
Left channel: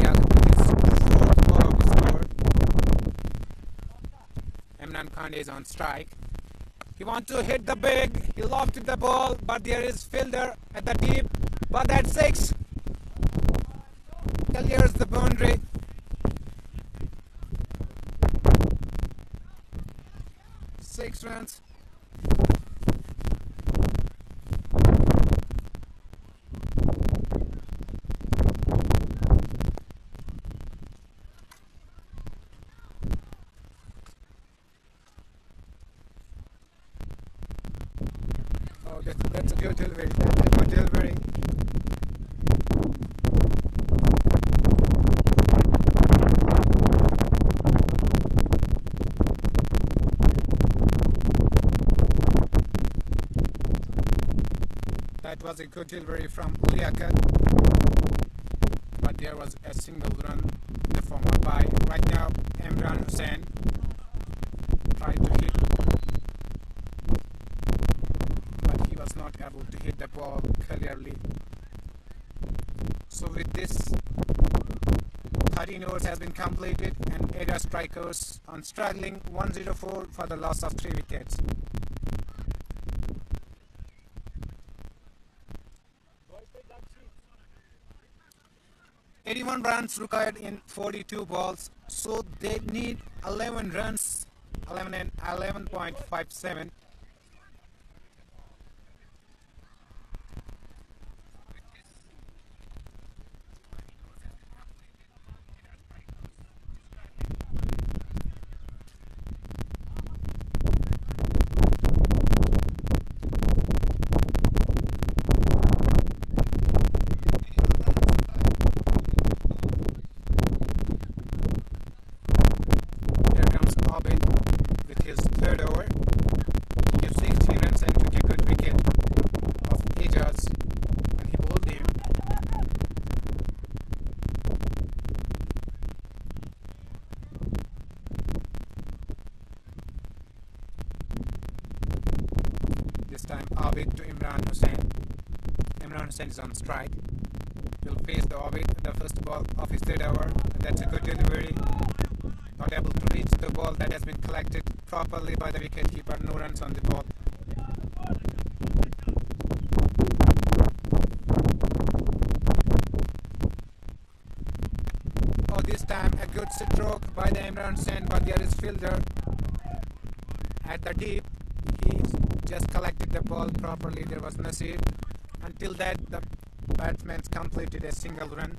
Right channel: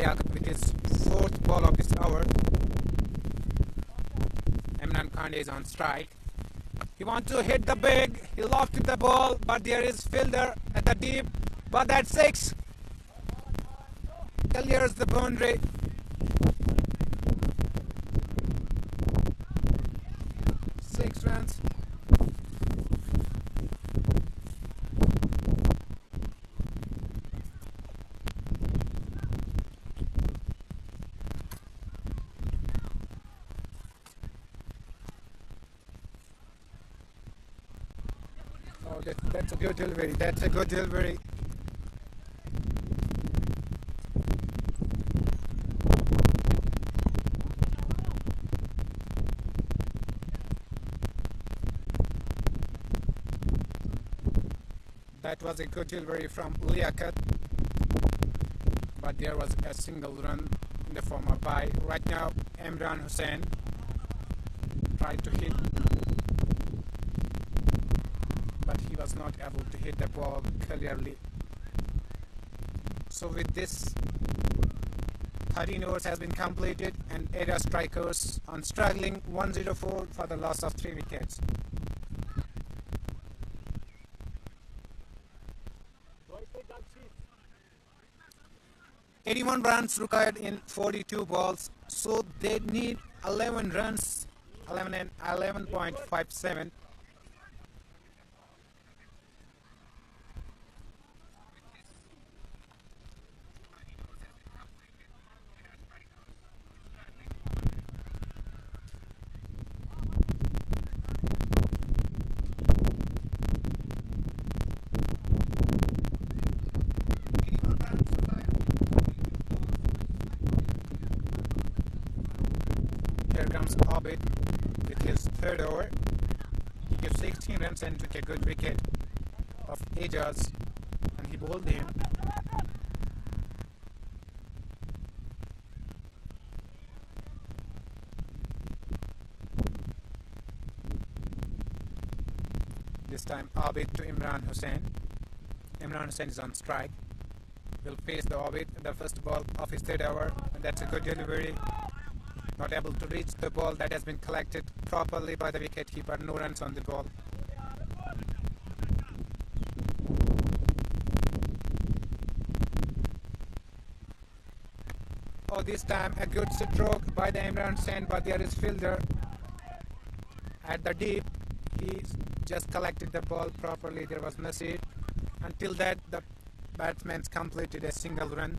With his 4th ball of this over, Imran Khan is on strike. He wants to hit the big, he lofted the ball, but there is fielder at the deep, but that's 6. Clears the boundary. Six runs. Oh, that's a good delivery. That's a good delivery. That was a good delivery from Liaquat, but there was a single run in the form of bye. Right now, Imran Hussain tried to hit, but he was not able to hit the ball clearly. So with this, 13 overs has been completed, and area strikers on struggling 104 for the loss of 3 wickets. 81 runs required in 42 balls, so they need 11 runs, 11 and 11.57. Habak with his 3rd over. He gives 16 runs and took a good wicket. This time, Abid to Imran Hussain. Imran Hussain is on strike. Will face the Abid, the first ball of his third over. And that's a good delivery. Not able to reach the ball that has been collected properly by the wicketkeeper. No runs on the ball. Oh, this time a good stroke by the Imran Hussain, but there is fielder at the deep. He just collected the ball properly. There was Nasir. Until that, the batsman completed a single run.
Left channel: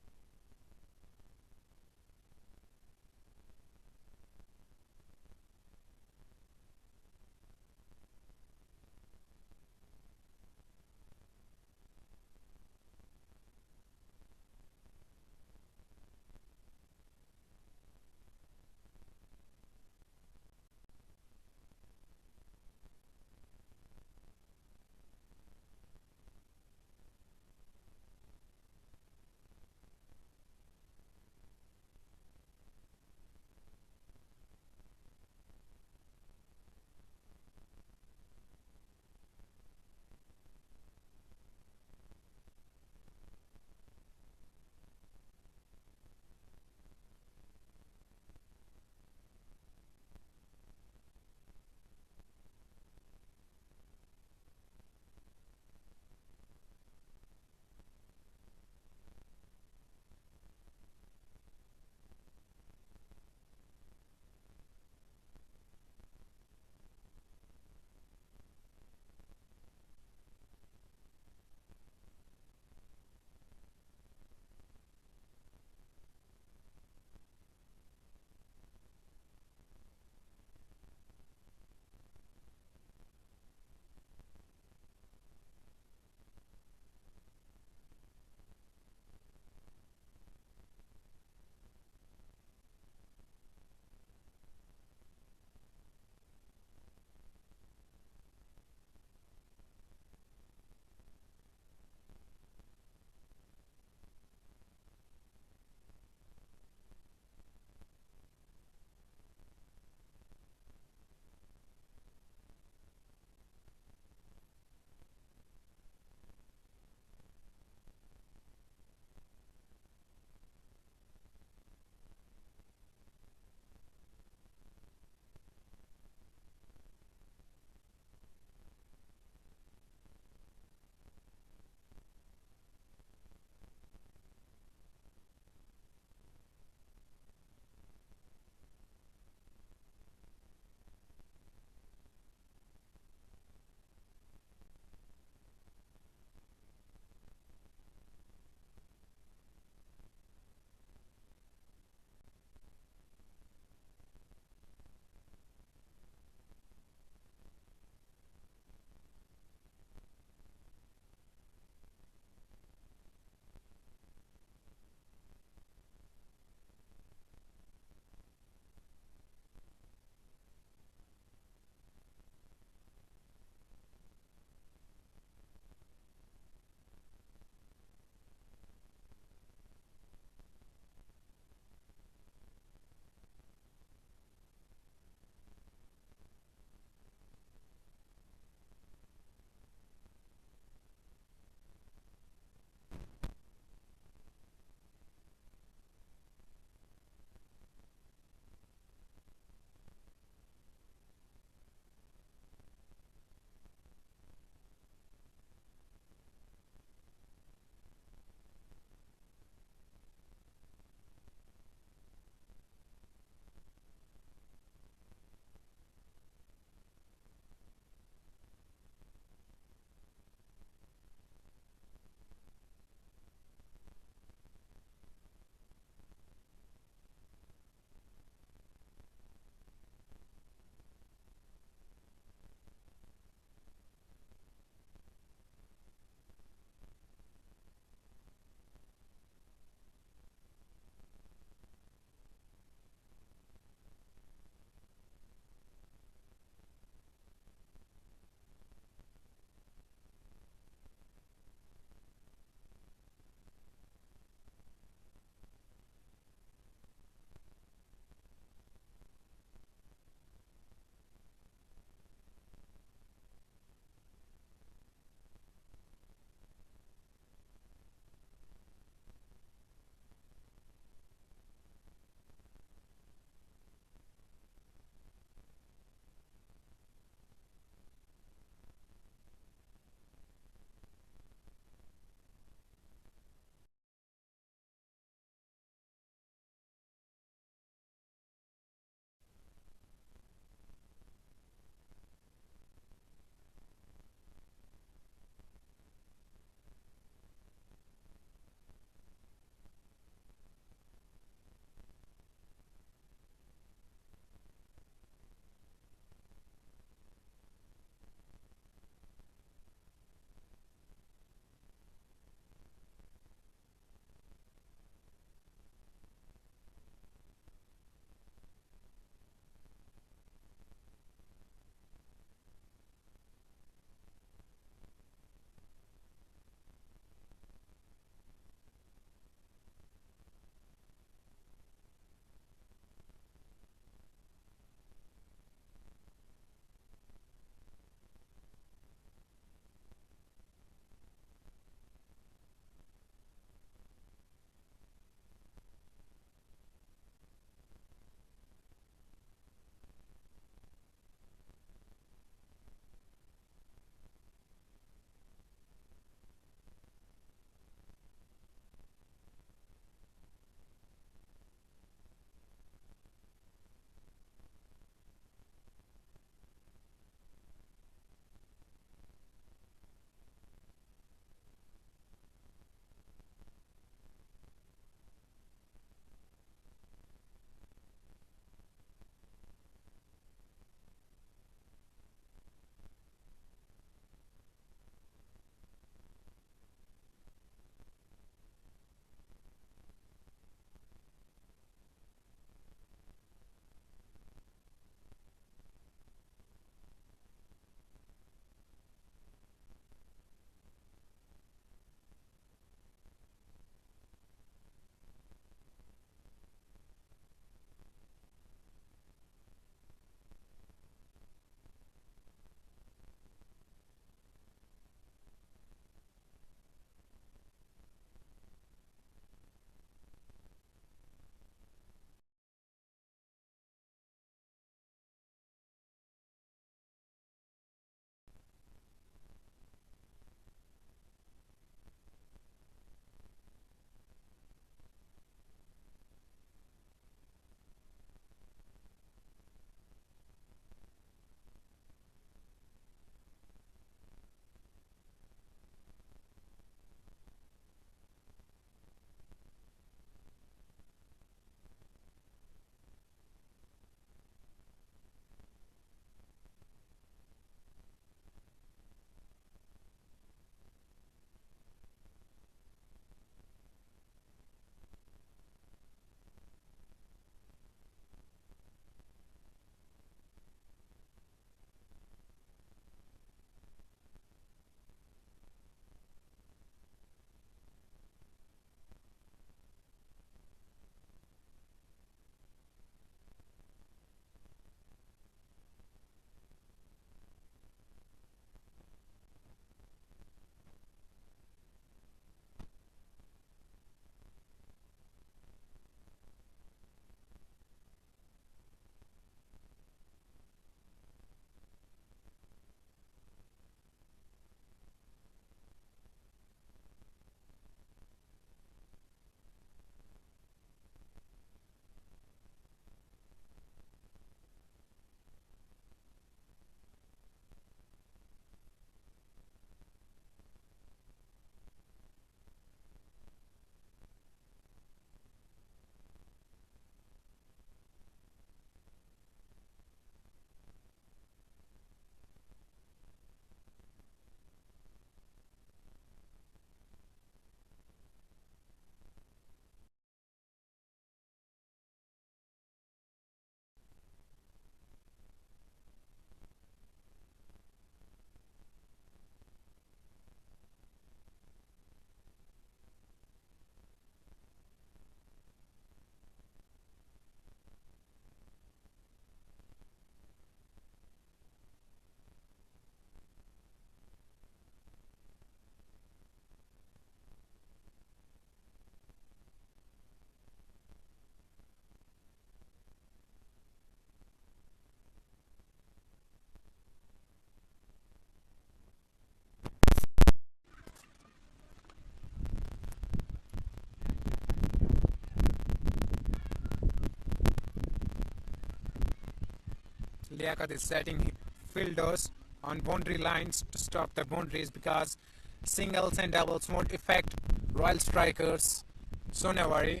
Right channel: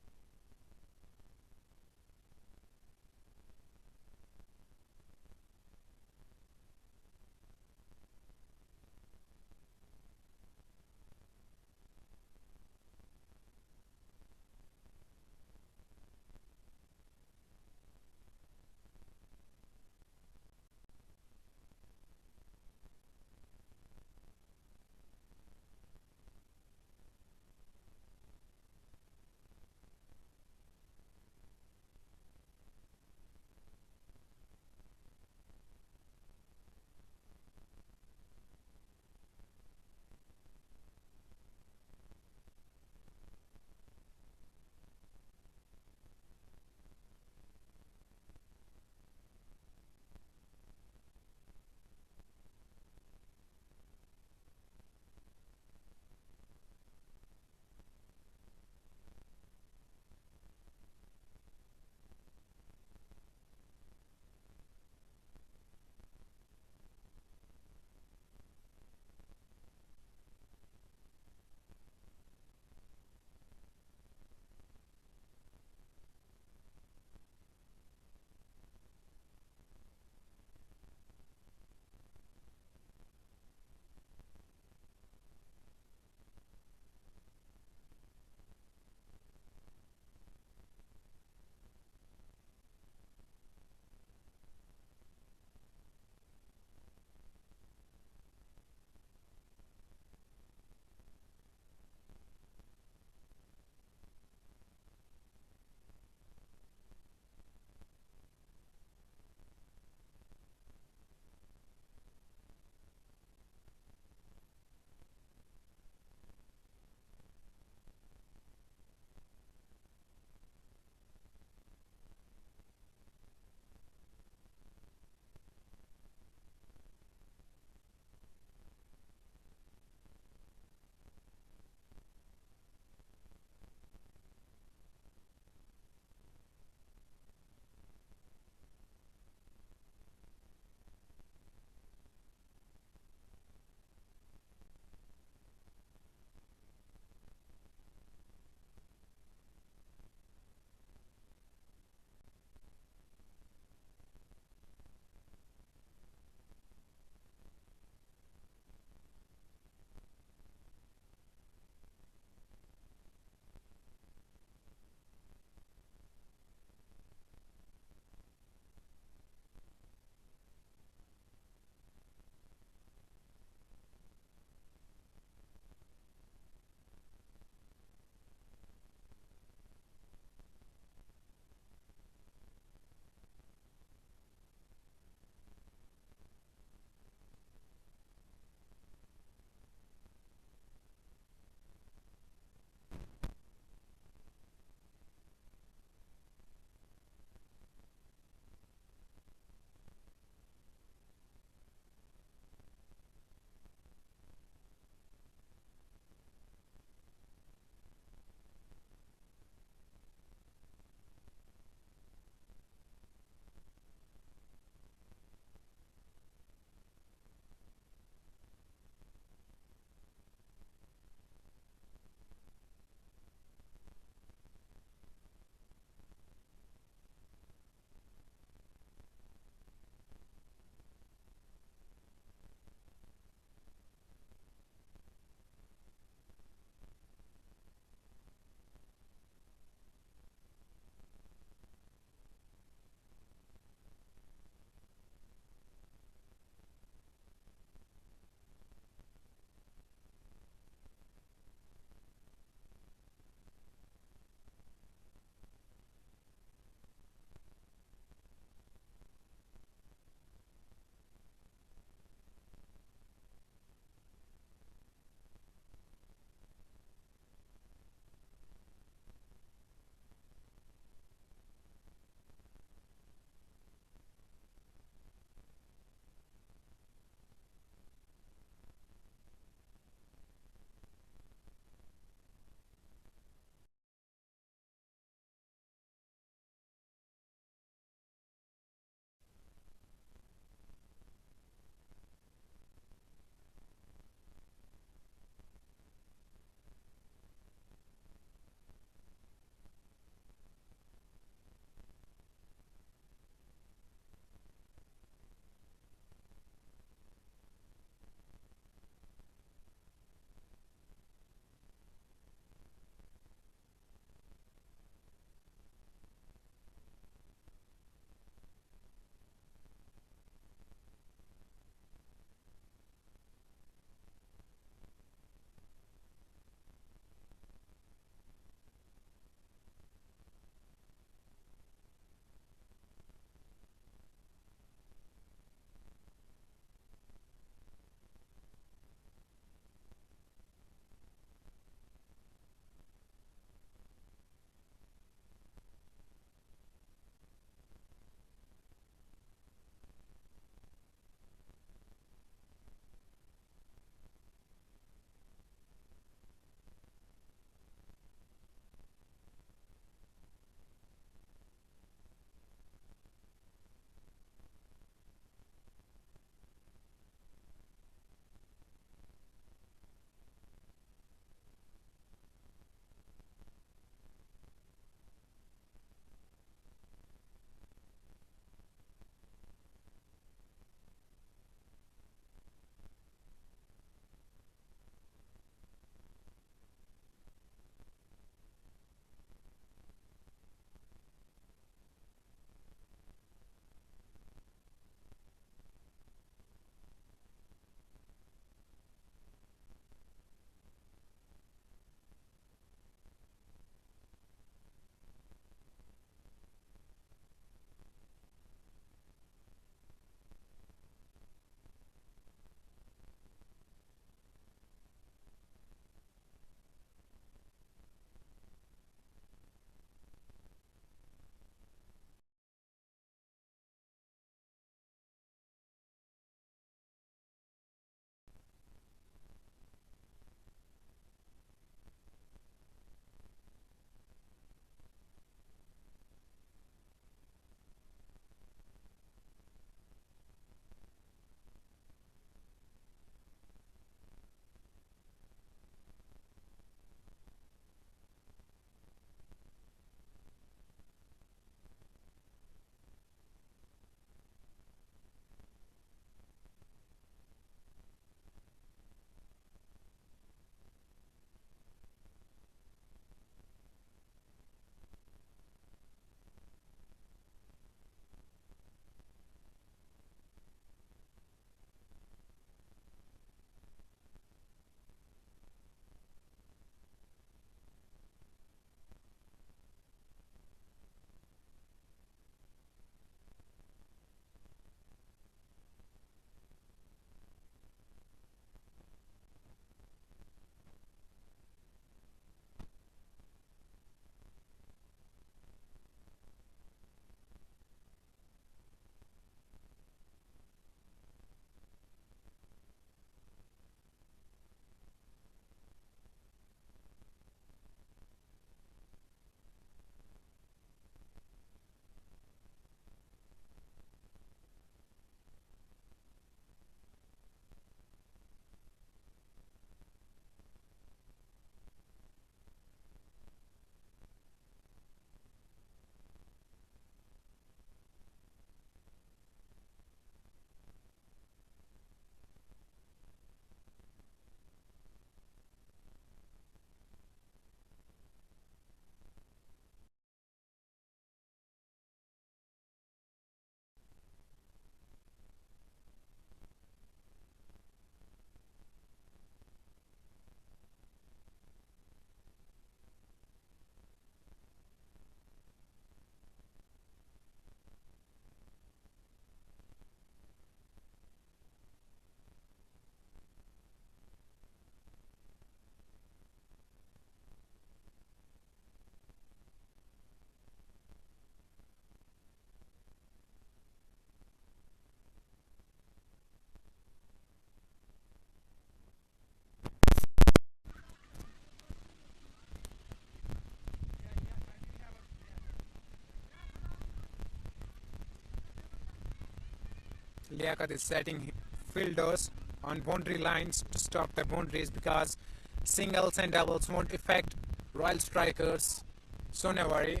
Liaquat is setting fielders on boundary lines to stop the boundaries because singles and doubles won't affect Royal strikers Sonawari.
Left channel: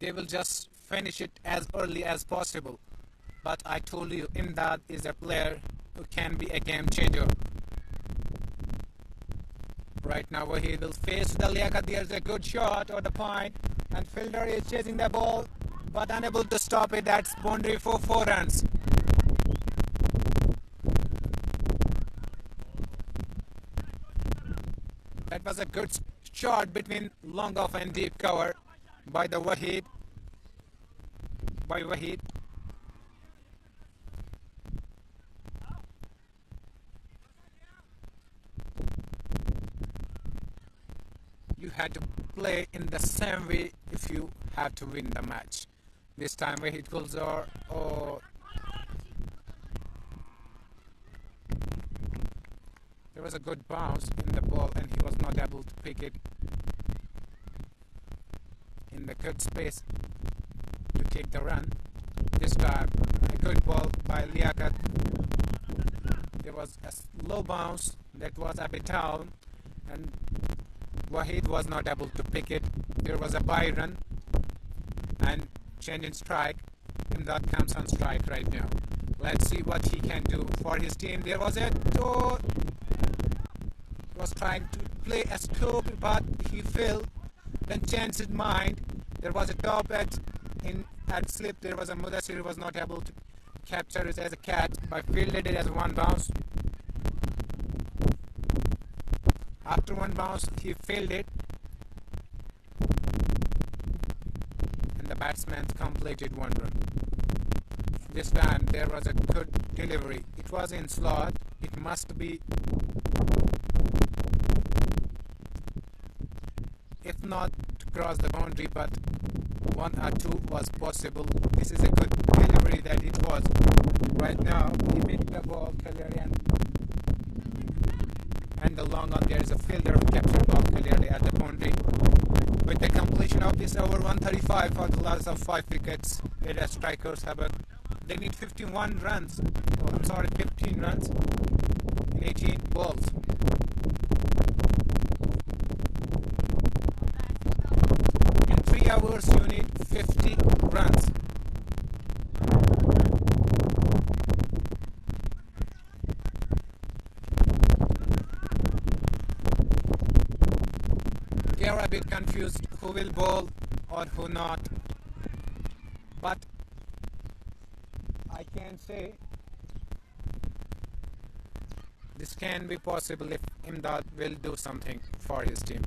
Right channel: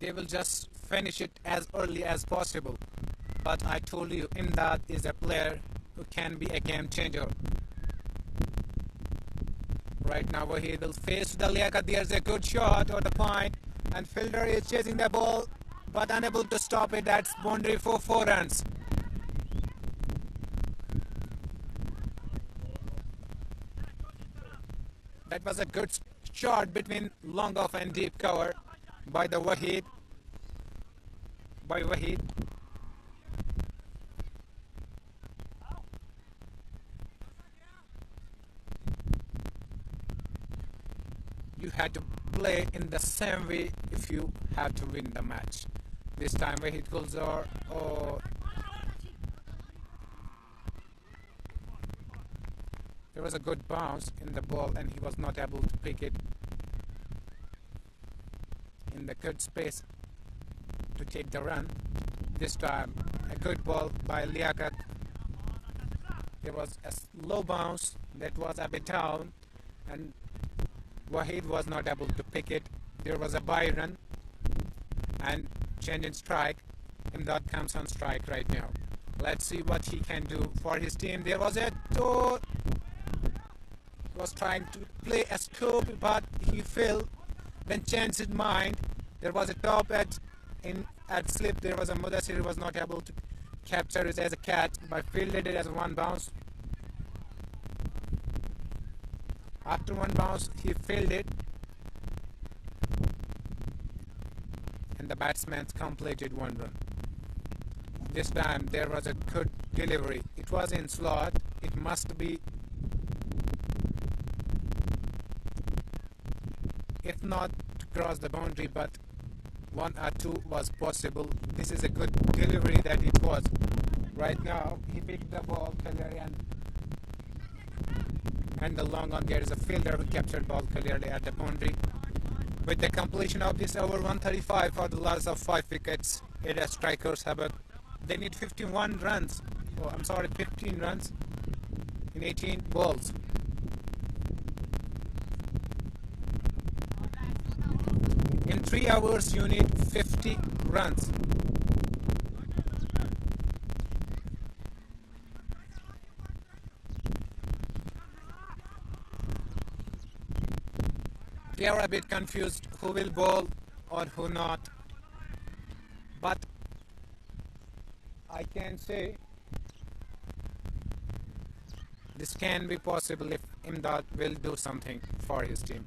They will just finish it as early as possible. But I told you, Imdad is a player who can be a game changer. Right now he will face the Liaquat. There's a good shot or the point, and fielder is chasing the ball but unable to stop it. That's boundary for 4 runs. That was a good shot between long off and deep cover by the Wahid. You had to play in the same way if you had to win the match. This time Wahid Gulzar, there was a good bounce in the ball and he was not able to pick it in the good space to take the run. This time a good ball by Liaquat. There was a low bounce that was a bit down and Wahid was not able to pick it. There was a by run and change in strike. Imdad comes on strike right now. Let's see what he can do for his team. There was a toe. He was trying to play a scoop but he failed. Then changed his mind. There was a top edge at slip. There was a Mudassir who was not able to capture it as a cat by fielded it as one bounce. After one bounce, he failed it, and the batsman completed one run. This time there was a good delivery. It was in slot. It must be, if not to cross the boundary, but 1 or 2 was possible. This is a good delivery that it was. Right now, he picked the ball, and the long on there is a fielder who captured ball clearly at the boundary. With the completion of this over 135 for the loss of 5 wickets, area strikers Habak. They need 51 runs. 15 runs in 18 balls. In 3 hours, you need 50 runs. They are a bit confused who will bowl or who not, but I can say this can be possible if Imdad will do something for his team.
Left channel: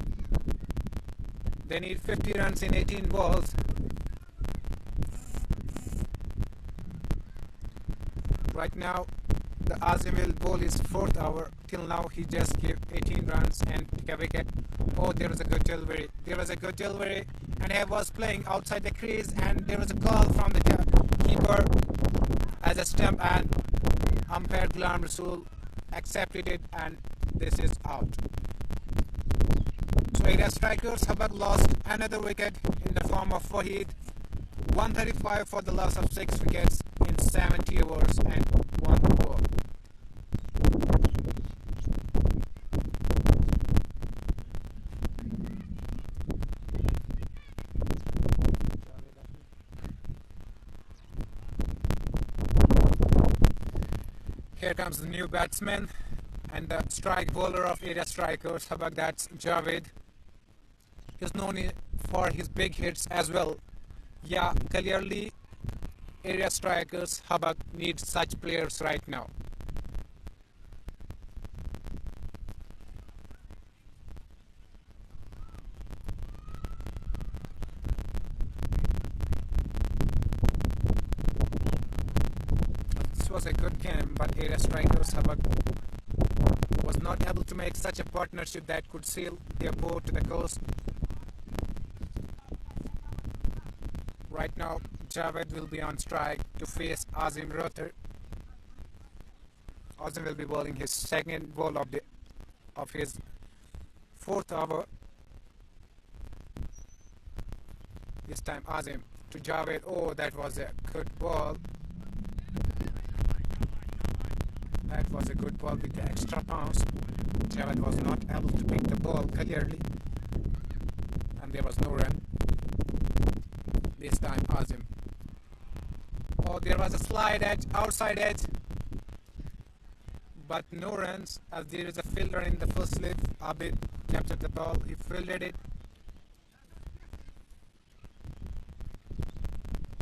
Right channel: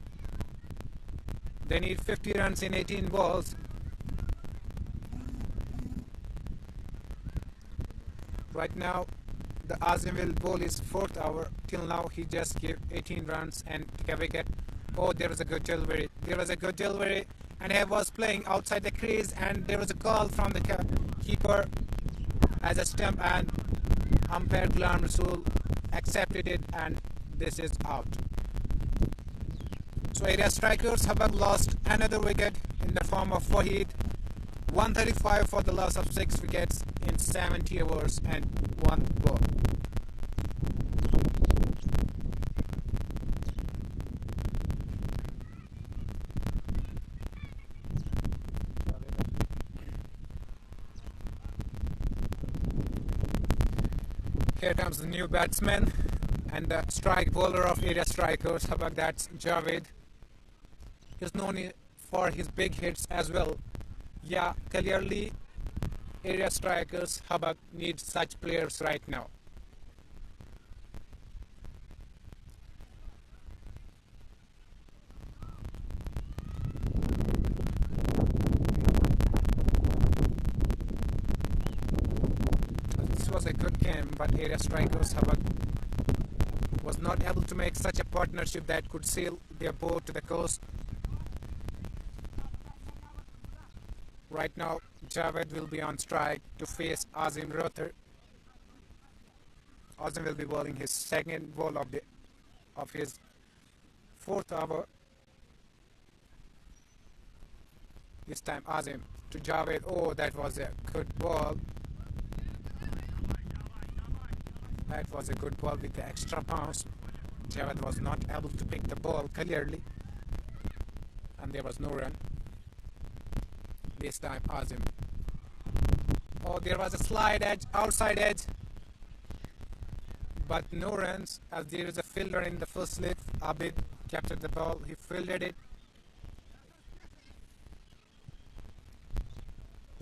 They need 50 runs in 18 balls. Right now the Azim will bowl his 4th over. Till now he just gave 18 runs and took a wicket. Oh, there was a good delivery. And he was playing outside the crease and there was a call from the keeper as a stump and umpire Ghulam Rasool accepted it and this is out. So area strikers Habak lost another wicket in the form of Wahid. 135 for the loss of 6 wickets in 70 overs and 1 ball. Here comes the new batsman and the strike bowler of area strikers Habak, that's Javed. He's known for his big hits as well. Yeah, clearly area strikers Habak needs such players right now. This was a good game, but area strikers Habak was not able to make such a partnership that could sail their boat to the coast. Right now, Javed will be on strike to face Azim Rotter. Azim will be bowling his 2nd ball of his 4th over. This time Azim to Javed. Oh, that was a good ball. That was a good ball with the extra bounce. Javed was not able to pick the ball clearly, and there was no run. This time, Azim. Oh, there was a slide edge, outside edge, but no runs as there is a fielder in the first slit. Abid captured the ball, he fielded it.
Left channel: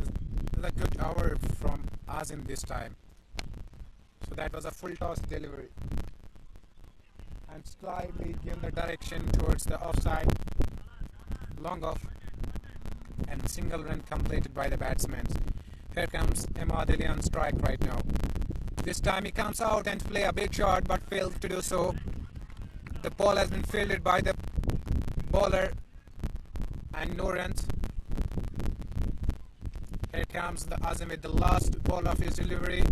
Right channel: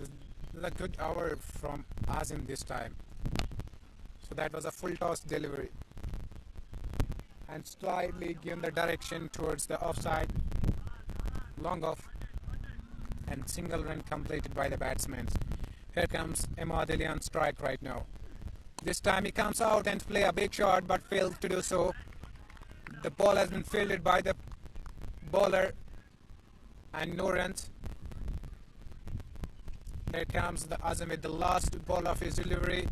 It was a good hour from Azim this time. So that was a full toss delivery and slightly given the direction towards the offside, long off, and single run completed by the batsman. Here comes Emadili on strike right now. This time he comes out and play a big shot but fails to do so. The ball has been fielded by the bowler and no runs. Here comes the Azam with the last ball of his delivery.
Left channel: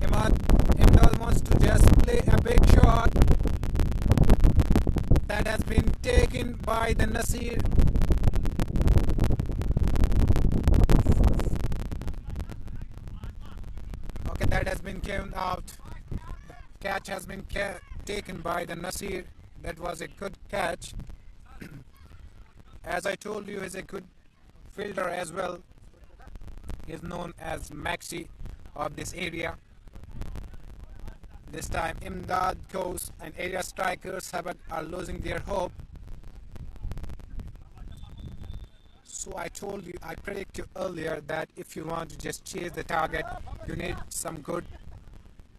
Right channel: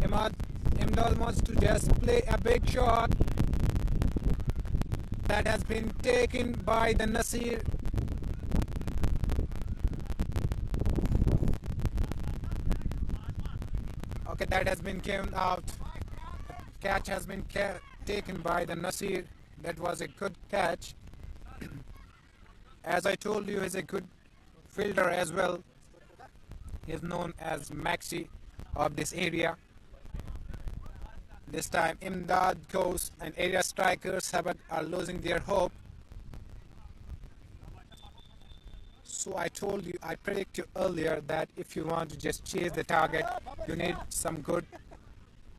Imdad wants to just play a big shot that has been taken by the Nasir. Okay, that has been given out. Catch has been taken by the Nasir. That was a good catch. As I told you, he's a good fielder as well. He's known as Maxi of this area. This time Imdad goes and area strikers Habak are losing their hope. So I told you, I predicted you earlier that if you want to just chase the target, you need some good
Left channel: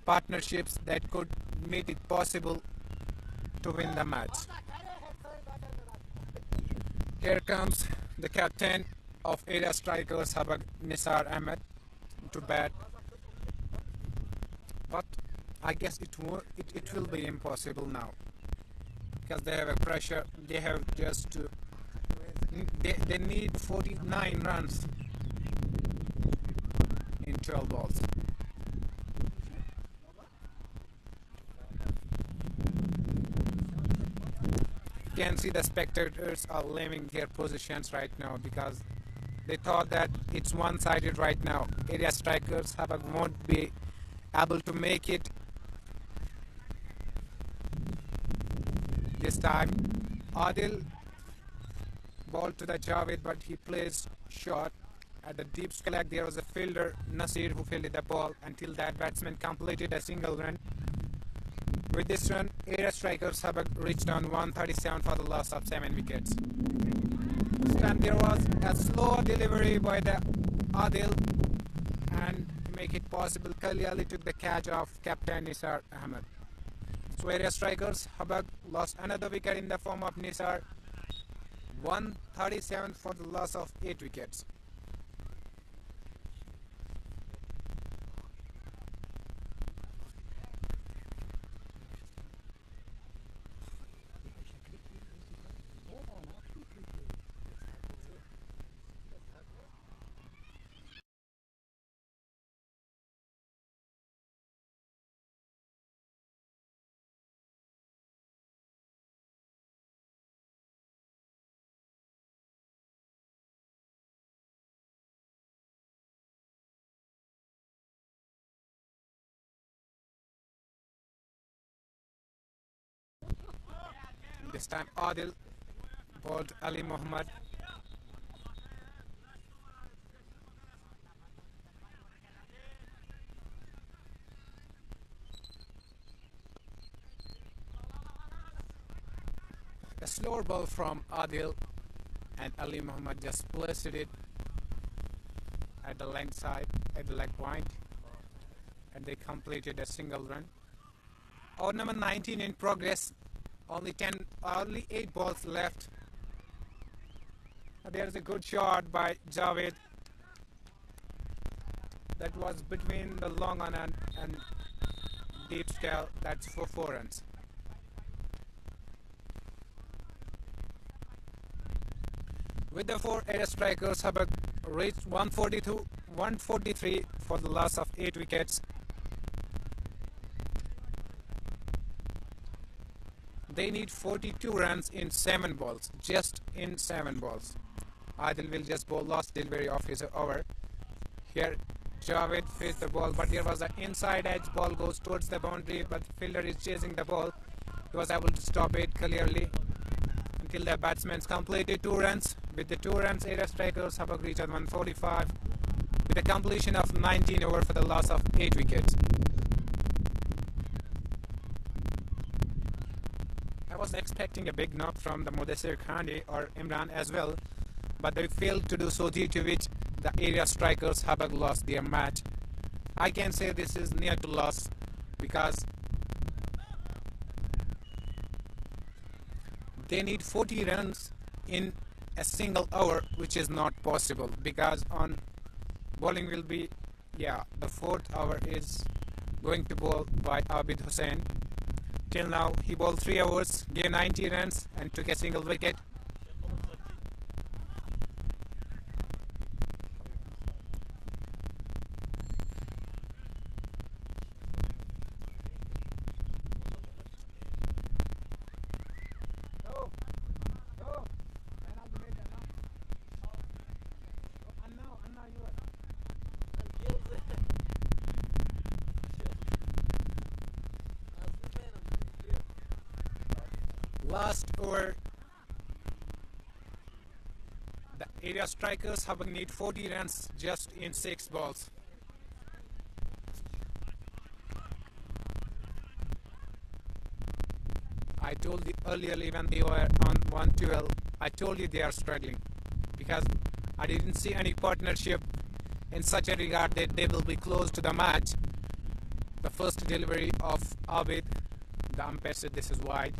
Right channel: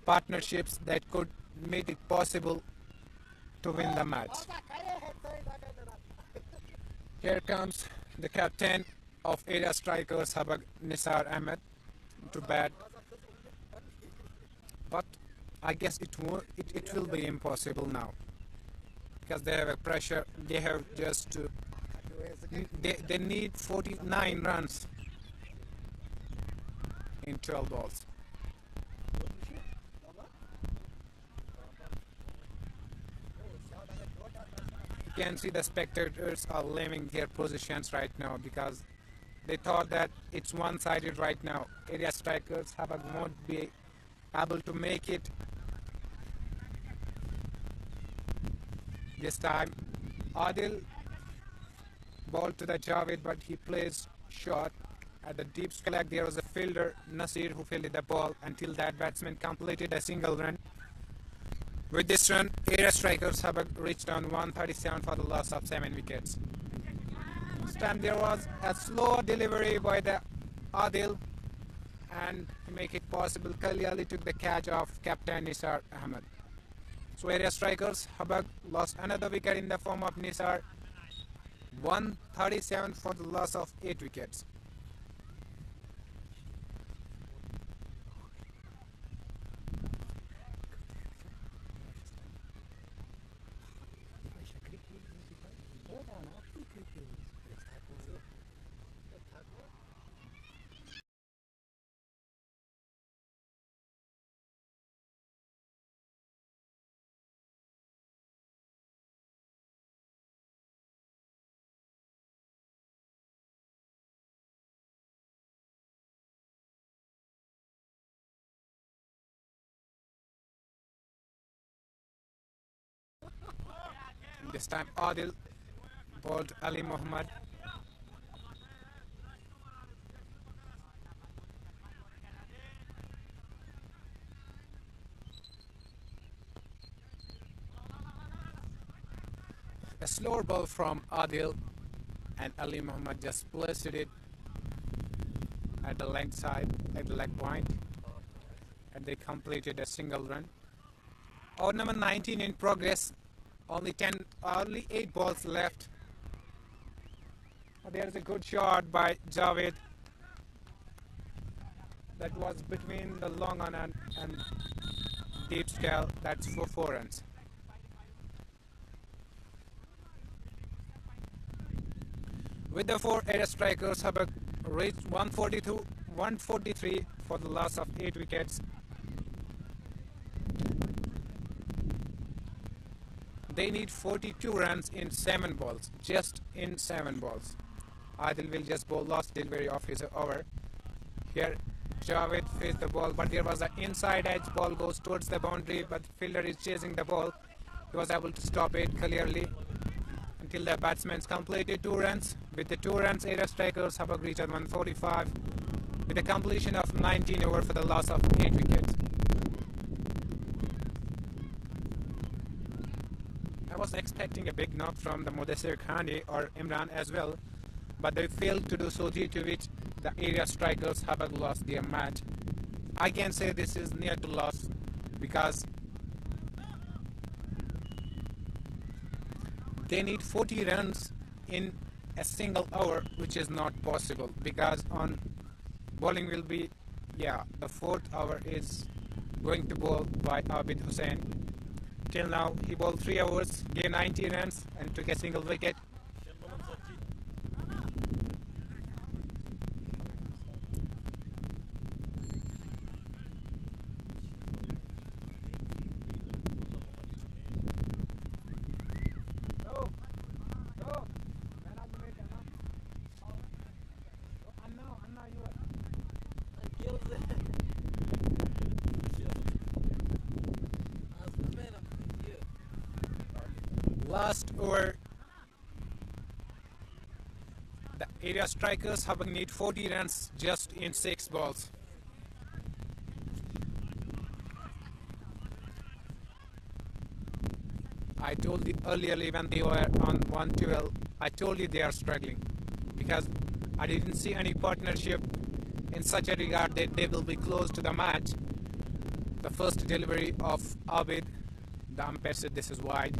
partnerships that could make it possible to win the match. Here comes the captain of area strikers Habak, Nisar Ahmed, to bat. But I guess it will be impossible now because they have a pressure. They have just to, they need 49 runs in 12 balls. You can see the spectators are leaving their positions right now because they thought that it's one-sided right now. Area strikers won't be able to make it. This time, Adil ball to the Javed, but he plays short. At the deep square, there was a fielder, Nasir, who fielded the ball until that batsman completed a single run. With this run, area strikers have reached on 137 for the loss of 7 wickets. This time there was a slow delivery by the Adil, and to make it possible, clearly took the catch of captain Nisar Ahmed. So area strikers, Habak lost another wicket in the form of Nisar. 137 for the loss of 8 wickets. This time Adil bowled Ali Muhammad. A slower ball from Adil, and Ali Muhammad just placed it at the leg side, at the leg point, and they completed a single run. Over number 19 in progress. Only 8 balls left. There's a good shot by Javed. That was between the long on and deep scale. That's for 4 runs. With the 4 area strikers, Habak reached 143 for the loss of 8 wickets. They need 42 runs in 7 balls, just in 7 balls. Adil will just bowl last delivery of his over. Here Javed faced the ball, but there was an inside edge. Ball goes towards the boundary, but the fielder is chasing the ball. He was able to stop it clearly until the batsmen completed 2 runs. With the 2 runs, area strikers Habak reached 145 with a completion of 19 over for the loss of 8 wickets. I was expecting a big knock from the Mudassir Khande or Imran as well, but they failed to do so, due to which the area strikers Habak lost their match. I can say this is near to loss because they need 40 runs in a single over, which is not possible because on bowling will be, the 4th over is going to bowl by Abid Hussain. Till now he bowled 3 overs, gave 90 runs and took a single wicket. Last over, the area strikers have need 40 runs just in 6 balls. I told you earlier when they were on 112, I told you they are struggling because I didn't see any partnership in such a regard that they will be close to the match. The first delivery of Abid, the umpire said this is wide.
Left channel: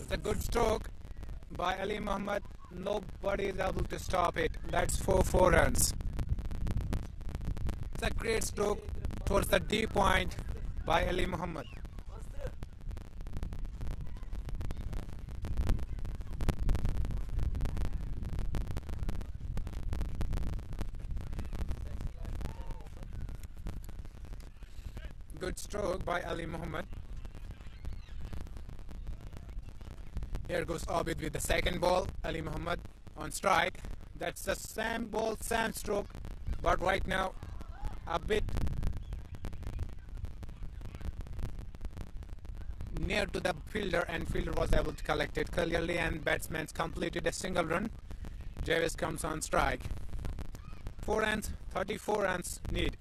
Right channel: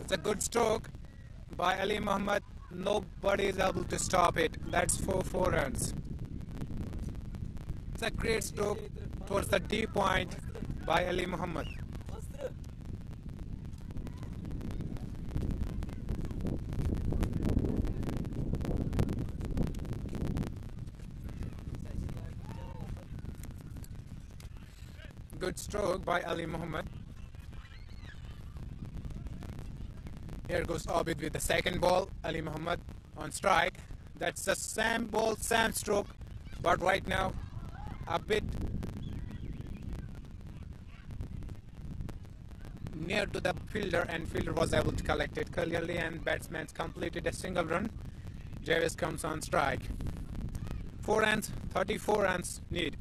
It's a good stroke by Ali Muhammad. Nobody is able to stop it. That's 4 runs. It's a great stroke towards the deep point by Ali Muhammad. Good stroke by Ali Muhammad. Here goes Abid with the second ball. Ali Muhammad on strike. That's the same ball, same stroke, but right now a bit near to the fielder, and fielder was able to collect it clearly, and batsman completed a single run. Jarvis comes on strike. 4 runs, 34 runs need.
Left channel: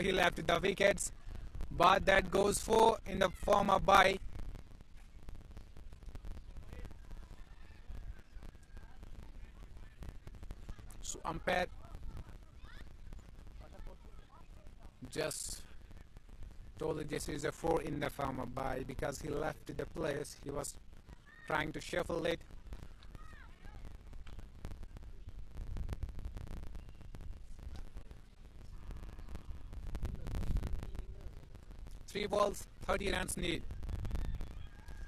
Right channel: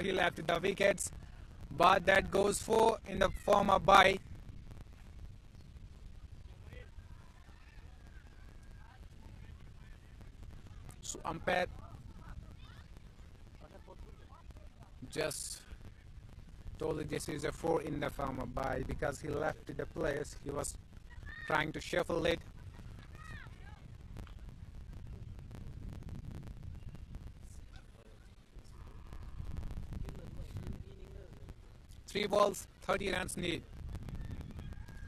He left the wickets, but that goes 4 in the form of bye. So umpire just told this is a 4 in the form of bye because he left the place. He was trying to shuffle it. Three balls, 30 runs need.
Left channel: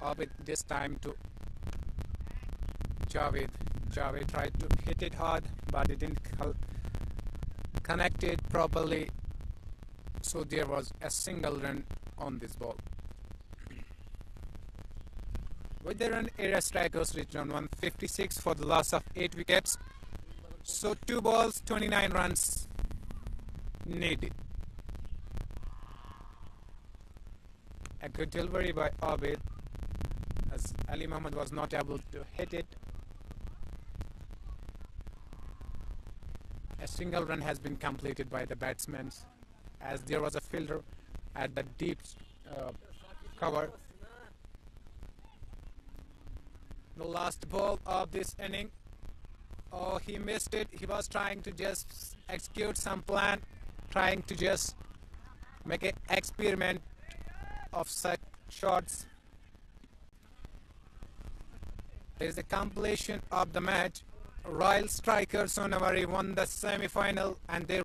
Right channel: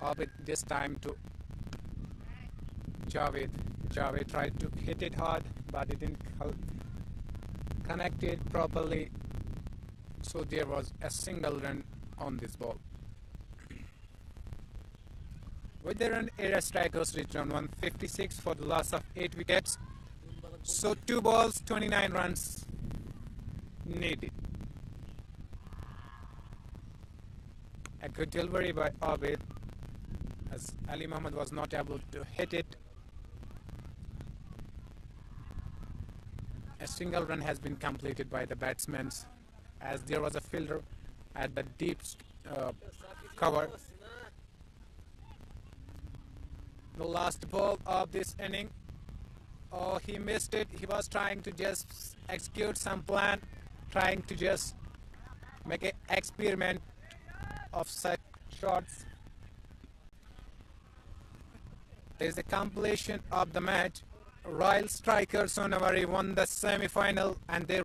Abid this time to Javed. Javed tried to hit it hard, but it didn't connect it properly. So there was a single run on this ball. With the run, area strikers reached on 156 for the loss of 8 wickets. So 2 balls, 29 runs needed. A good delivery by Abid, as Ali Muhammad was not able to hit it. A single run has been completed by the batsmen, as there was a fielder at the deep cover. The last ball of this inning. Oh, he missed it. He was trying to just execute some plan, trying to just make an experiment of such shots. There is a completion of the match. Royal striker Sonawari won the semi-final, and they